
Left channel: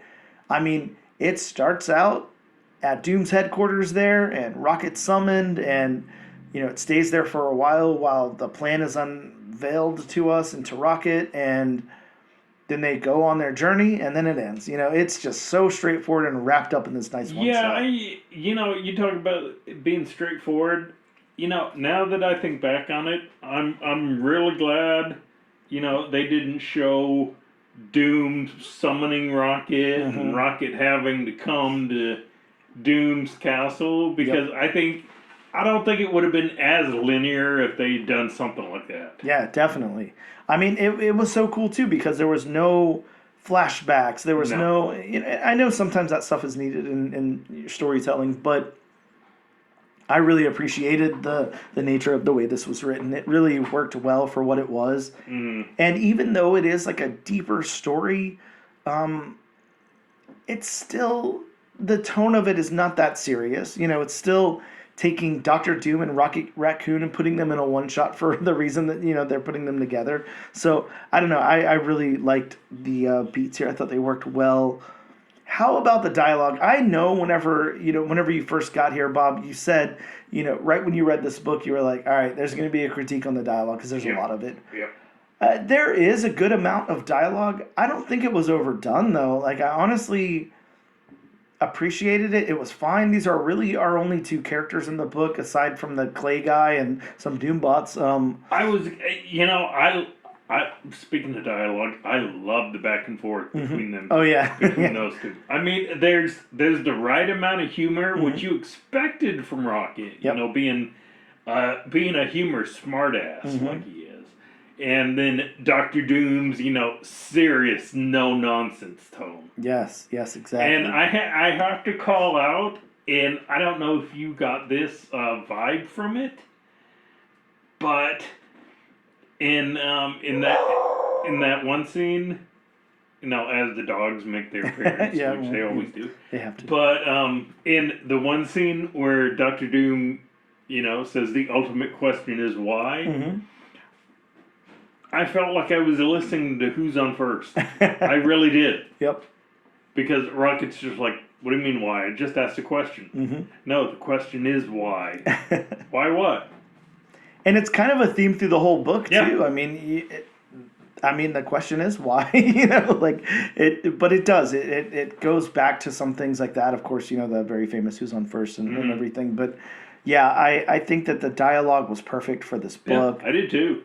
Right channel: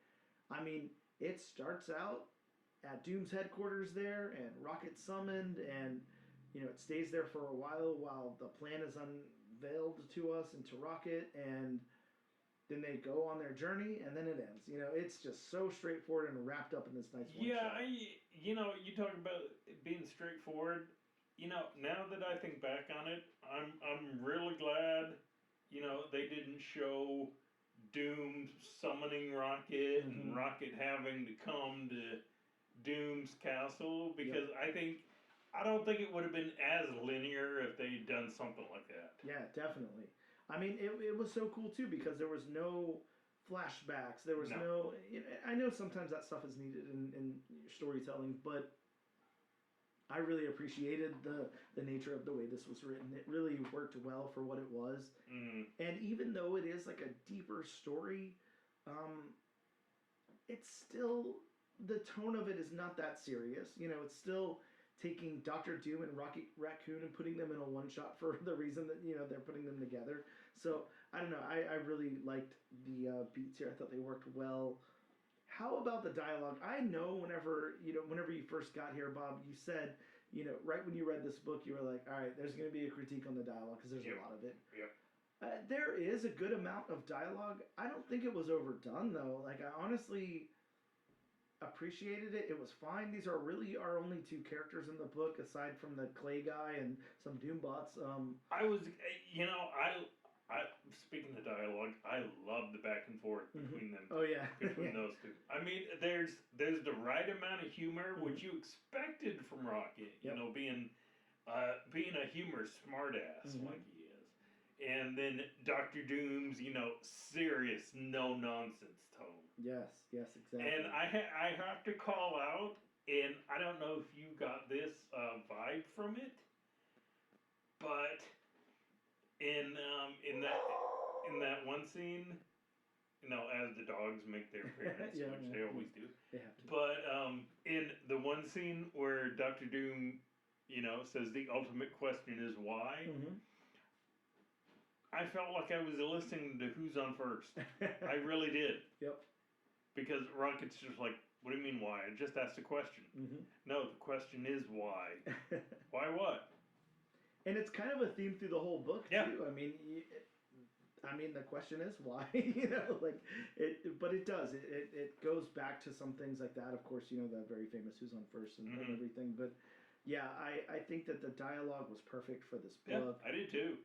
I mean, it starts out at Doom's headquarters there, and Rocket's summoned, and, you know, it stays there for a while the plan is unveiled to us and to Rocket, and then they go on their journey, and then it ends. You know, it's just so straightforward and wrapped up in this nice one shot. You know, you talk about it being straightforward. You know, now that I think back on it, I'm really glad, you know, they didn't show Doom summoning Rocket and Rocket having to come to Doom's castle, because I don't think it would have been as linear if they'd done something like that. Yeah, definitely. I mean, it was so cool, too, because there was no flashbacks. There was no you know, I know sometimes that stuff is needed in storytelling, but I really appreciated the nature of the way this was written. It really worked well for what it was. And even though it is like a deeper story, it's still, the tone of it is not that serious. You know, it's still taking Doctor Doom and Rocket Raccoon and putting them in a one-shot for the reason that, you know, they're putting them together. So, I don't know. I really liked the beats here. I thought they worked well. How about the dialogue? I know whenever you first got here, Bob, you said, you know, right when you read this book, you were like, all right, there's going to be a critique on the dialogue because there's a lot of it. There is a good amount of dialogue. I don't think it was overdone, though. Like, I honestly appreciated it. It was fine. These are really our only two characters in the book, aside from the Clay guy and some Doombots. I was, you know, I speaking of dialogue, I love the back and forth between them. Oh yeah, between those two. I mean, there's the right amount of humor, which you expected from Rocket. You know, being a humor smartass like he is. And then Doctor Doom's, you know, serious, no-nonsense tone. Yes, exactly. And I have to call out, and I don't know if you got this vibe from it, but in that one scene, you know, as the dogs make their appearance, which they always do. They have to. But in the one scene where Doctor Doom, you know, says the ultimate question is why, I felt like I was listening to Who's on First. I really did. Yep. Because Rocket's just like, what do you mean why? I just asked a question. No, the question is why. Why what? And it's kind of a theme through the whole book too. I mean, the question is why. You know, like it. But it does. It goes back to some things like that. Of course, you know, the very famous Who's on First and everything. But yeah, I think that the dialogue was perfect for this book. Yeah, I did too.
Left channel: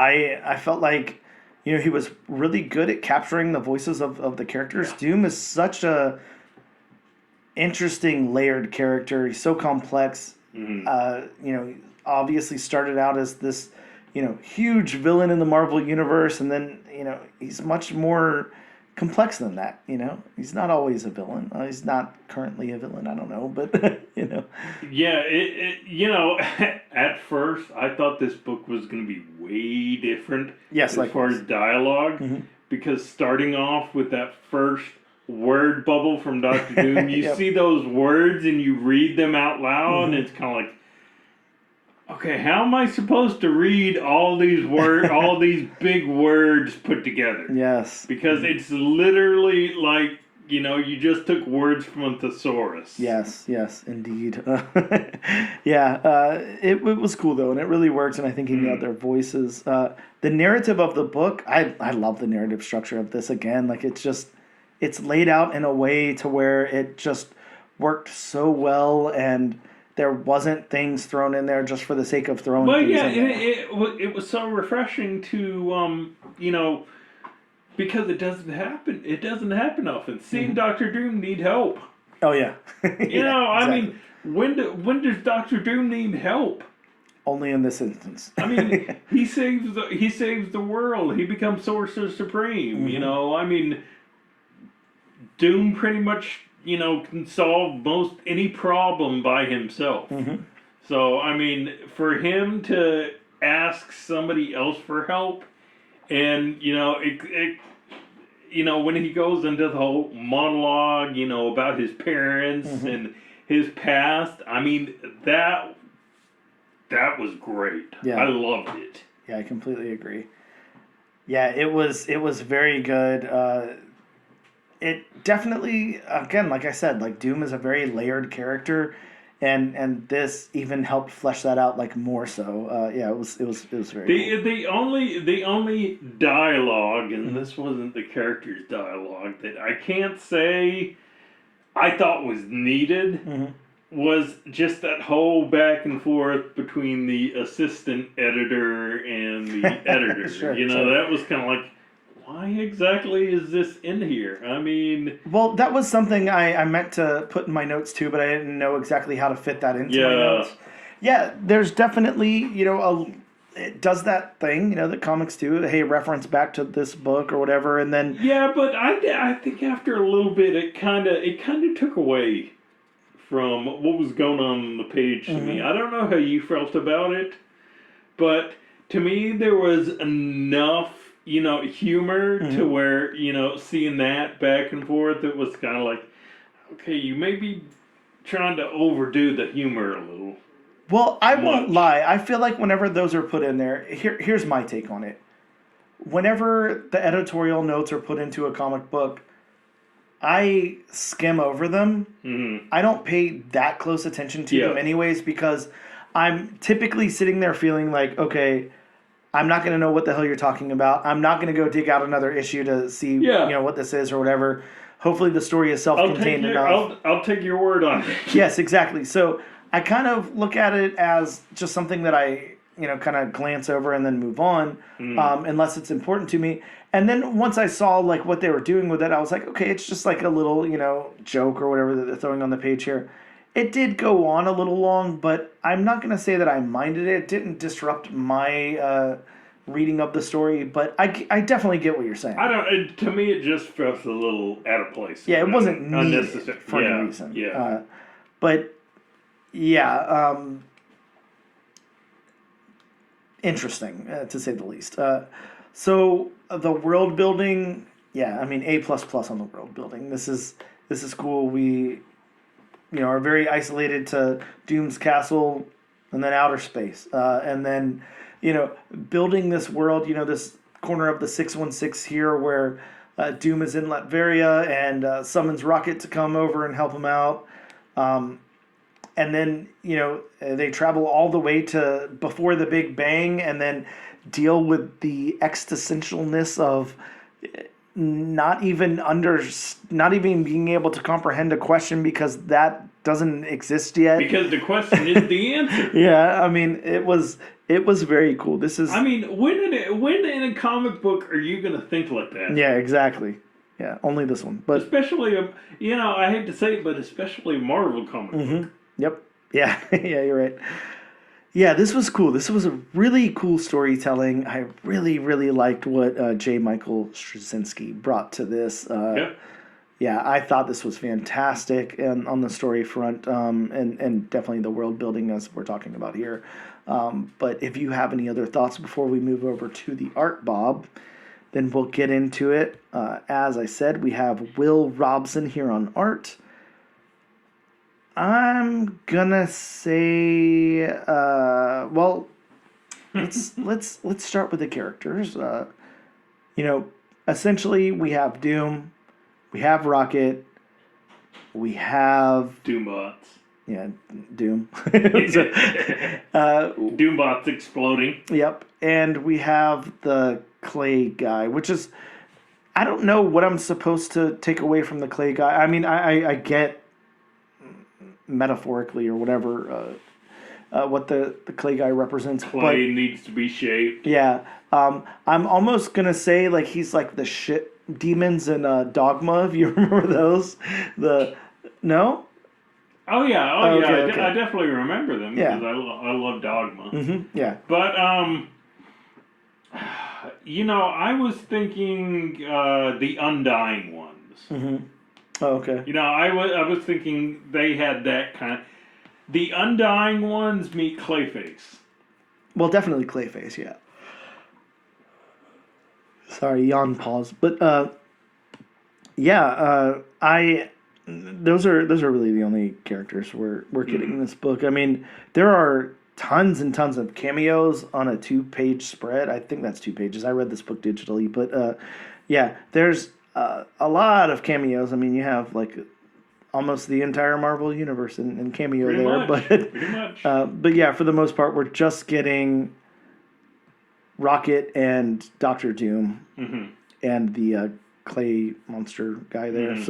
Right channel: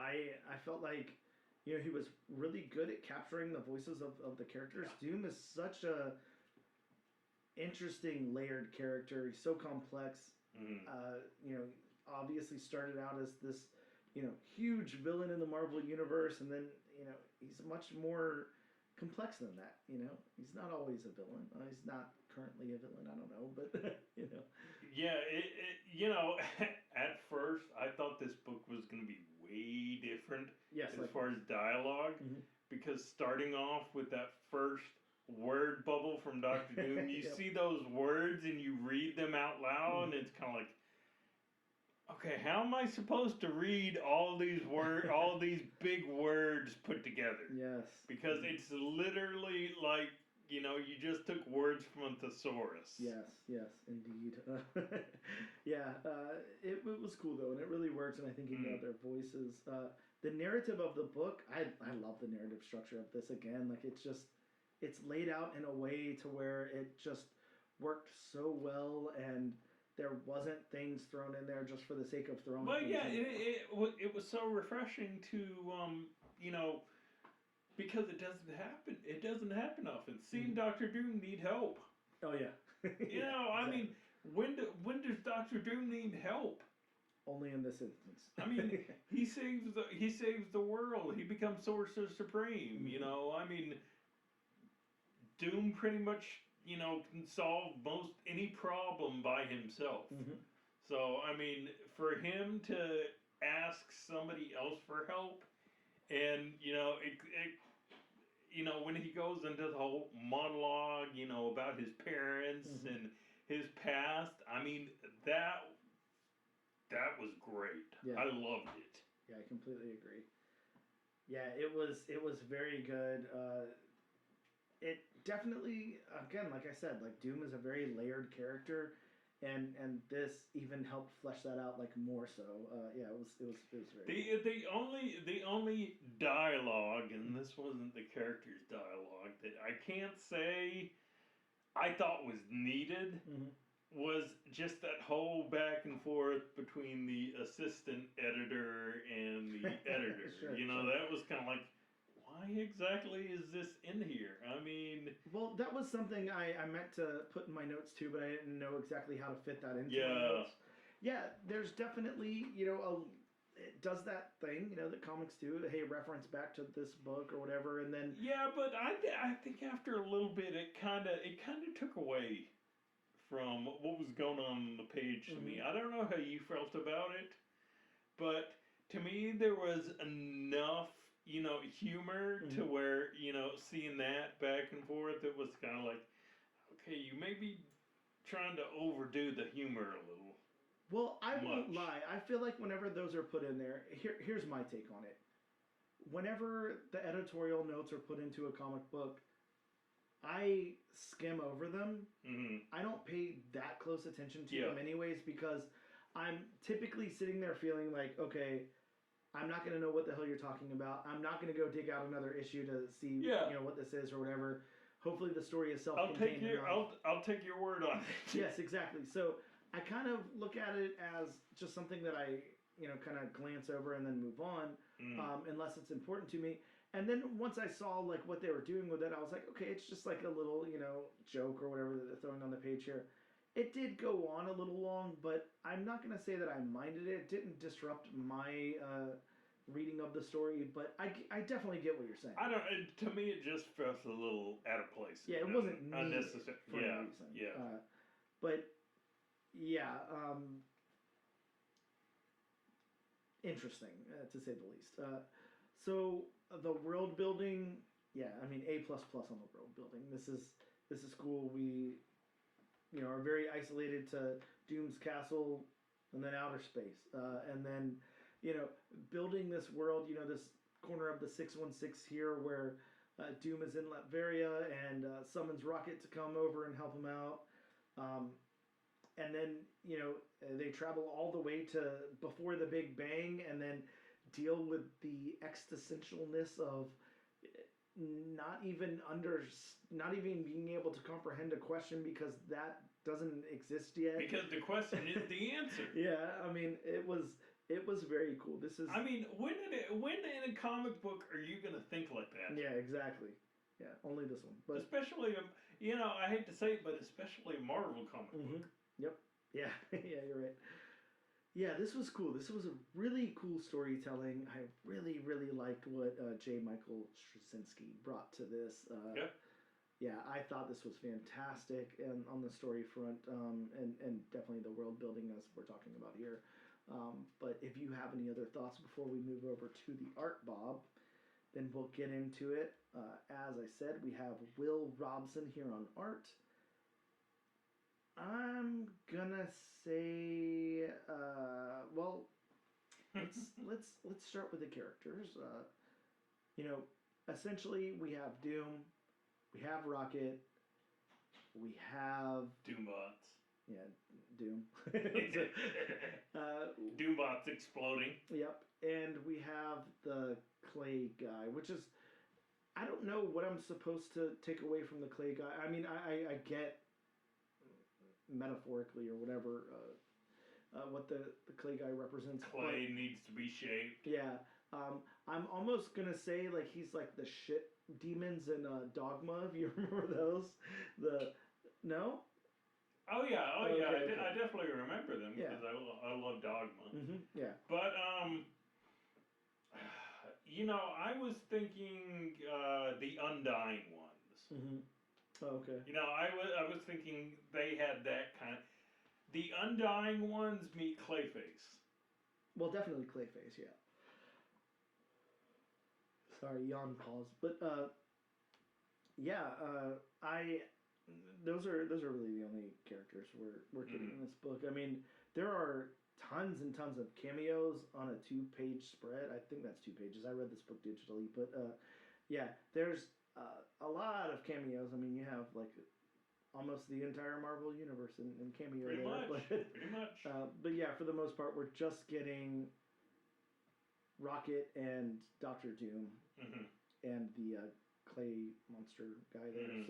I felt like, you know, he was really good at capturing the voices of the characters. Doom is such a interesting, layered character. He's so complex. You know, obviously started out as this, you know, huge villain in the Marvel Universe, and then, you know, he's much more complex than that, you know? He's not always a villain. He's not currently a villain, I don't know, but, you know. Yeah, you know, at first, I thought this book was going to be way different as far as dialogue, because starting off with that first word bubble from Dr. Doom, you see those words and you read them out loud, and it's kind of like, okay, how am I supposed to read all these words, all these big words put together? Yes. Because it's literally like, you know, you just took words from a thesaurus. Yes, indeed. It was cool, though, and it really works, and I think he nailed their voices. The narrative of the book, I love the narrative structure of this again. Like, it's laid out in a way to where it just worked so well, and there wasn't things thrown in there just for the sake of throwing Well, things yeah, in and there. it was so refreshing to you know, because it doesn't happen. It doesn't happen often. Seeing Doctor Doom need help. Oh yeah, You yeah, know, I exactly. mean, when does Doctor Doom need help? Only in this instance. I mean, he saves the world. He becomes Sorcerer Supreme. You Hmm. know, I mean, Doom pretty much can solve most any problem by himself. Hmm. So I mean, for him to ask somebody else for help, and when he goes into the whole monologue, about his parents Hmm. and his past, I mean that was great. I Yeah, loved it. yeah, I completely agree. Yeah, it was very good. It definitely, again, like I said, like Doom is a very layered character, and this even helped flesh that out like more so. Yeah, it was very cool. The only dialogue, and Hmm. this wasn't the character's dialogue, that I can't say I thought was needed Hmm. was just that whole back and forth between the assistant editor and the editor. Sure, sure. That was kind of like, why exactly is this in here? I mean, Well, that was something I meant to put in my notes too, but I didn't know exactly how to fit that into my yeah, notes. Yeah, there's definitely, it does that thing, that comics do. Hey, reference back to this book or whatever, and then, yeah, but I think after a little bit, it kind of took away from what was going on the page to me. mhm, I don't know how you felt about it, but to me there was enough, humor to mhm. where, seeing that back and forth, it was kind of like, okay, you may be trying to overdo the humor a little Well, I won't much. lie. I feel like whenever those are put in there, here's my take on it. Whenever the editorial notes are put into a comic book, I skim over them. Hmm. I don't pay that close attention to Yeah, them anyways because I'm typically sitting there feeling like, okay, I'm not going to know what the hell you're talking about. I'm not going to go dig out another issue to see, yeah. what this is or whatever. Hopefully the story is I'll take self-contained your enough. I'll take your word on it. Yes, exactly. So I kind of look at it as just something that I, kind of glance over and then move on, Mm. unless it's important to me. And then once I saw like what they were doing with it, I was like, okay, it's just like a little, joke or whatever that they're throwing on the page here. It did go on a little long, but I'm not going to say that I minded it. It didn't disrupt my reading of the story, but I definitely get what you're saying. I don't. To me, it just felt a little out of place Yeah, it and wasn't needed unnecessary. for any Yeah, reason. yeah. But yeah, interesting to say the least. So the world building, yeah, I mean A plus plus on the world building. This is cool. We are very isolated to Doom's castle, and then outer space, and then building this world. This corner of the 616 here where Doom is in Latveria and summons Rocket to come over and help him out. Um, and then they travel all the way to before the Big Bang, and then deal with the existentialness of not even being able to comprehend a question because that doesn't exist yet. Because the question is the answer. Yeah, I mean it was very cool. This is I mean, when in a comic book are you gonna think like that? yeah, exactly. Yeah, only this one, but Especially, I hate to say it, but especially a Marvel comic book. yep, yeah, yeah, you're right. Yeah, this was cool. This was a really cool storytelling. I really, really liked what J. Michael Straczynski brought to this. Yeah. Yeah, I thought this was fantastic and on the story front, and definitely the world building as we're talking about here. But if you have any other thoughts before we move over to the art, Bob, then we'll get into it. As I said, we have Will Robson here on art. I'm gonna say, well, let's start with the characters. You know, essentially we have Doom, we have Rocket, we have Doombots. yeah Doom. So, Doombots exploding. yep, and we have the Clay guy, which is I don't know what I'm supposed to take away from the Clay guy. I mean, I get metaphorically or whatever, what the clay guy represents. Clay needs to be shaped. Yeah, I'm almost gonna say like he's like the shit demons in Dogma. If you remember those, the no. Oh yeah, Okay, okay. I definitely remember them Yeah. because I love Dogma. Yeah. But I was thinking the Undying Ones. Oh, okay. I was thinking they had that kind of. The Undying Ones meet Clayface. Well, definitely Clayface. Yeah. Sorry, yawn pause. But yeah, I those are really the only characters we're getting in this book. I mean, there are tons and tons of cameos on a 2-page spread. I think that's 2 pages. I read this book digitally, but yeah, there's a lot of cameos. I mean, you have like almost the entire Marvel universe in cameo Pretty there, much. but Pretty much. but yeah, for the most part, we're just getting Rocket and Doctor Doom and the clay monster guy there.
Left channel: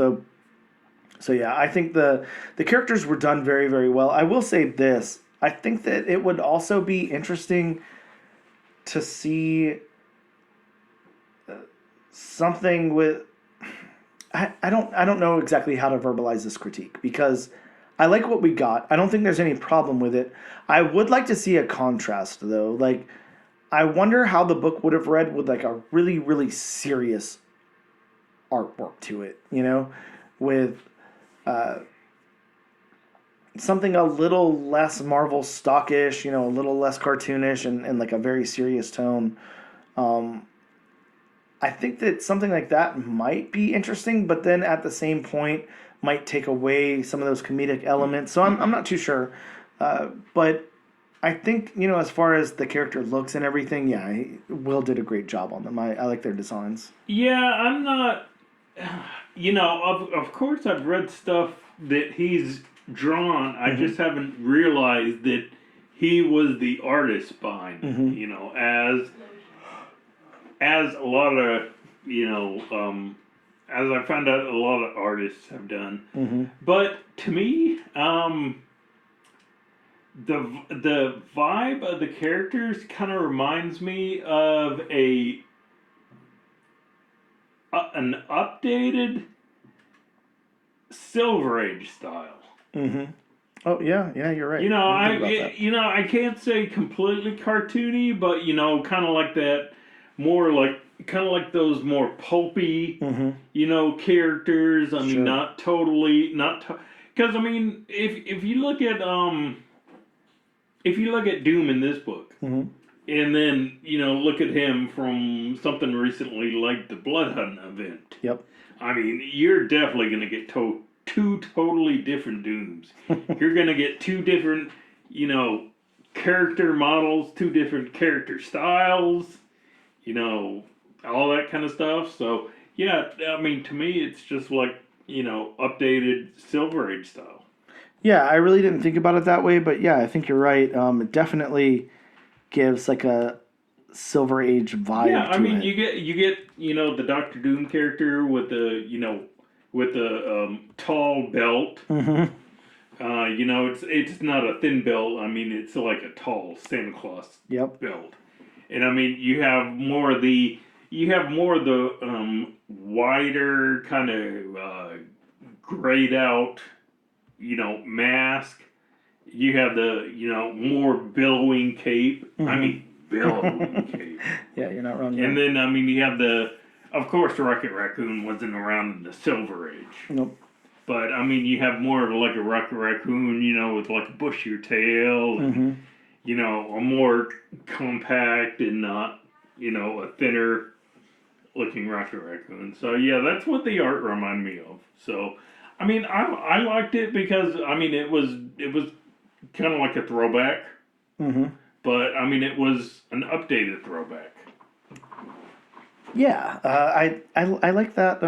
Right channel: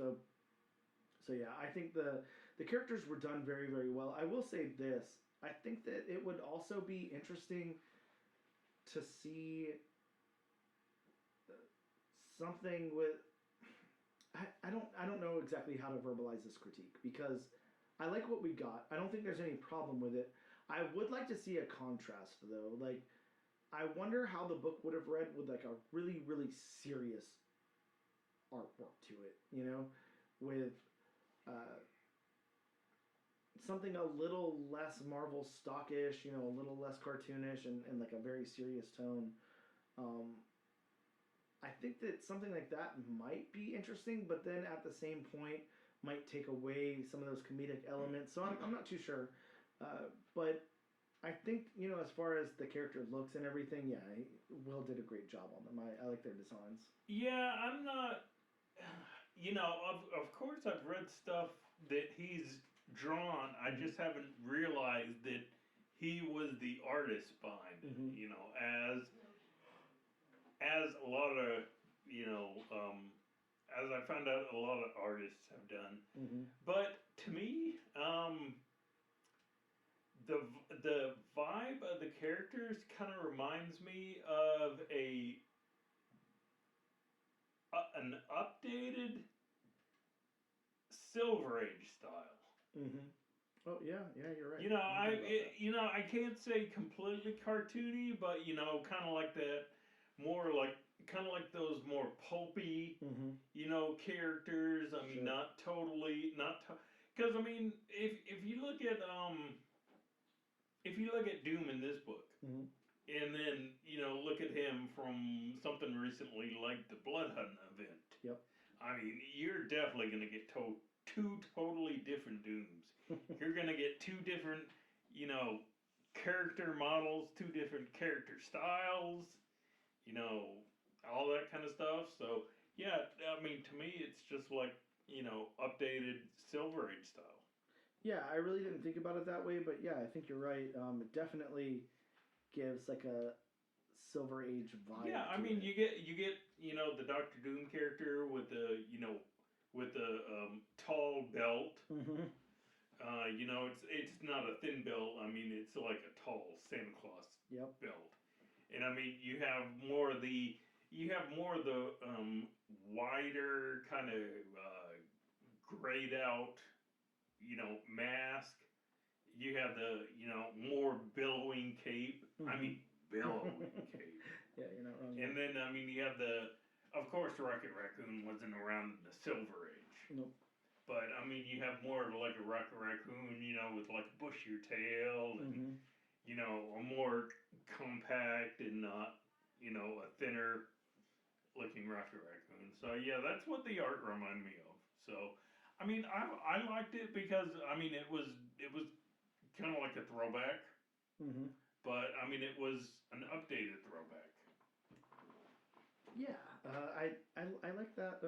So yeah, I think the characters were done very, very well. I will say this: I think that it would also be interesting to see something with. I don't know exactly how to verbalize this critique because I like what we got. I don't think there's any problem with it. I would like to see a contrast though. Like I wonder how the book would have read with like a really, really serious artwork to it, with something a little less Marvel stockish, a little less cartoonish and like a very serious tone. I think that something like that might be interesting, but then at the same point might take away some of those comedic elements. So I'm not too sure. But I think, as far as the character looks and everything, yeah, Will did a great job on them. I like their designs. Yeah, I'm not. Of course, I've read stuff that he's drawn. I just haven't realized that he was the artist behind it. As a lot of as I found out, a lot of artists have done. But to me, the vibe of the characters kind of reminds me of an updated Silver Age style. Oh yeah, you're right. I can't say completely cartoony, but kind of like that, more like kind of like those more pulpy, characters. I mean, not totally, because I mean, if you look at Doom in this book, and then look at him from something recently like the Blood Hunt event. Yep. I mean, you're definitely going to get two totally different Dooms. You're going to get two different, character models, two different character styles, all that kind of stuff. So, yeah, I mean, to me, it's just like, updated Silver Age style. Yeah, I really didn't think about it that way, but yeah, I think you're right. It definitely gives like a Silver Age vibe. Yeah, I mean, you get the Doctor Doom character with the tall belt. It's not a thin belt. I mean, it's like a tall Santa Claus belt. And I mean, you have more of the wider kind of grayed out, mask. You have the more billowing cape. I mean, billowing cape. Yeah, you're not wrong. And then I mean, you have of course, Rocket Raccoon wasn't around in the Silver Age. Nope. But I mean, you have more of like a Rocket Raccoon, with like a bushier tail, and a more compact and not, a thinner looking Rocket Raccoon. So yeah, that's what the art reminded me of. So, I mean, I liked it because I mean it was kind of like a throwback, but I mean it was an updated throwback. Yeah, I like that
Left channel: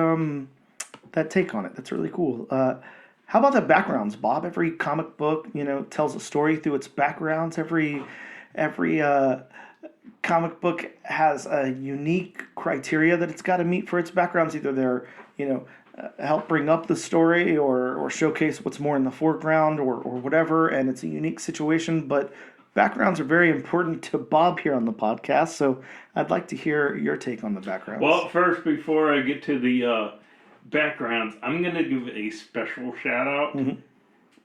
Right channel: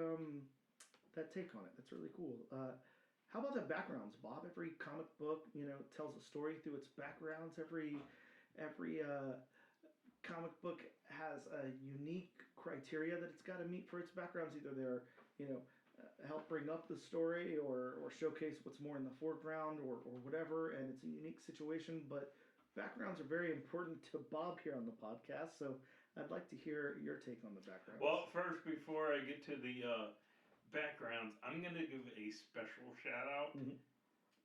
that take on it. That's really cool. How about the backgrounds, Bob? Every comic book, tells a story through its backgrounds. Every comic book has a unique criteria that it's got to meet for its backgrounds. Either they're, help bring up the story or showcase what's more in the foreground or whatever, and it's a unique situation. But backgrounds are very important to Bob here on the podcast, so I'd like to hear your take on the backgrounds. Well, first, before I get to the backgrounds, I'm going to give a special shout out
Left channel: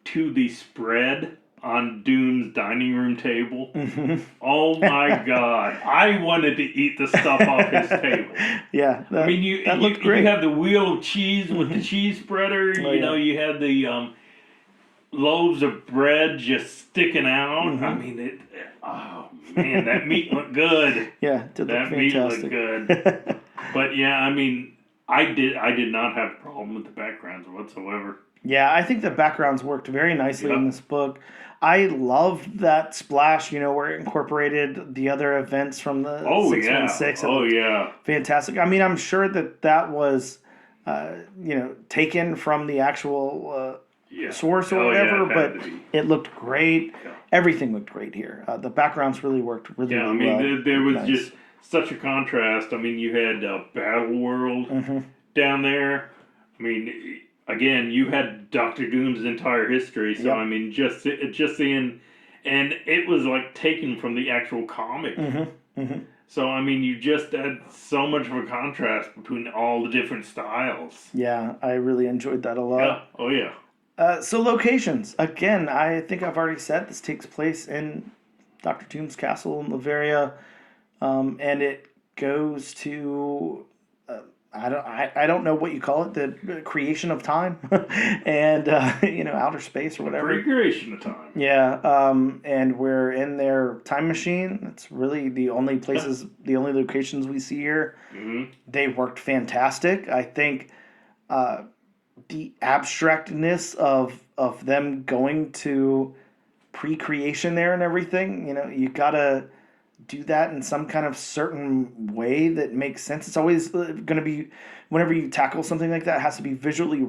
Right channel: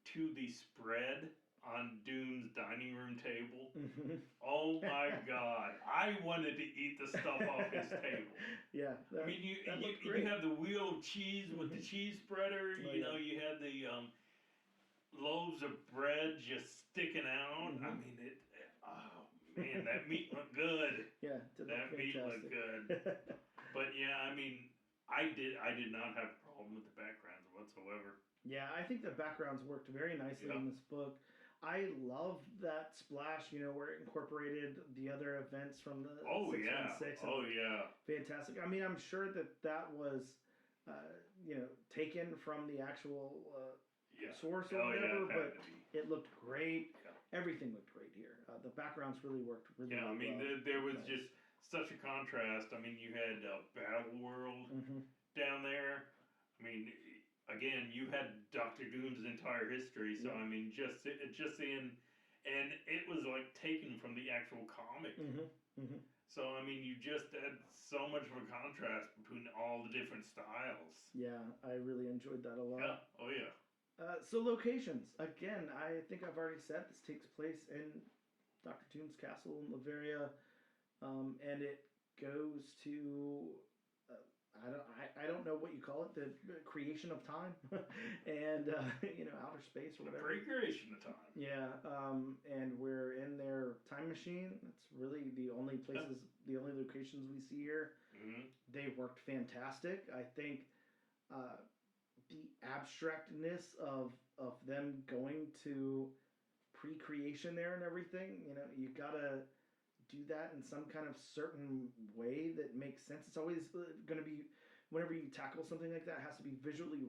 to the spread on Doom's dining room table. Oh my God. I wanted to eat the stuff off his table. Yeah. I mean, that looked great. You have the wheel of cheese with the cheese spreader. You know, you had the loaves of bread just sticking out. I mean, oh man, that meat looked good. Yeah, that meat looked good. But yeah, I mean, I did not have a problem with the backgrounds whatsoever. Yeah, I think the backgrounds worked very nicely in this book. I loved that splash, where it incorporated the other events from the 616. Oh, yeah. Fantastic. I mean, I'm sure that was, taken from the actual source or whatever, but it looked great. Yeah. Everything looked great here. The backgrounds really worked really well. Yeah, I mean, there was just such a contrast. I mean, you had Battle World down there. I mean, again, you had Doctor Doom's entire history. So, I mean, just seeing, and it was like taken from the actual comic. So, I mean, you just had so much of a contrast between all the different styles. Yeah, I really enjoyed that a lot. Yeah, oh yeah. So locations. Again, I think I've already said this takes place in Doctor Doom's castle in Latveria, and it goes to I don't know what you call it, the creation of time, and outer space or whatever. Recreation of time. Yeah, and we're in their time machine. It's really the only places, the only locations we see here. They worked fantastic. I think. The abstractness of them going to pre-creation there and everything, you gotta do that in some kind of certain way that makes sense. It's always going to be, whenever you tackle something like that, it has to be visually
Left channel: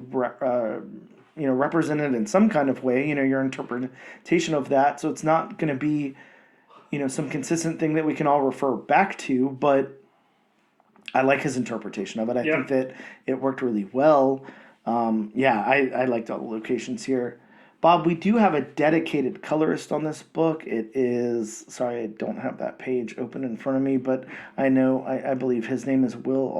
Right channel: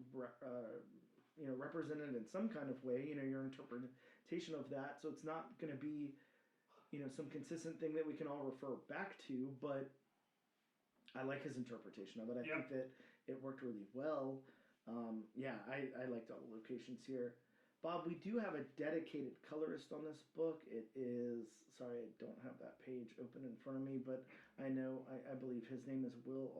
represented in some kind of way, your interpretation of that. So it's not going to be, some consistent thing that we can all refer back to, but I like his interpretation of it. I think that it worked really well. I liked all the locations here. Bob, we do have a dedicated colorist on this book. It is, sorry, I don't have that page open in front of me, but I believe his name is Will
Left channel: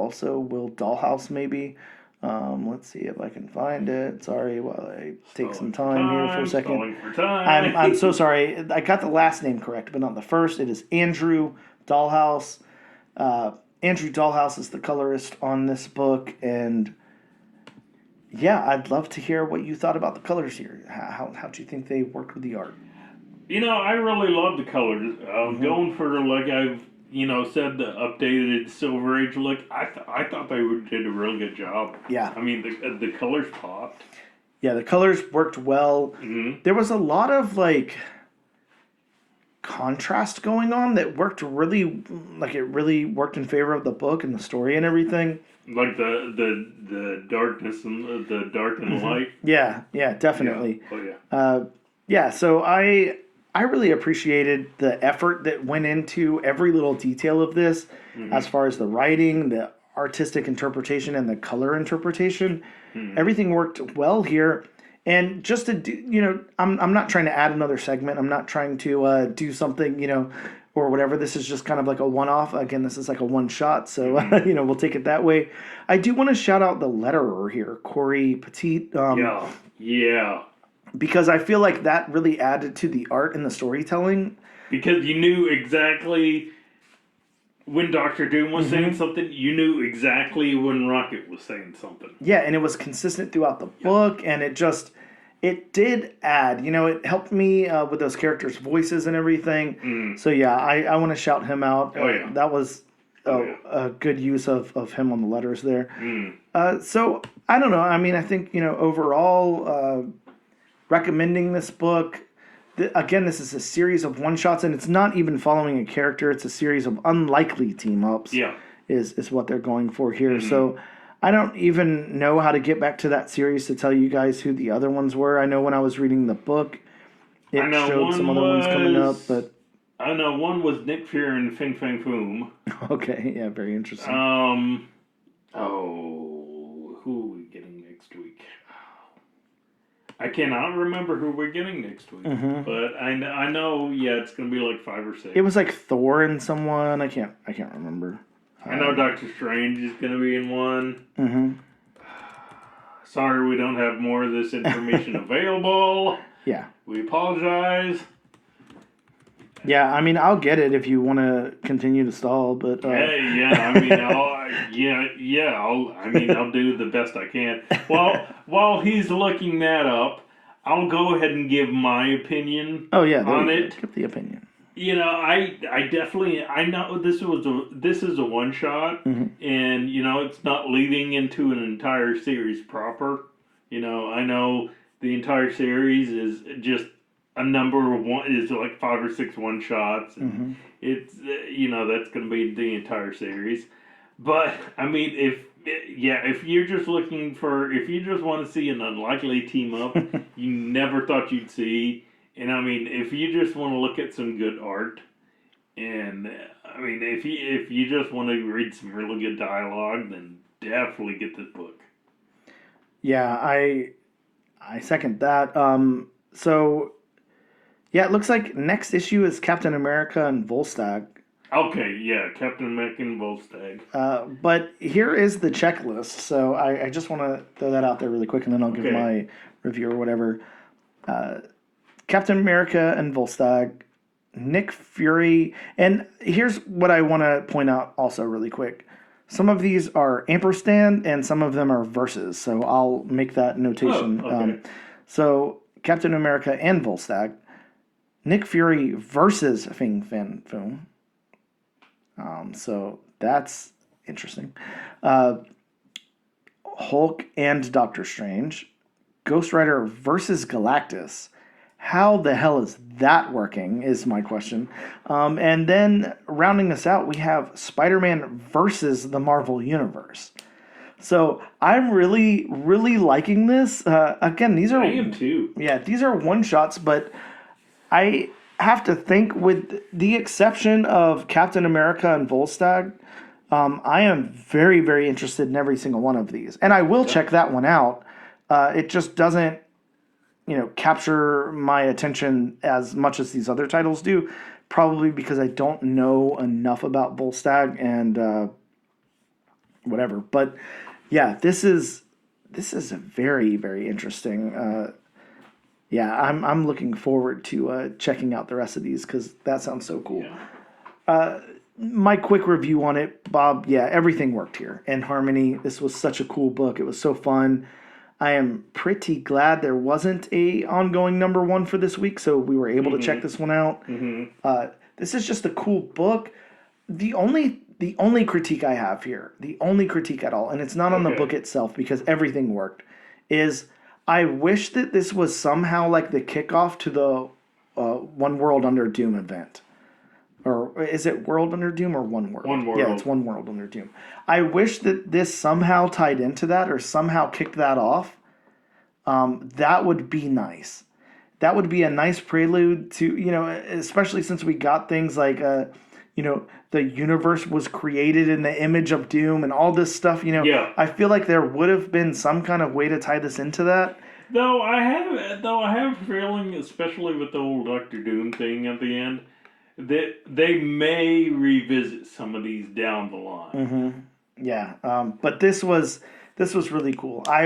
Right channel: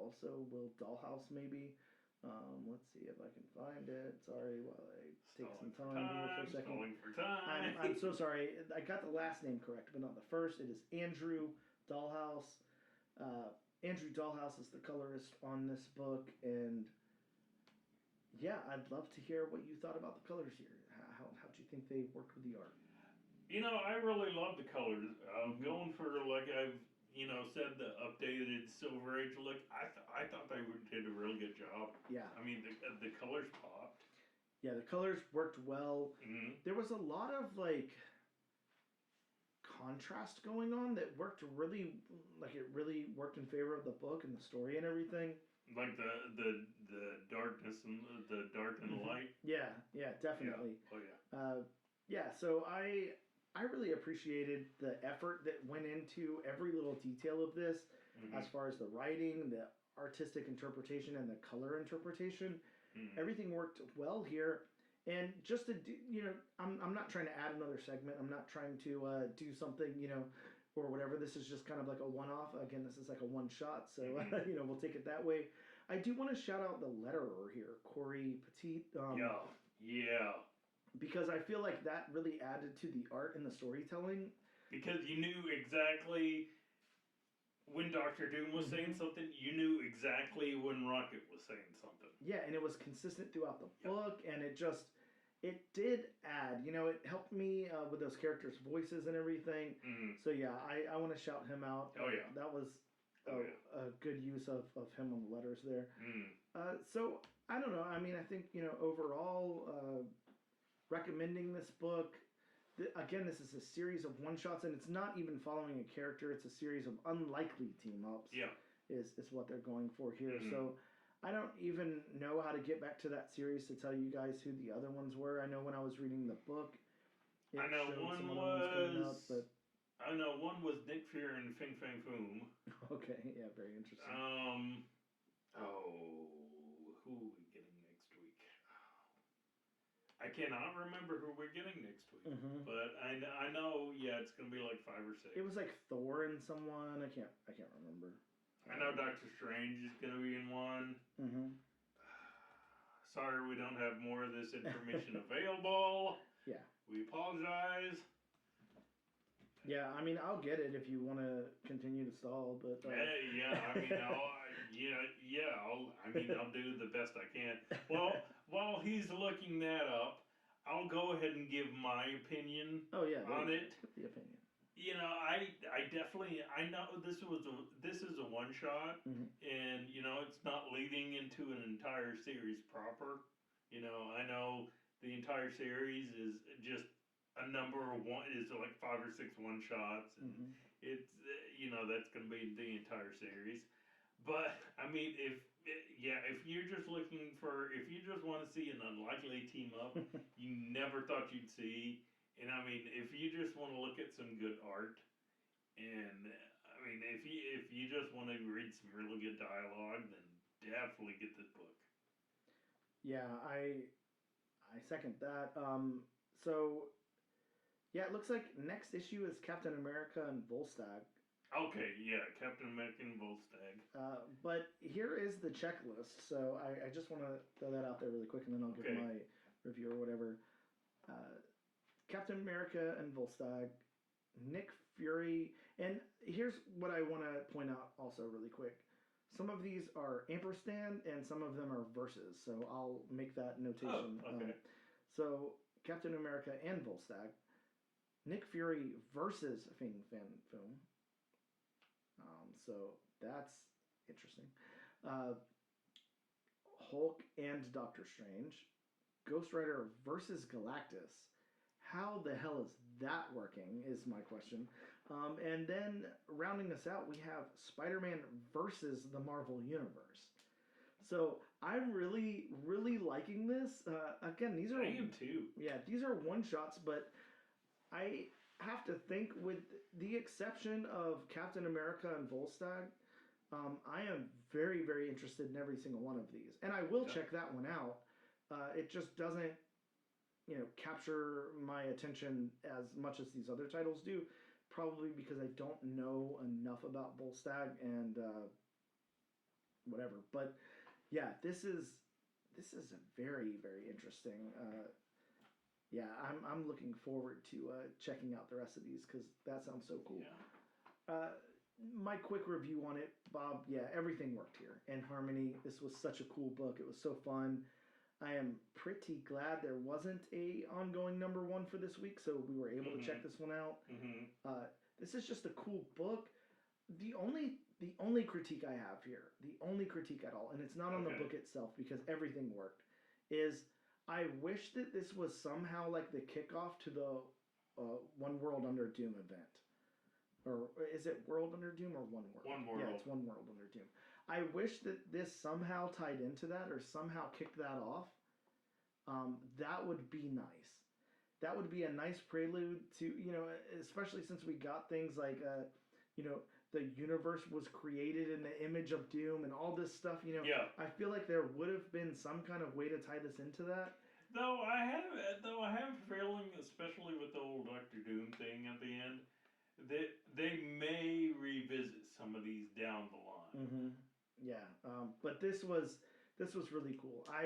Dollhouse maybe. Let's see if I can find it. Sorry, while I take some time here for a second. I'm so sorry. I got the last name correct, but not the first. It is Andrew Dollhouse. Andrew Dollhouse is the colorist on this book, and yeah, I'd love to hear what you thought about the colors here. How do you think they worked with the art? I really love the colors. Going for, like I've, said, the updated Silver Age look, I thought they did a really good job. Yeah. I mean, the colors popped. Yeah, the colors worked well. There was a lot of, contrast going on that worked really, it really worked in favor of the book and the story and everything. Like the darkness and the dark and light. Yeah, definitely. Yeah. Oh yeah. So I really appreciated the effort that went into every little detail of this, as far as the writing, the artistic interpretation, and the color interpretation. Everything worked well here. And just to do, I'm not trying to add another segment. I'm not trying to do something, or whatever. This is just kind of like a one-off. Again, this is like a one-shot, so, we'll take it that way. I do want to shout out the letterer here, Corey Petit. Yeah. Because I feel like that really added to the art and the storytelling. Because you knew exactly when Doctor Doom was saying something, you knew exactly when Rocket was saying something. Yeah, and it was consistent throughout the book, and it did add, it helped me with those characters' voices and everything. So yeah, I want to shout him out. That was a good use of him on the letters there. So I don't know. I mean, I think, overall, recommending this book. Again, this is a series of one-shots, and it's not even following a character. It's a series of unlikely team-ups. Yeah. Is what they're going for here. So I don't even know how to get back to that series to tell you guys who the other ones were. I know when I was reading the book, it showed some other ones coming up, but I know one was Nick Fury and Fing Fang Foom. Okay, yeah, very interesting. Who are we getting I cannot remember who we're getting next week, but I know, yeah, it's gonna be like 5 or 6. It was like Thor and someone. I can't remember. I know Doctor Strange is gonna be in one. Mm-hmm. Sorry, we don't have more of this information available. Yeah. We apologize. Yeah, I mean, I'll get it if you want to continue to stall, but Yeah. I mean, I'll do the best I can. Well, while he's looking that up, I'll go ahead and give my opinion. Oh yeah, on it. Give the opinion. You know, I definitely know this is a one shot, and you know it's not leading into an entire series proper. You know, I know the entire series is just a number of one is like 5 or 6 one shots. And it's you know that's going to be the entire series, but I mean if you're just looking for if you just want to see an unlikely team up you never thought you'd see. And I mean, if you just want to look at some good art, and I mean, if you just want to read some really good dialogue, then definitely get this book. Yeah, I second that. So yeah, it looks like next issue is Captain America and Volstagg. Okay, yeah, Captain America and Volstagg. But here is the checklist. So I just want to throw that out there really quick, and then I'll give my review or whatever. Captain America and Volstagg, Nick Fury, and here's what I want to point out also really quick. Some of these are ampersand and some of them are verses, so I'll make that notation. Oh, okay. So Captain America and Volstagg, Nick Fury versus Fing Fan Foom. So that's interesting. Hulk and Doctor Strange, Ghost Rider versus Galactus. How the hell is that working is my question. And then rounding us out, we have Spider-Man versus the Marvel Universe. So I'm really, really liking this. Again, these are... I am too. Yeah, these are one-shots, but I have to think with the exception of Captain America and Volstagg, I am very, very interested in every single one of these. And I will check that one out. It just doesn't capture my attention as much as these other titles do, probably because I don't know enough about Volstagg and whatever. But yeah, this is a very, very interesting. Yeah, I'm looking forward to checking out the rest of these because that sounds so cool. Yeah. My quick review on it, Bob. Yeah, everything worked here in harmony. This was such a cool book. It was so fun. I am pretty glad there wasn't a ongoing number 1 for this week, so we were able to check this one out. This is just a cool book. The only critique I have here, the only critique at all, and it's not on the book itself because everything worked, is I wish that this was somehow like the kickoff to the One World Under Doom event. Or is it World Under Doom or One World? One World. Yeah, it's One World Under Doom. I wish that this somehow tied into that or somehow kicked that off. That would be nice. That would be a nice prelude to, especially since we got things like, the universe was created in the image of Doom and all this stuff, Yeah. I feel like there would have been some kind of way to tie this into that. Though I have a feeling, especially with the whole Doctor Doom thing at the end, that they may revisit some of these down the line. Yeah, but this was really cool. I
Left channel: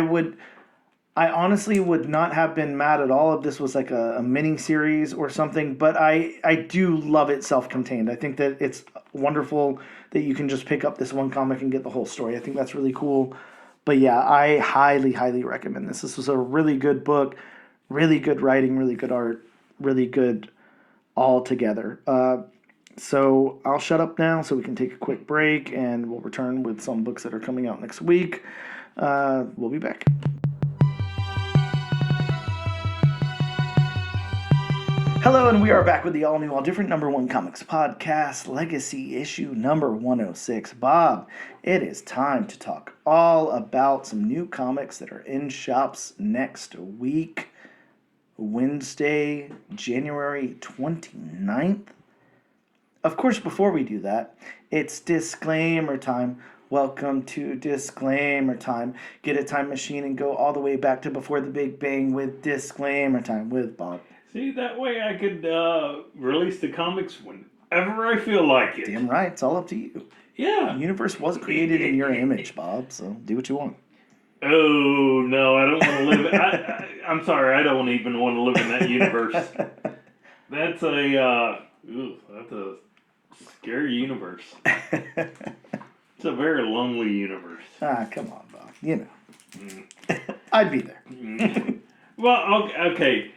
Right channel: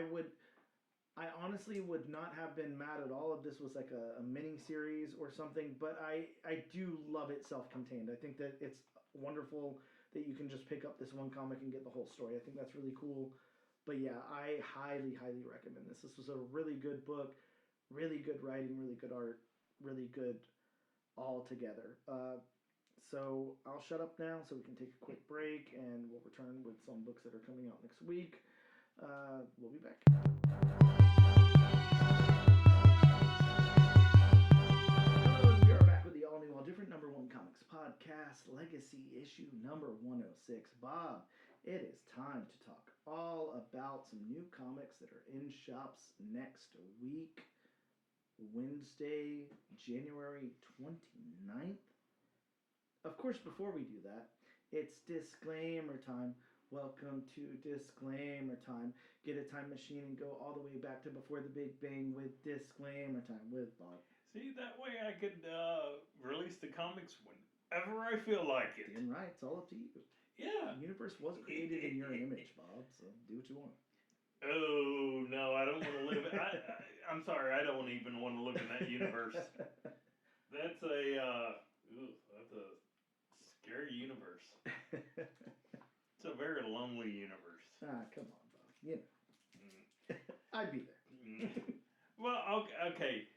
honestly would not have been mad at all if this was like a mini series or something. But I do love it self-contained. I think that it's wonderful that you can just pick up this one comic and get the whole story. I think that's really cool. But yeah, I highly, highly recommend this. This was a really good book, really good writing, really good art, really good all together. So I'll shut up now so we can take a quick break and we'll return with some books that are coming out next week. We'll be back. Hello, and we are back with the all-new, all-different number 1 comics podcast, Legacy issue number 106. Bob, it is time to talk all about some new comics that are in shops next week. Wednesday, January 29th. Of course, before we do that, it's disclaimer time. Welcome to disclaimer time. Get a time machine and go all the way back to before the Big Bang with disclaimer time with Bob. See, that way I could release the comics whenever I feel like it. Damn right, it's all up to you. Yeah. The universe was created in your image, Bob, so do what you want. Oh, no, I don't want to live... I'm sorry, I don't even want to live in that universe. That's that's a scary universe. It's a very lonely universe. Ah, come on, Bob. You know. I'd be there. Well, okay.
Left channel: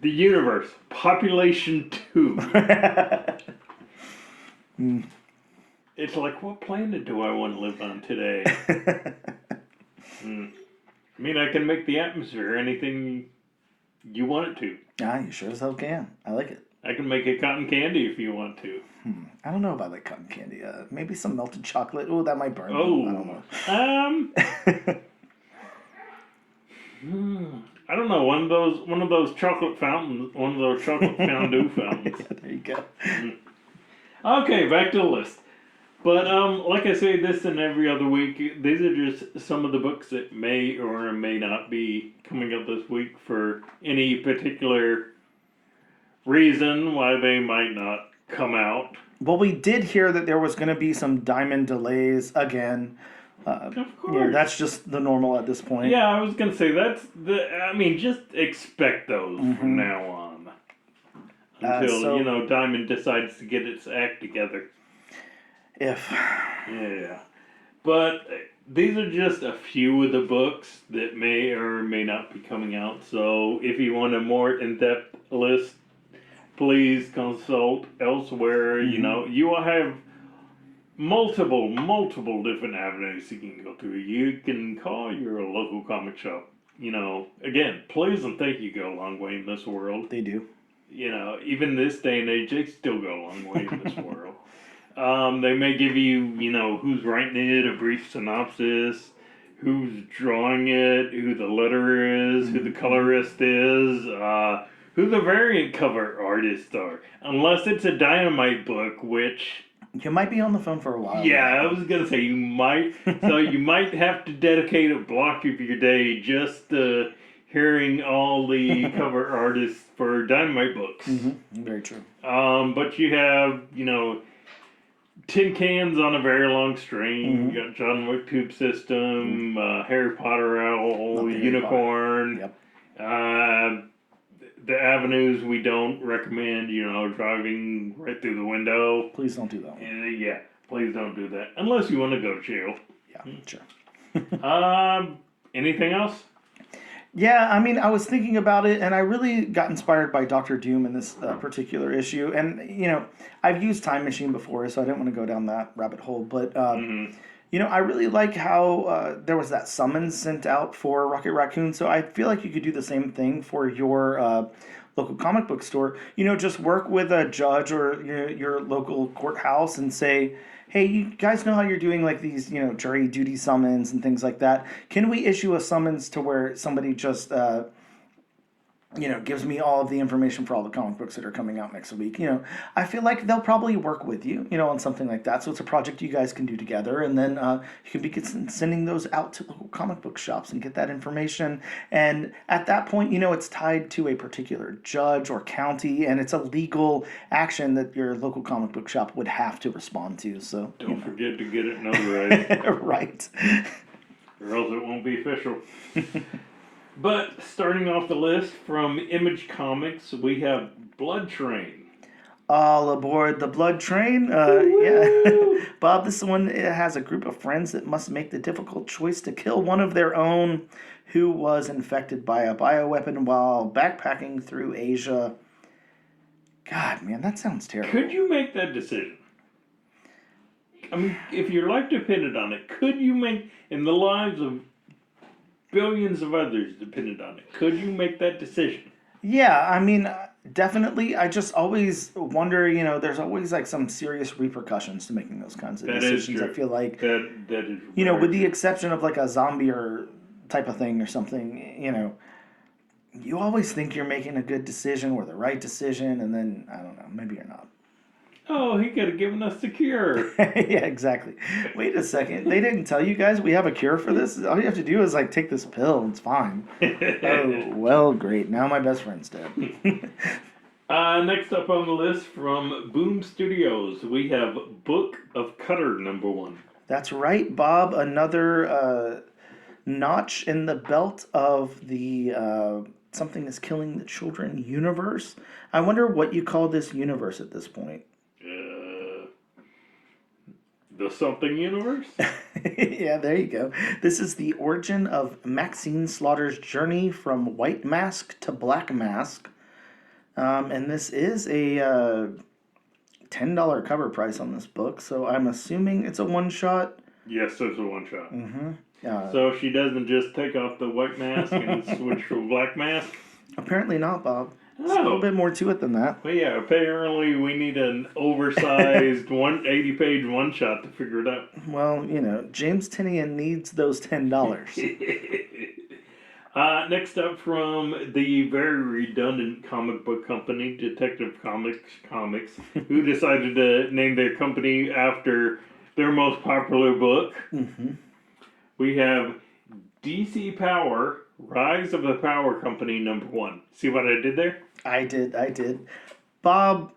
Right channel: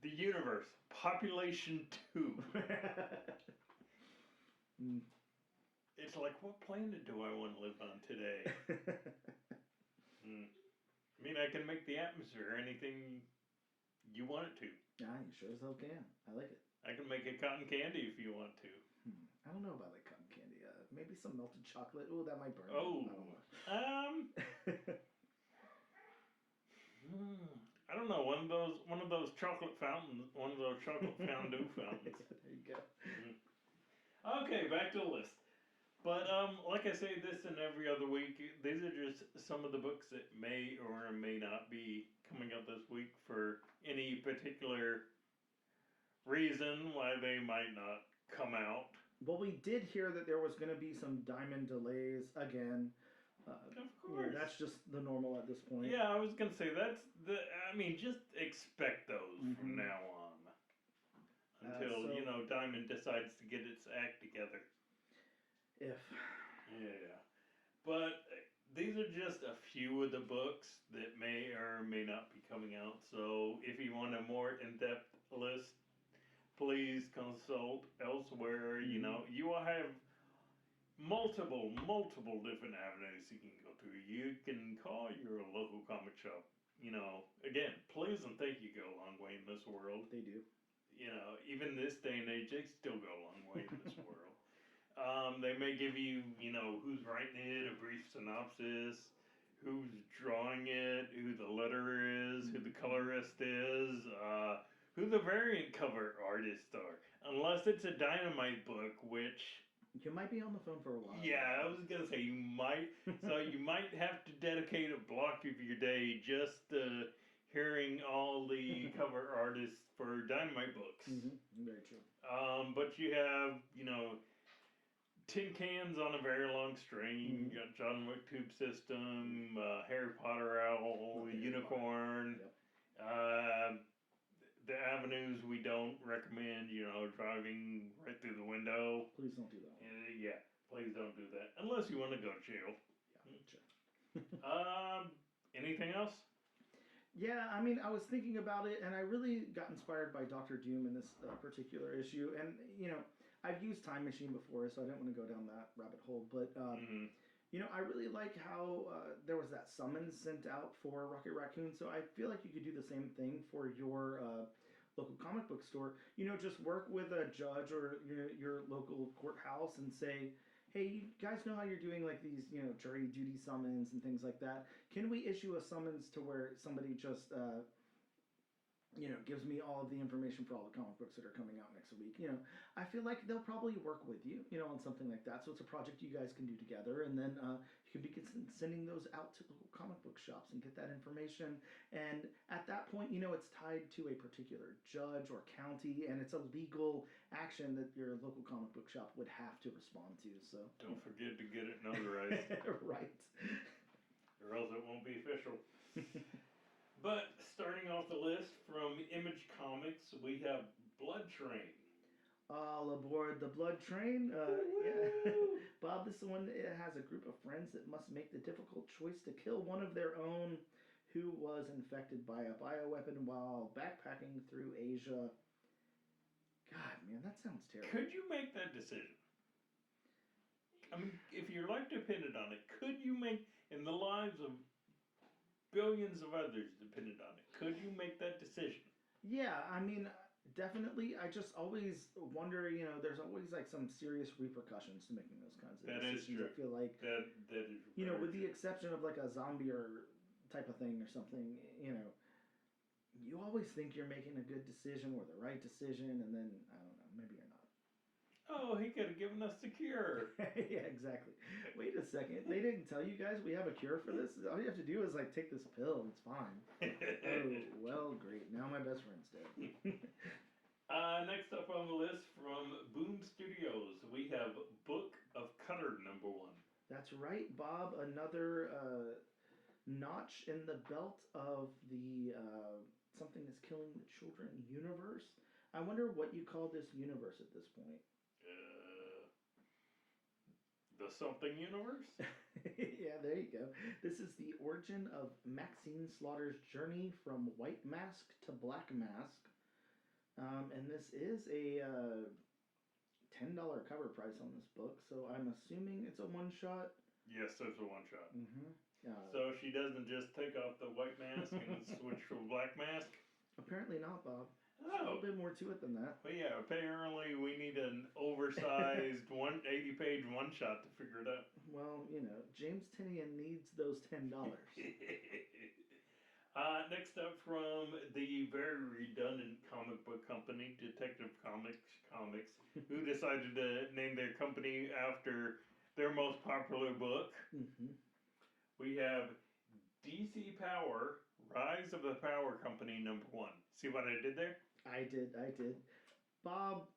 The universe. Population 2. It's like, what planet do I want to live on today? I mean, I can make the atmosphere anything you want it to. Ah, you sure as hell can. I like it. I can make it cotton candy if you want to. I don't know if I like cotton candy. Maybe some melted chocolate. Oh, that might burn. Oh, I don't know. I don't know. One of those chocolate fountains. One of those chocolate fondue fountains. Yeah, there you go. Okay, back to the list. But like I say, this and every other week, these are just some of the books that may or may not be coming up this week for any particular reason why they might not come out. Well, we did hear that there was going to be some Diamond delays again. Of course. Yeah, that's just the normal at this point. Yeah, I was gonna say just expect those from now on. Until Diamond decides to get its act together. If. Yeah. But these are just a few of the books that may or may not be coming out. So if you want a more in-depth list, please consult elsewhere. You will have multiple different avenues you can go through. You can call your local comic shop. Again, please and thank you go a long way in this world. They do. Even this day and age, they still go a long way in this world. They may give you, who's writing it, a brief synopsis, who's drawing it, who the letter is, who the colorist is, who the variant cover artists are. Unless it's a Dynamite book, which... You might be on the phone for a while. Yeah, I was going to say you might. So you might have to dedicate a block of your day just to hearing all the cover artists for Dynamite books. Very true. But you have, tin cans on a very long string. You got John Wick Tube System, Harry Potter Owl, Unicorn. Yep. The avenues we don't recommend, driving right through the window. Please don't do that one. Yeah, please don't do that. Unless you want to go to jail. Yeah, sure. Anything else? Yeah, I mean, I was thinking about it, and I really got inspired by Doctor Doom in this particular issue. And, I've used Time Machine before, so I didn't want to go down that rabbit hole. But, I really like how there was that summons sent out for Rocket Raccoon. So I feel like you could do the same thing for your local comic book store. Just work with a judge or your local courthouse and say, hey, you guys know how you're doing like these, jury duty summons and things like that. Can we issue a summons to where somebody just, gives me all of the information for all the comic books that are coming out next week? I feel like they'll probably work with you, on something like that. So it's a project you guys can do together, and then you can be sending those out to local comic book shops and get that information. And at that point, it's tied to a particular judge or county, and it's a legal action that your local comic book shop would have to respond to. So don't forget to get it notarized. Right. Or else it won't be official. But starting off the list from Image Comics, we have Blood Train. All aboard the Blood Train. Yeah. Bob, this one has a group of friends that must make the difficult choice to kill one of their own who was infected by a bioweapon while backpacking through Asia. God, man, that sounds terrible. Could you make that decision? I mean, if your life depended on it, could you make, in the lives of billions of others depended on it, could you make that decision? Yeah, I mean, definitely. I just always wonder, there's always like some serious repercussions to making those kinds of decisions. I feel like that is with the exception of like a zombie or type of thing or something, you always think you're making a good decision or the right decision, and then I don't know, maybe you're not. Oh, he could have given us the cure. Yeah, exactly. Wait a second. They didn't tell you guys we have a cure for this? All you have to do is like take this pill. It's fine. Oh, well, great. Now my best friend's dead. Next up on the list from Boom Studios, we have Book of Cutter #1. That's right, Bob. Another notch in the belt of the Something is Killing the Children universe. I wonder what you call this universe at this point. The Something Universe? Yeah, there you go. This is the origin of Maxine Slaughter's journey from White Mask to Black Mask. And this is a $10 cover price on this book, so I'm assuming it's a one-shot. Yes, it's a one-shot. Mm-hmm. So she doesn't just take off the white mask and switch to a black mask? Apparently not, Bob. There's a Oh. little bit more to it than that. Well, yeah, apparently we need an oversized 180-page one-shot to figure it out. Well, you know, James Tinian needs those $10. Next up from the very redundant comic book company, Detective Comics, who decided to name their company after their most popular book. Mm-hmm. We have DC Power, Rise of the Power Company #1. See what I did there? I did. Bob,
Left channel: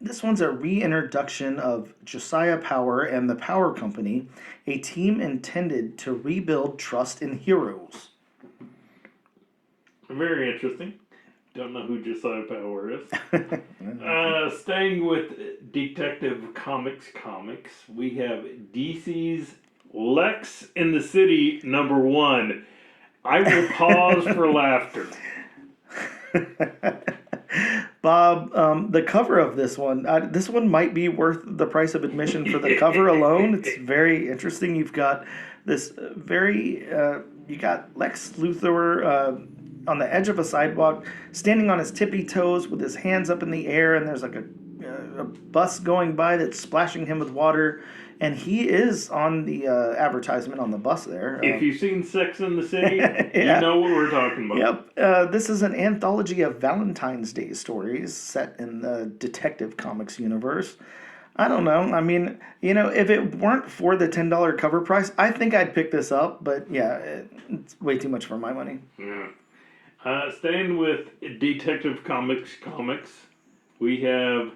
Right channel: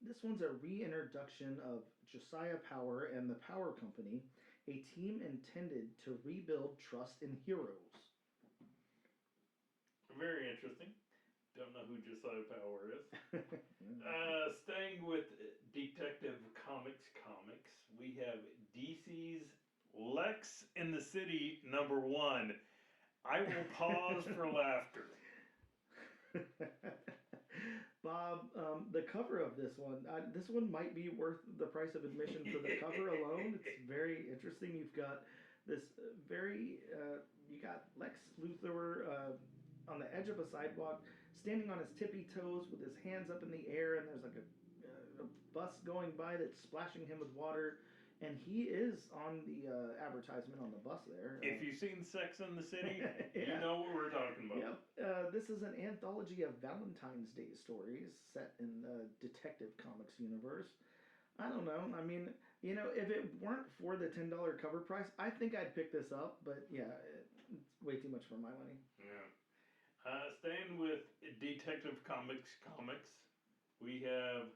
this one's a reintroduction of Josiah Power and the Power Company, a team intended to rebuild trust in heroes. Very interesting. Don't know who Josiah Power is. Staying with Detective Comics, we have DC's Lex in the City #1. I will pause for laughter. Bob, the cover of this one might be worth the price of admission for the cover alone. It's very interesting. You've got this you got Lex Luthor on the edge of a sidewalk, standing on his tippy toes with his hands up in the air, and there's like a bus going by that's splashing him with water. And he is on the advertisement on the bus there. If you've seen Sex in the City, yeah. You know what we're talking about. Yep. This is an anthology of Valentine's Day stories set in the Detective Comics universe. I don't know. I mean, you know, if it weren't for the $10 cover price, I think I'd pick this up. But yeah, it's way too much for my money. Yeah. Staying with Detective Comics, we have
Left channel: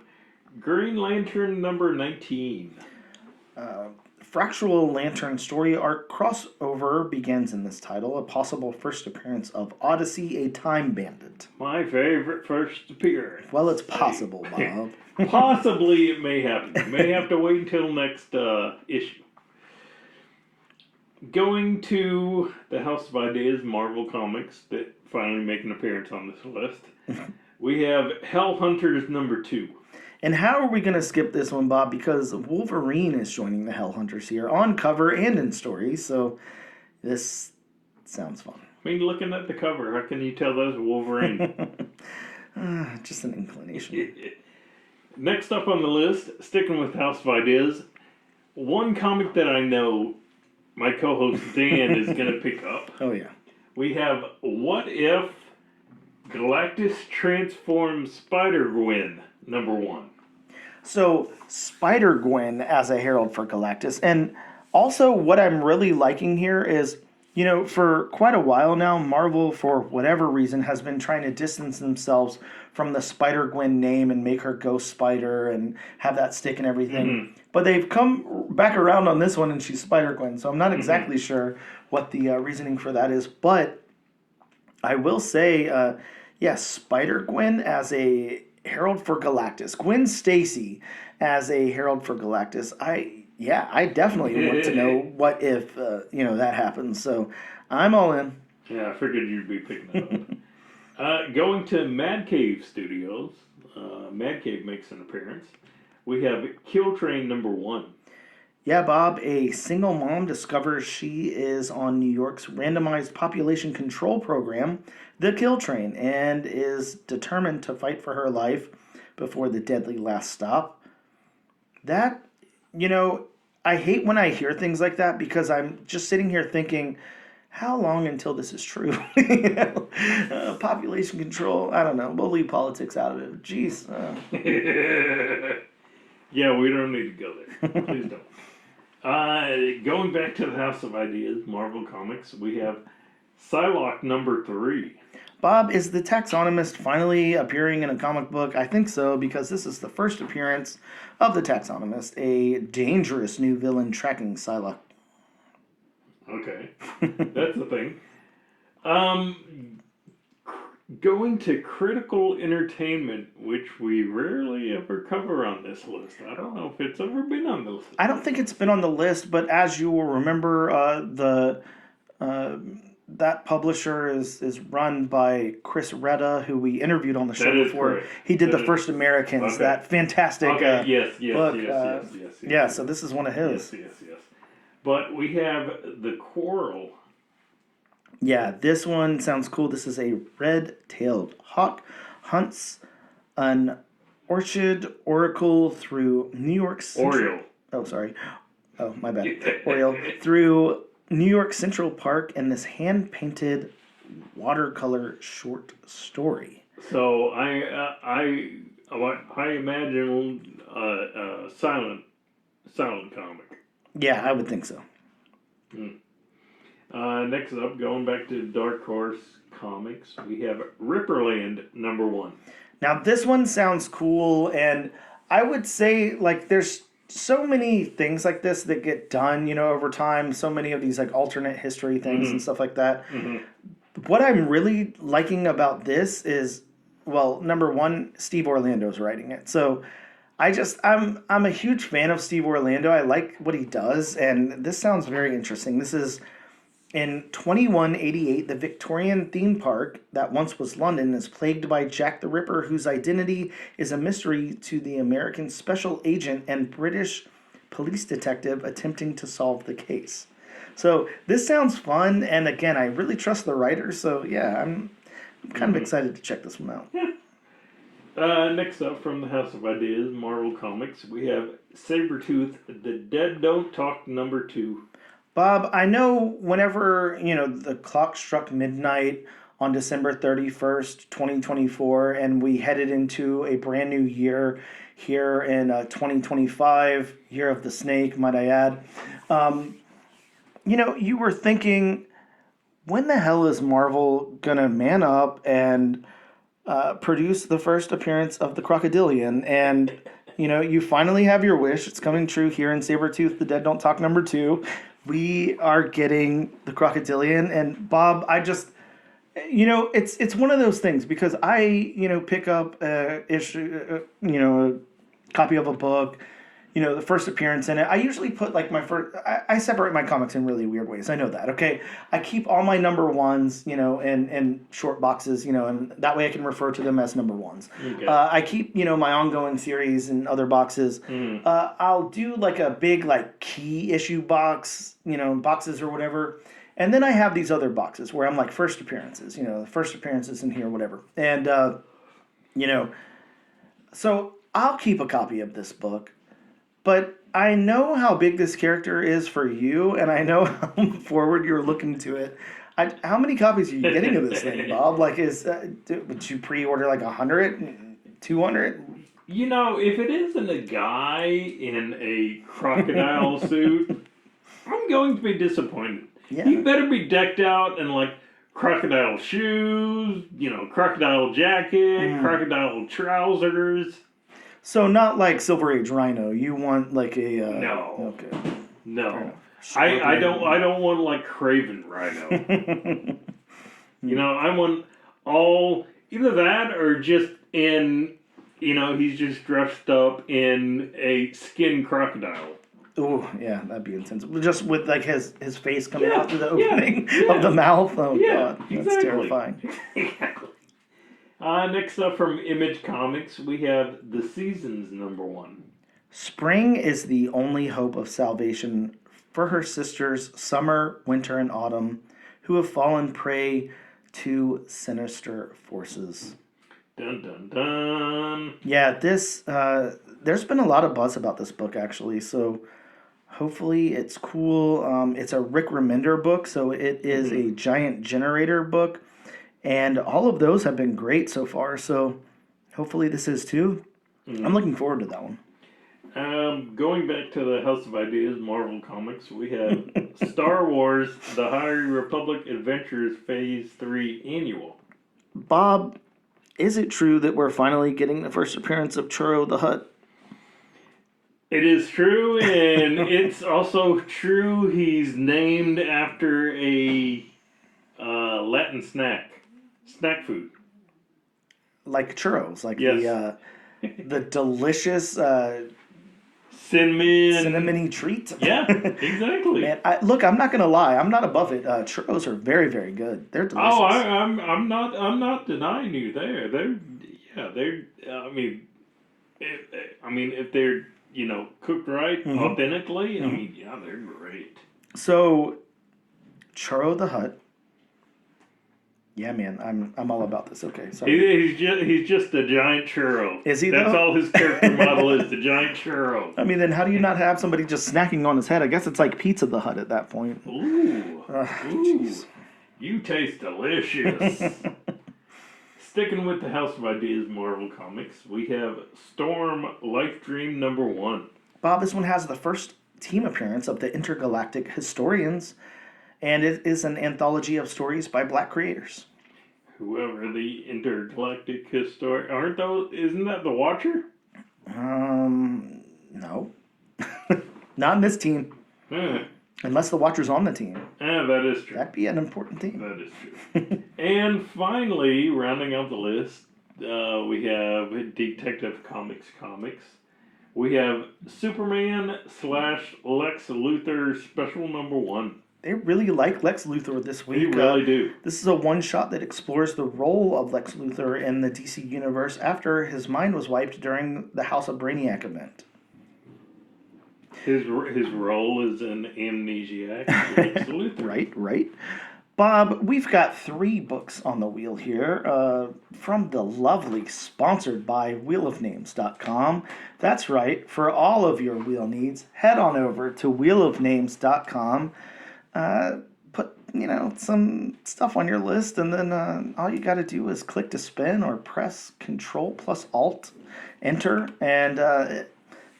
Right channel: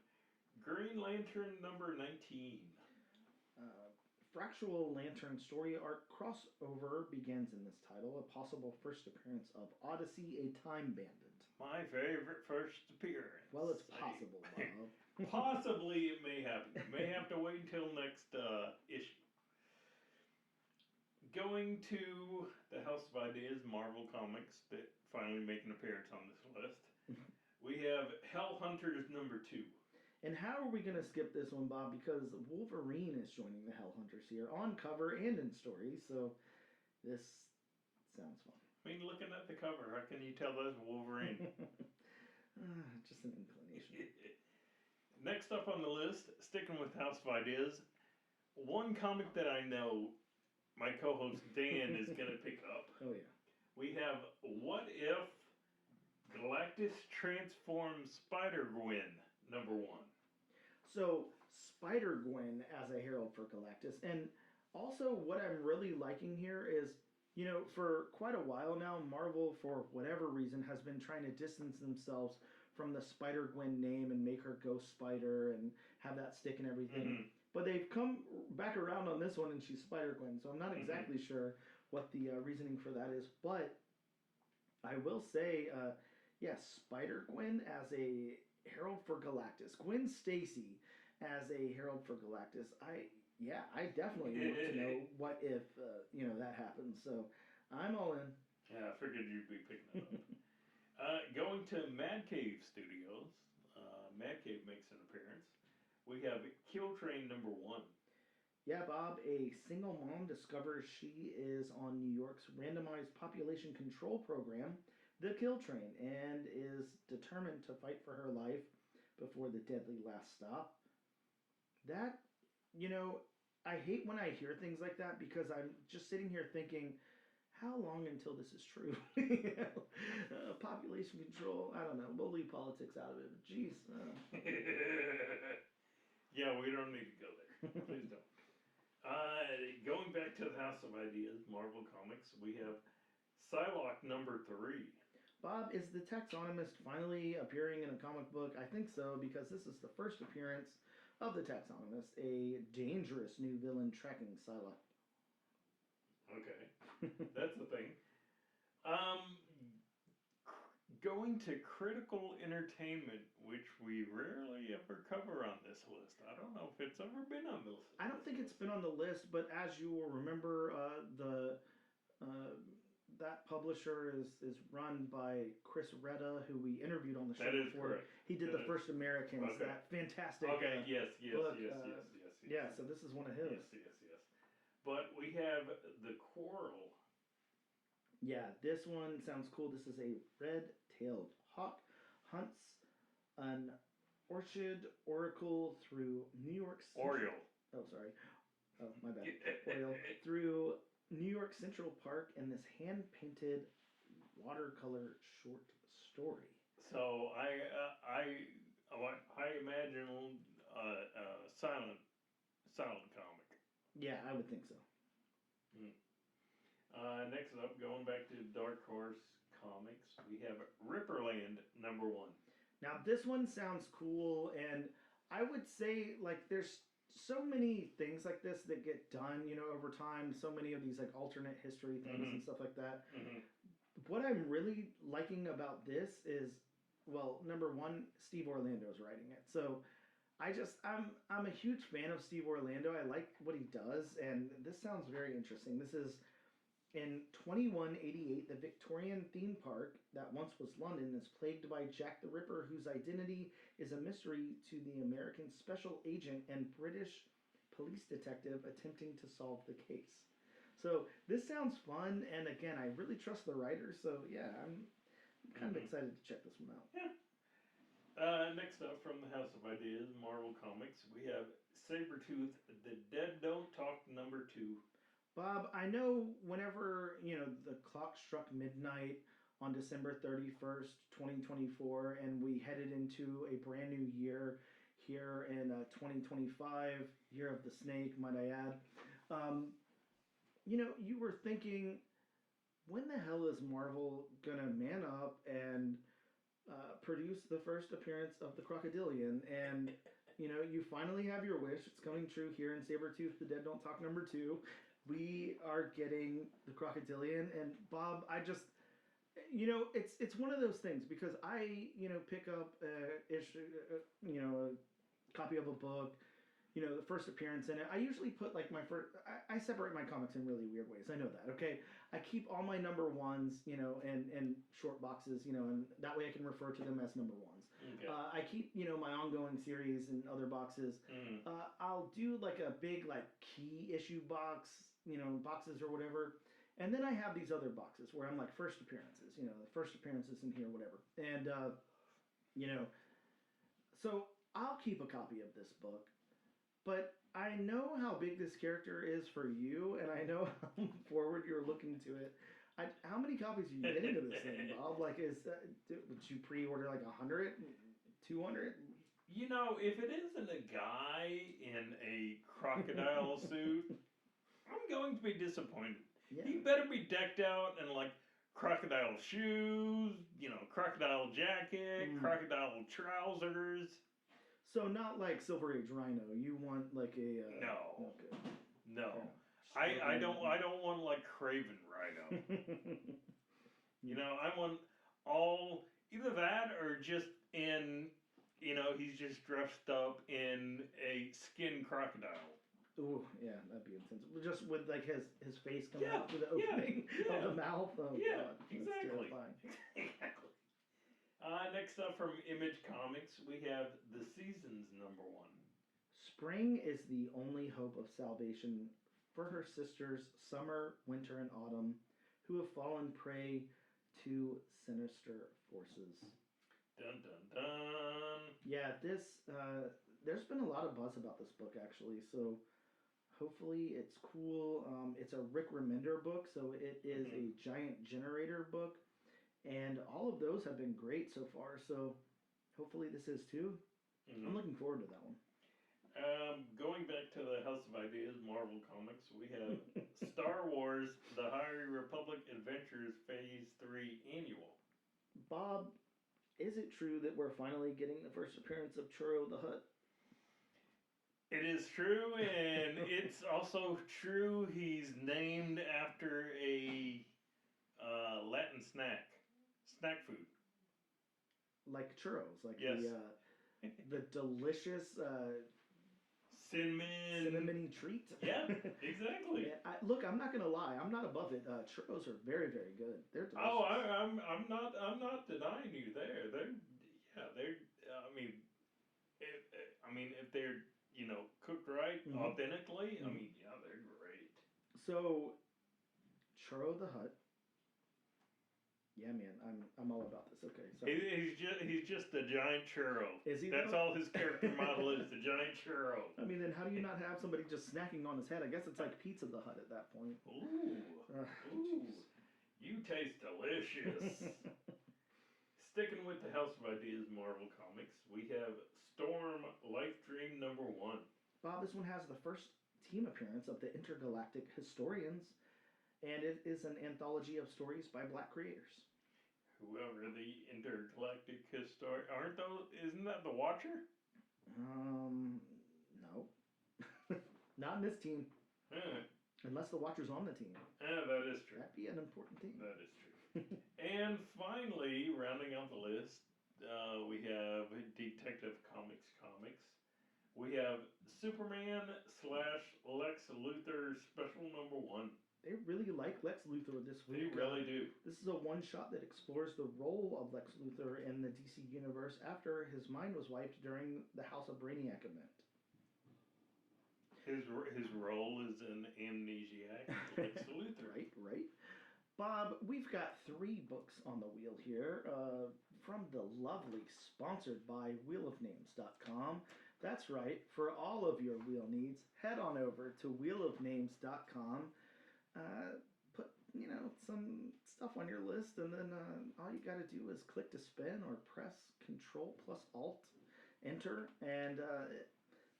Green Lantern #19. Fractional Lantern story arc crossover begins in this title, a possible first appearance of Odyssey, a Time Bandit. My favorite first appearance. Well, it's possible, Bob. Possibly it may happen. You may have to wait until next issue. Going to the House of Ideas, Marvel Comics, that finally make an appearance on this list. We have Hell Hunters #2. And how are we going to skip this one, Bob? Because Wolverine is joining the Hell Hunters here on cover and in story, so this sounds fun. I mean, looking at the cover, how can you tell that's Wolverine? Just an inclination. Next up on the list, sticking with House of Ideas, one comic that I know my co-host Dan is going to pick up. Oh, yeah. We have What If Galactus Transforms Spider-Gwen #1. So, Spider-Gwen as a herald for Galactus. And also, what I'm really liking here is, you know, for quite a while now, Marvel, for whatever reason, has been trying to distance themselves from the Spider-Gwen name and make her Ghost Spider and have that stick and everything. Mm-hmm. But they've come back around on this one and she's Spider-Gwen. So I'm not exactly sure what the reasoning for that is. But I will say, Spider-Gwen as a herald for Galactus. Gwen Stacy as a herald for Galactus. I definitely want to know what if that happens. So I'm all in. Yeah, I figured you'd be picking that up. Going to Mad Cave Studios. Mad Cave makes an appearance. We have Kill Train #1. Yeah, Bob, a single mom discovers she is on New York's randomized population control program, the Kill Train, and is determined to fight for her life before the deadly last stop. That, I hate when I hear things like that because I'm just sitting here thinking, how long until this is true? Population control, I don't know. We'll leave politics out of it. Jeez. Yeah, we don't need to go there. Please don't. Going back to the House of Ideas, Marvel Comics, we have Psylocke #3. Bob, is the taxonomist finally appearing in a comic book? I think so, because this is the first appearance of the taxonomist, a dangerous new villain tracking Psylocke. Okay, that's the thing. Um, Going to critical entertainment, which we rarely ever cover on this list. I don't know if it's ever been on the list. I don't think it's been on the list, but as you will remember, that publisher is run by Chris Retta, who we interviewed on the show That is before. correct. He did That The is- First Americans, Okay. that fantastic Okay, yes, book. yes. Yeah, so this is one of his. Yes. But we have The Quarrel. Yeah, this one sounds cool. This is a red-tailed hawk hunts an orchid oracle through New York Central. Oriole. Oh, sorry. Oh, my bad. Oriole. Through New York Central Park in this hand-painted watercolor short story. So I imagine silent comic. Yeah, I would think so. Next up, going back to Dark Horse Comics, we have Ripperland #1. Now, this one sounds cool, and I would say, like, there's so many things like this that get done, over time. So many of these, like, alternate history things and stuff like that. Mm-hmm. What I'm really liking about this is, well, #1, Steve Orlando's writing it. So I'm a huge fan of Steve Orlando. I like what he does, and this sounds very interesting. This is in 2188, the Victorian theme park that once was London is plagued by Jack the Ripper, whose identity is a mystery to the American special agent and British police detective attempting to solve the case. So this sounds fun, and again, I really trust the writer. So yeah, I'm kind of excited to check this one out. Next up from the House of Ideas, Marvel Comics, we have Sabretooth, The Dead Don't Talk #2. Bob, I know whenever, the clock struck midnight on December 31st, 2024, and we headed into a brand new year here in 2025, year of the snake, might I add, you were thinking, when the hell is Marvel going to man up and produce the first appearance of the Crocodilian? And, you finally have your wish. It's coming true here in Sabretooth, The Dead Don't Talk #2. We are getting the Crocodilian, and Bob, I just, it's one of those things because I, pick up a copy of a book, the first appearance in it. I usually put like I separate my comics in really weird ways. I know that, okay? I keep all my #1s, in short boxes, and that way I can refer to them as #1s. Okay. I keep, my ongoing series in other boxes. I'll do like a big like key issue box, boxes or whatever. And then I have these other boxes where I'm like first appearances, the first appearances in here, whatever. And, so I'll keep a copy of this book. But I know how big this character is for you, and I know how forward you're looking to it. How many copies are you getting of this thing, Bob? Like, would you pre-order like 100, 200? If it isn't a guy in a crocodile suit, I'm going to be disappointed. Yeah. He better be decked out in like crocodile shoes, crocodile jacket, crocodile trousers. So not like Silver Age Rhino. You want like a no. Okay. No. I don't want like Craven Rhino. I want all either that or just in he's just dressed up in a skin crocodile. Oh yeah, that'd be intense. Just with like his face coming out through the opening of the mouth. Oh god, that's terrifying. Exactly. Next up from Image Comics, we have The Seasons #1. Spring is the only hope of salvation for her sisters, Summer, Winter, and Autumn, who have fallen prey to sinister forces. Dun dun dun. Yeah, this there's been a lot of buzz about this book actually, so hopefully it's cool. It's a Rick Remender book, so it is a giant generator book. And all of those have been great so far, so hopefully this is too. I'm looking forward to that one. Going back to the House of Ideas Marvel Comics, we have Star Wars: The High Republic Adventures Phase 3 Annual. Bob, is it true that we're finally getting the first appearance of Churro the Hutt? It is true, and it's also true he's named after a Latin snack food. Like churros, like Yes. the delicious cinnamony treat. Yeah, exactly. Man, look, I'm not gonna lie, I'm not above it. Churros are very, very good. They're delicious. Oh, I'm not denying you there. They're. I mean, if they're cooked right, authentically, I mean, yeah, they're great. So, Churro the Hutt. Yeah, man, I'm all about this. Okay, sorry. He's just a giant churro. Is he? That's though? all his character model is, the giant churro. I mean, then how do you not have somebody just snacking on his head? I guess it's like Pizza the Hut at that point. Ooh, Jeez. You taste delicious. Sticking with the House of Ideas Marvel Comics, we have Storm Life Dream #1. Bob, this one has the first team appearance of the Intergalactic Historians, and it is an anthology of stories by Black creators. Whoever the Intergalactic Historian isn't that the Watcher? No. Not in this team. Unless the Watcher's on the team. That is true. That'd be an important team. That is true. And finally, rounding out the list, we have Detective Comics. We have Superman / Lex Luthor Special #1. They really like Lex Luthor this week. They really do. This is a one-shot that explores the role of Lex Luthor in the DC Universe after his mind was wiped during the House of Brainiac event. His role is an amnesiac. Lex Luthor. Right. Bob, we've got 3 books on the wheel here from the lovely, sponsored by wheelofnames.com. That's right. For all of your wheel needs, head on over to wheelofnames.com. Put, some stuff on your list, and then all you got to do is click to spin or press Control plus Alt, Enter, and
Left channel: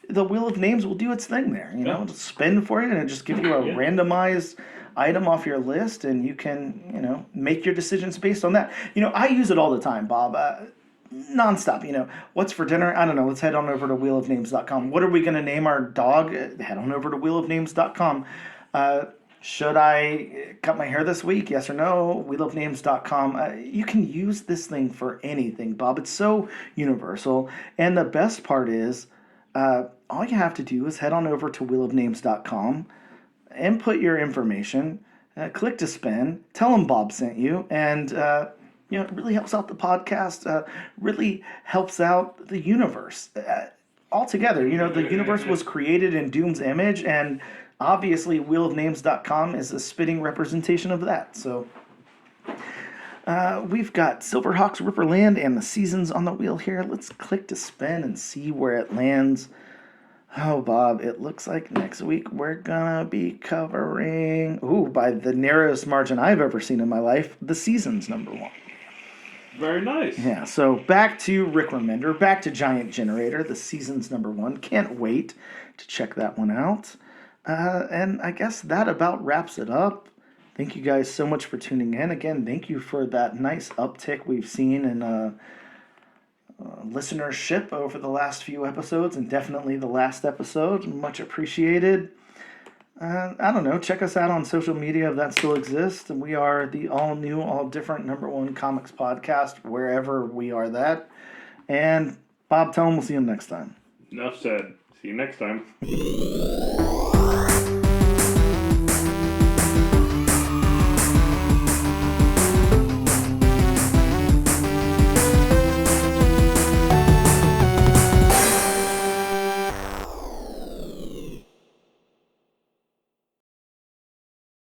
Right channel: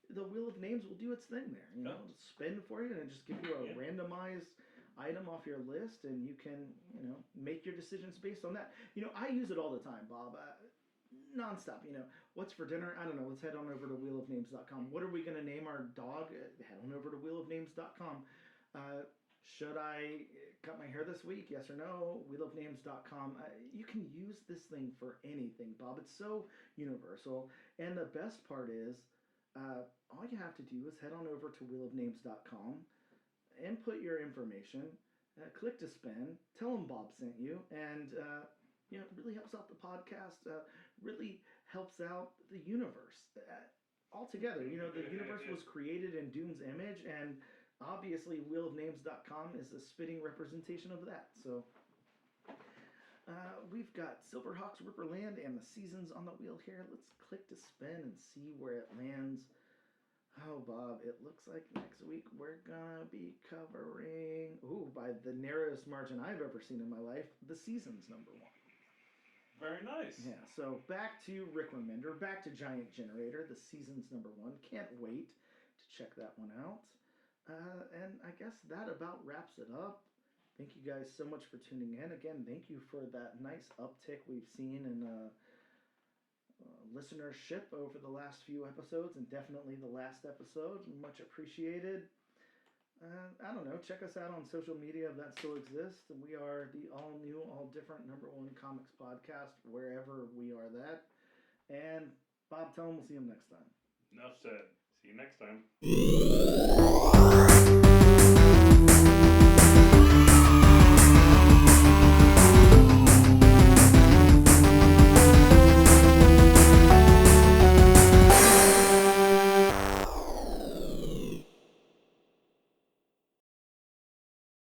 the Wheel of Names will do its thing there. It'll spin for you, and it'll just give you a randomized item off your list, and you can, make your decisions based on that. I use it all the time, Bob. Nonstop. What's for dinner? I don't know. Let's head on over to wheelofnames.com. What are we going to name our dog? Head on over to wheelofnames.com. Should I cut my hair this week? Yes or no? wheelofnames.com. You can use this thing for anything, Bob. It's so universal. And the best part is, all you have to do is head on over to wheelofnames.com, input your information, click to spin, tell them Bob sent you, and it really helps out the podcast, really helps out the universe. Altogether, the universe was created in Doom's image, and obviously wheelofnames.com is a spitting representation of that. So we've got Silverhawks Ripperland and the seasons on the wheel here. Let's click to spin and see where it lands. Oh, Bob, it looks like next week we're gonna be covering, by the narrowest margin I've ever seen in my life, the seasons #1. Very nice. Yeah, so back to Rick Remender, back to Giant Generator, the seasons #1. Can't wait to check that one out. And I guess that about wraps it up. Thank you guys so much for tuning in. Again, thank you for that nice uptick we've seen in listenership over the last few episodes, and definitely the last episode. Much appreciated. I don't know. Check us out on social media if that still exists. And we are the all new, all different #1 comics podcast, wherever we are that. And Bob, tell them we'll see you next time. Enough said. See you next time.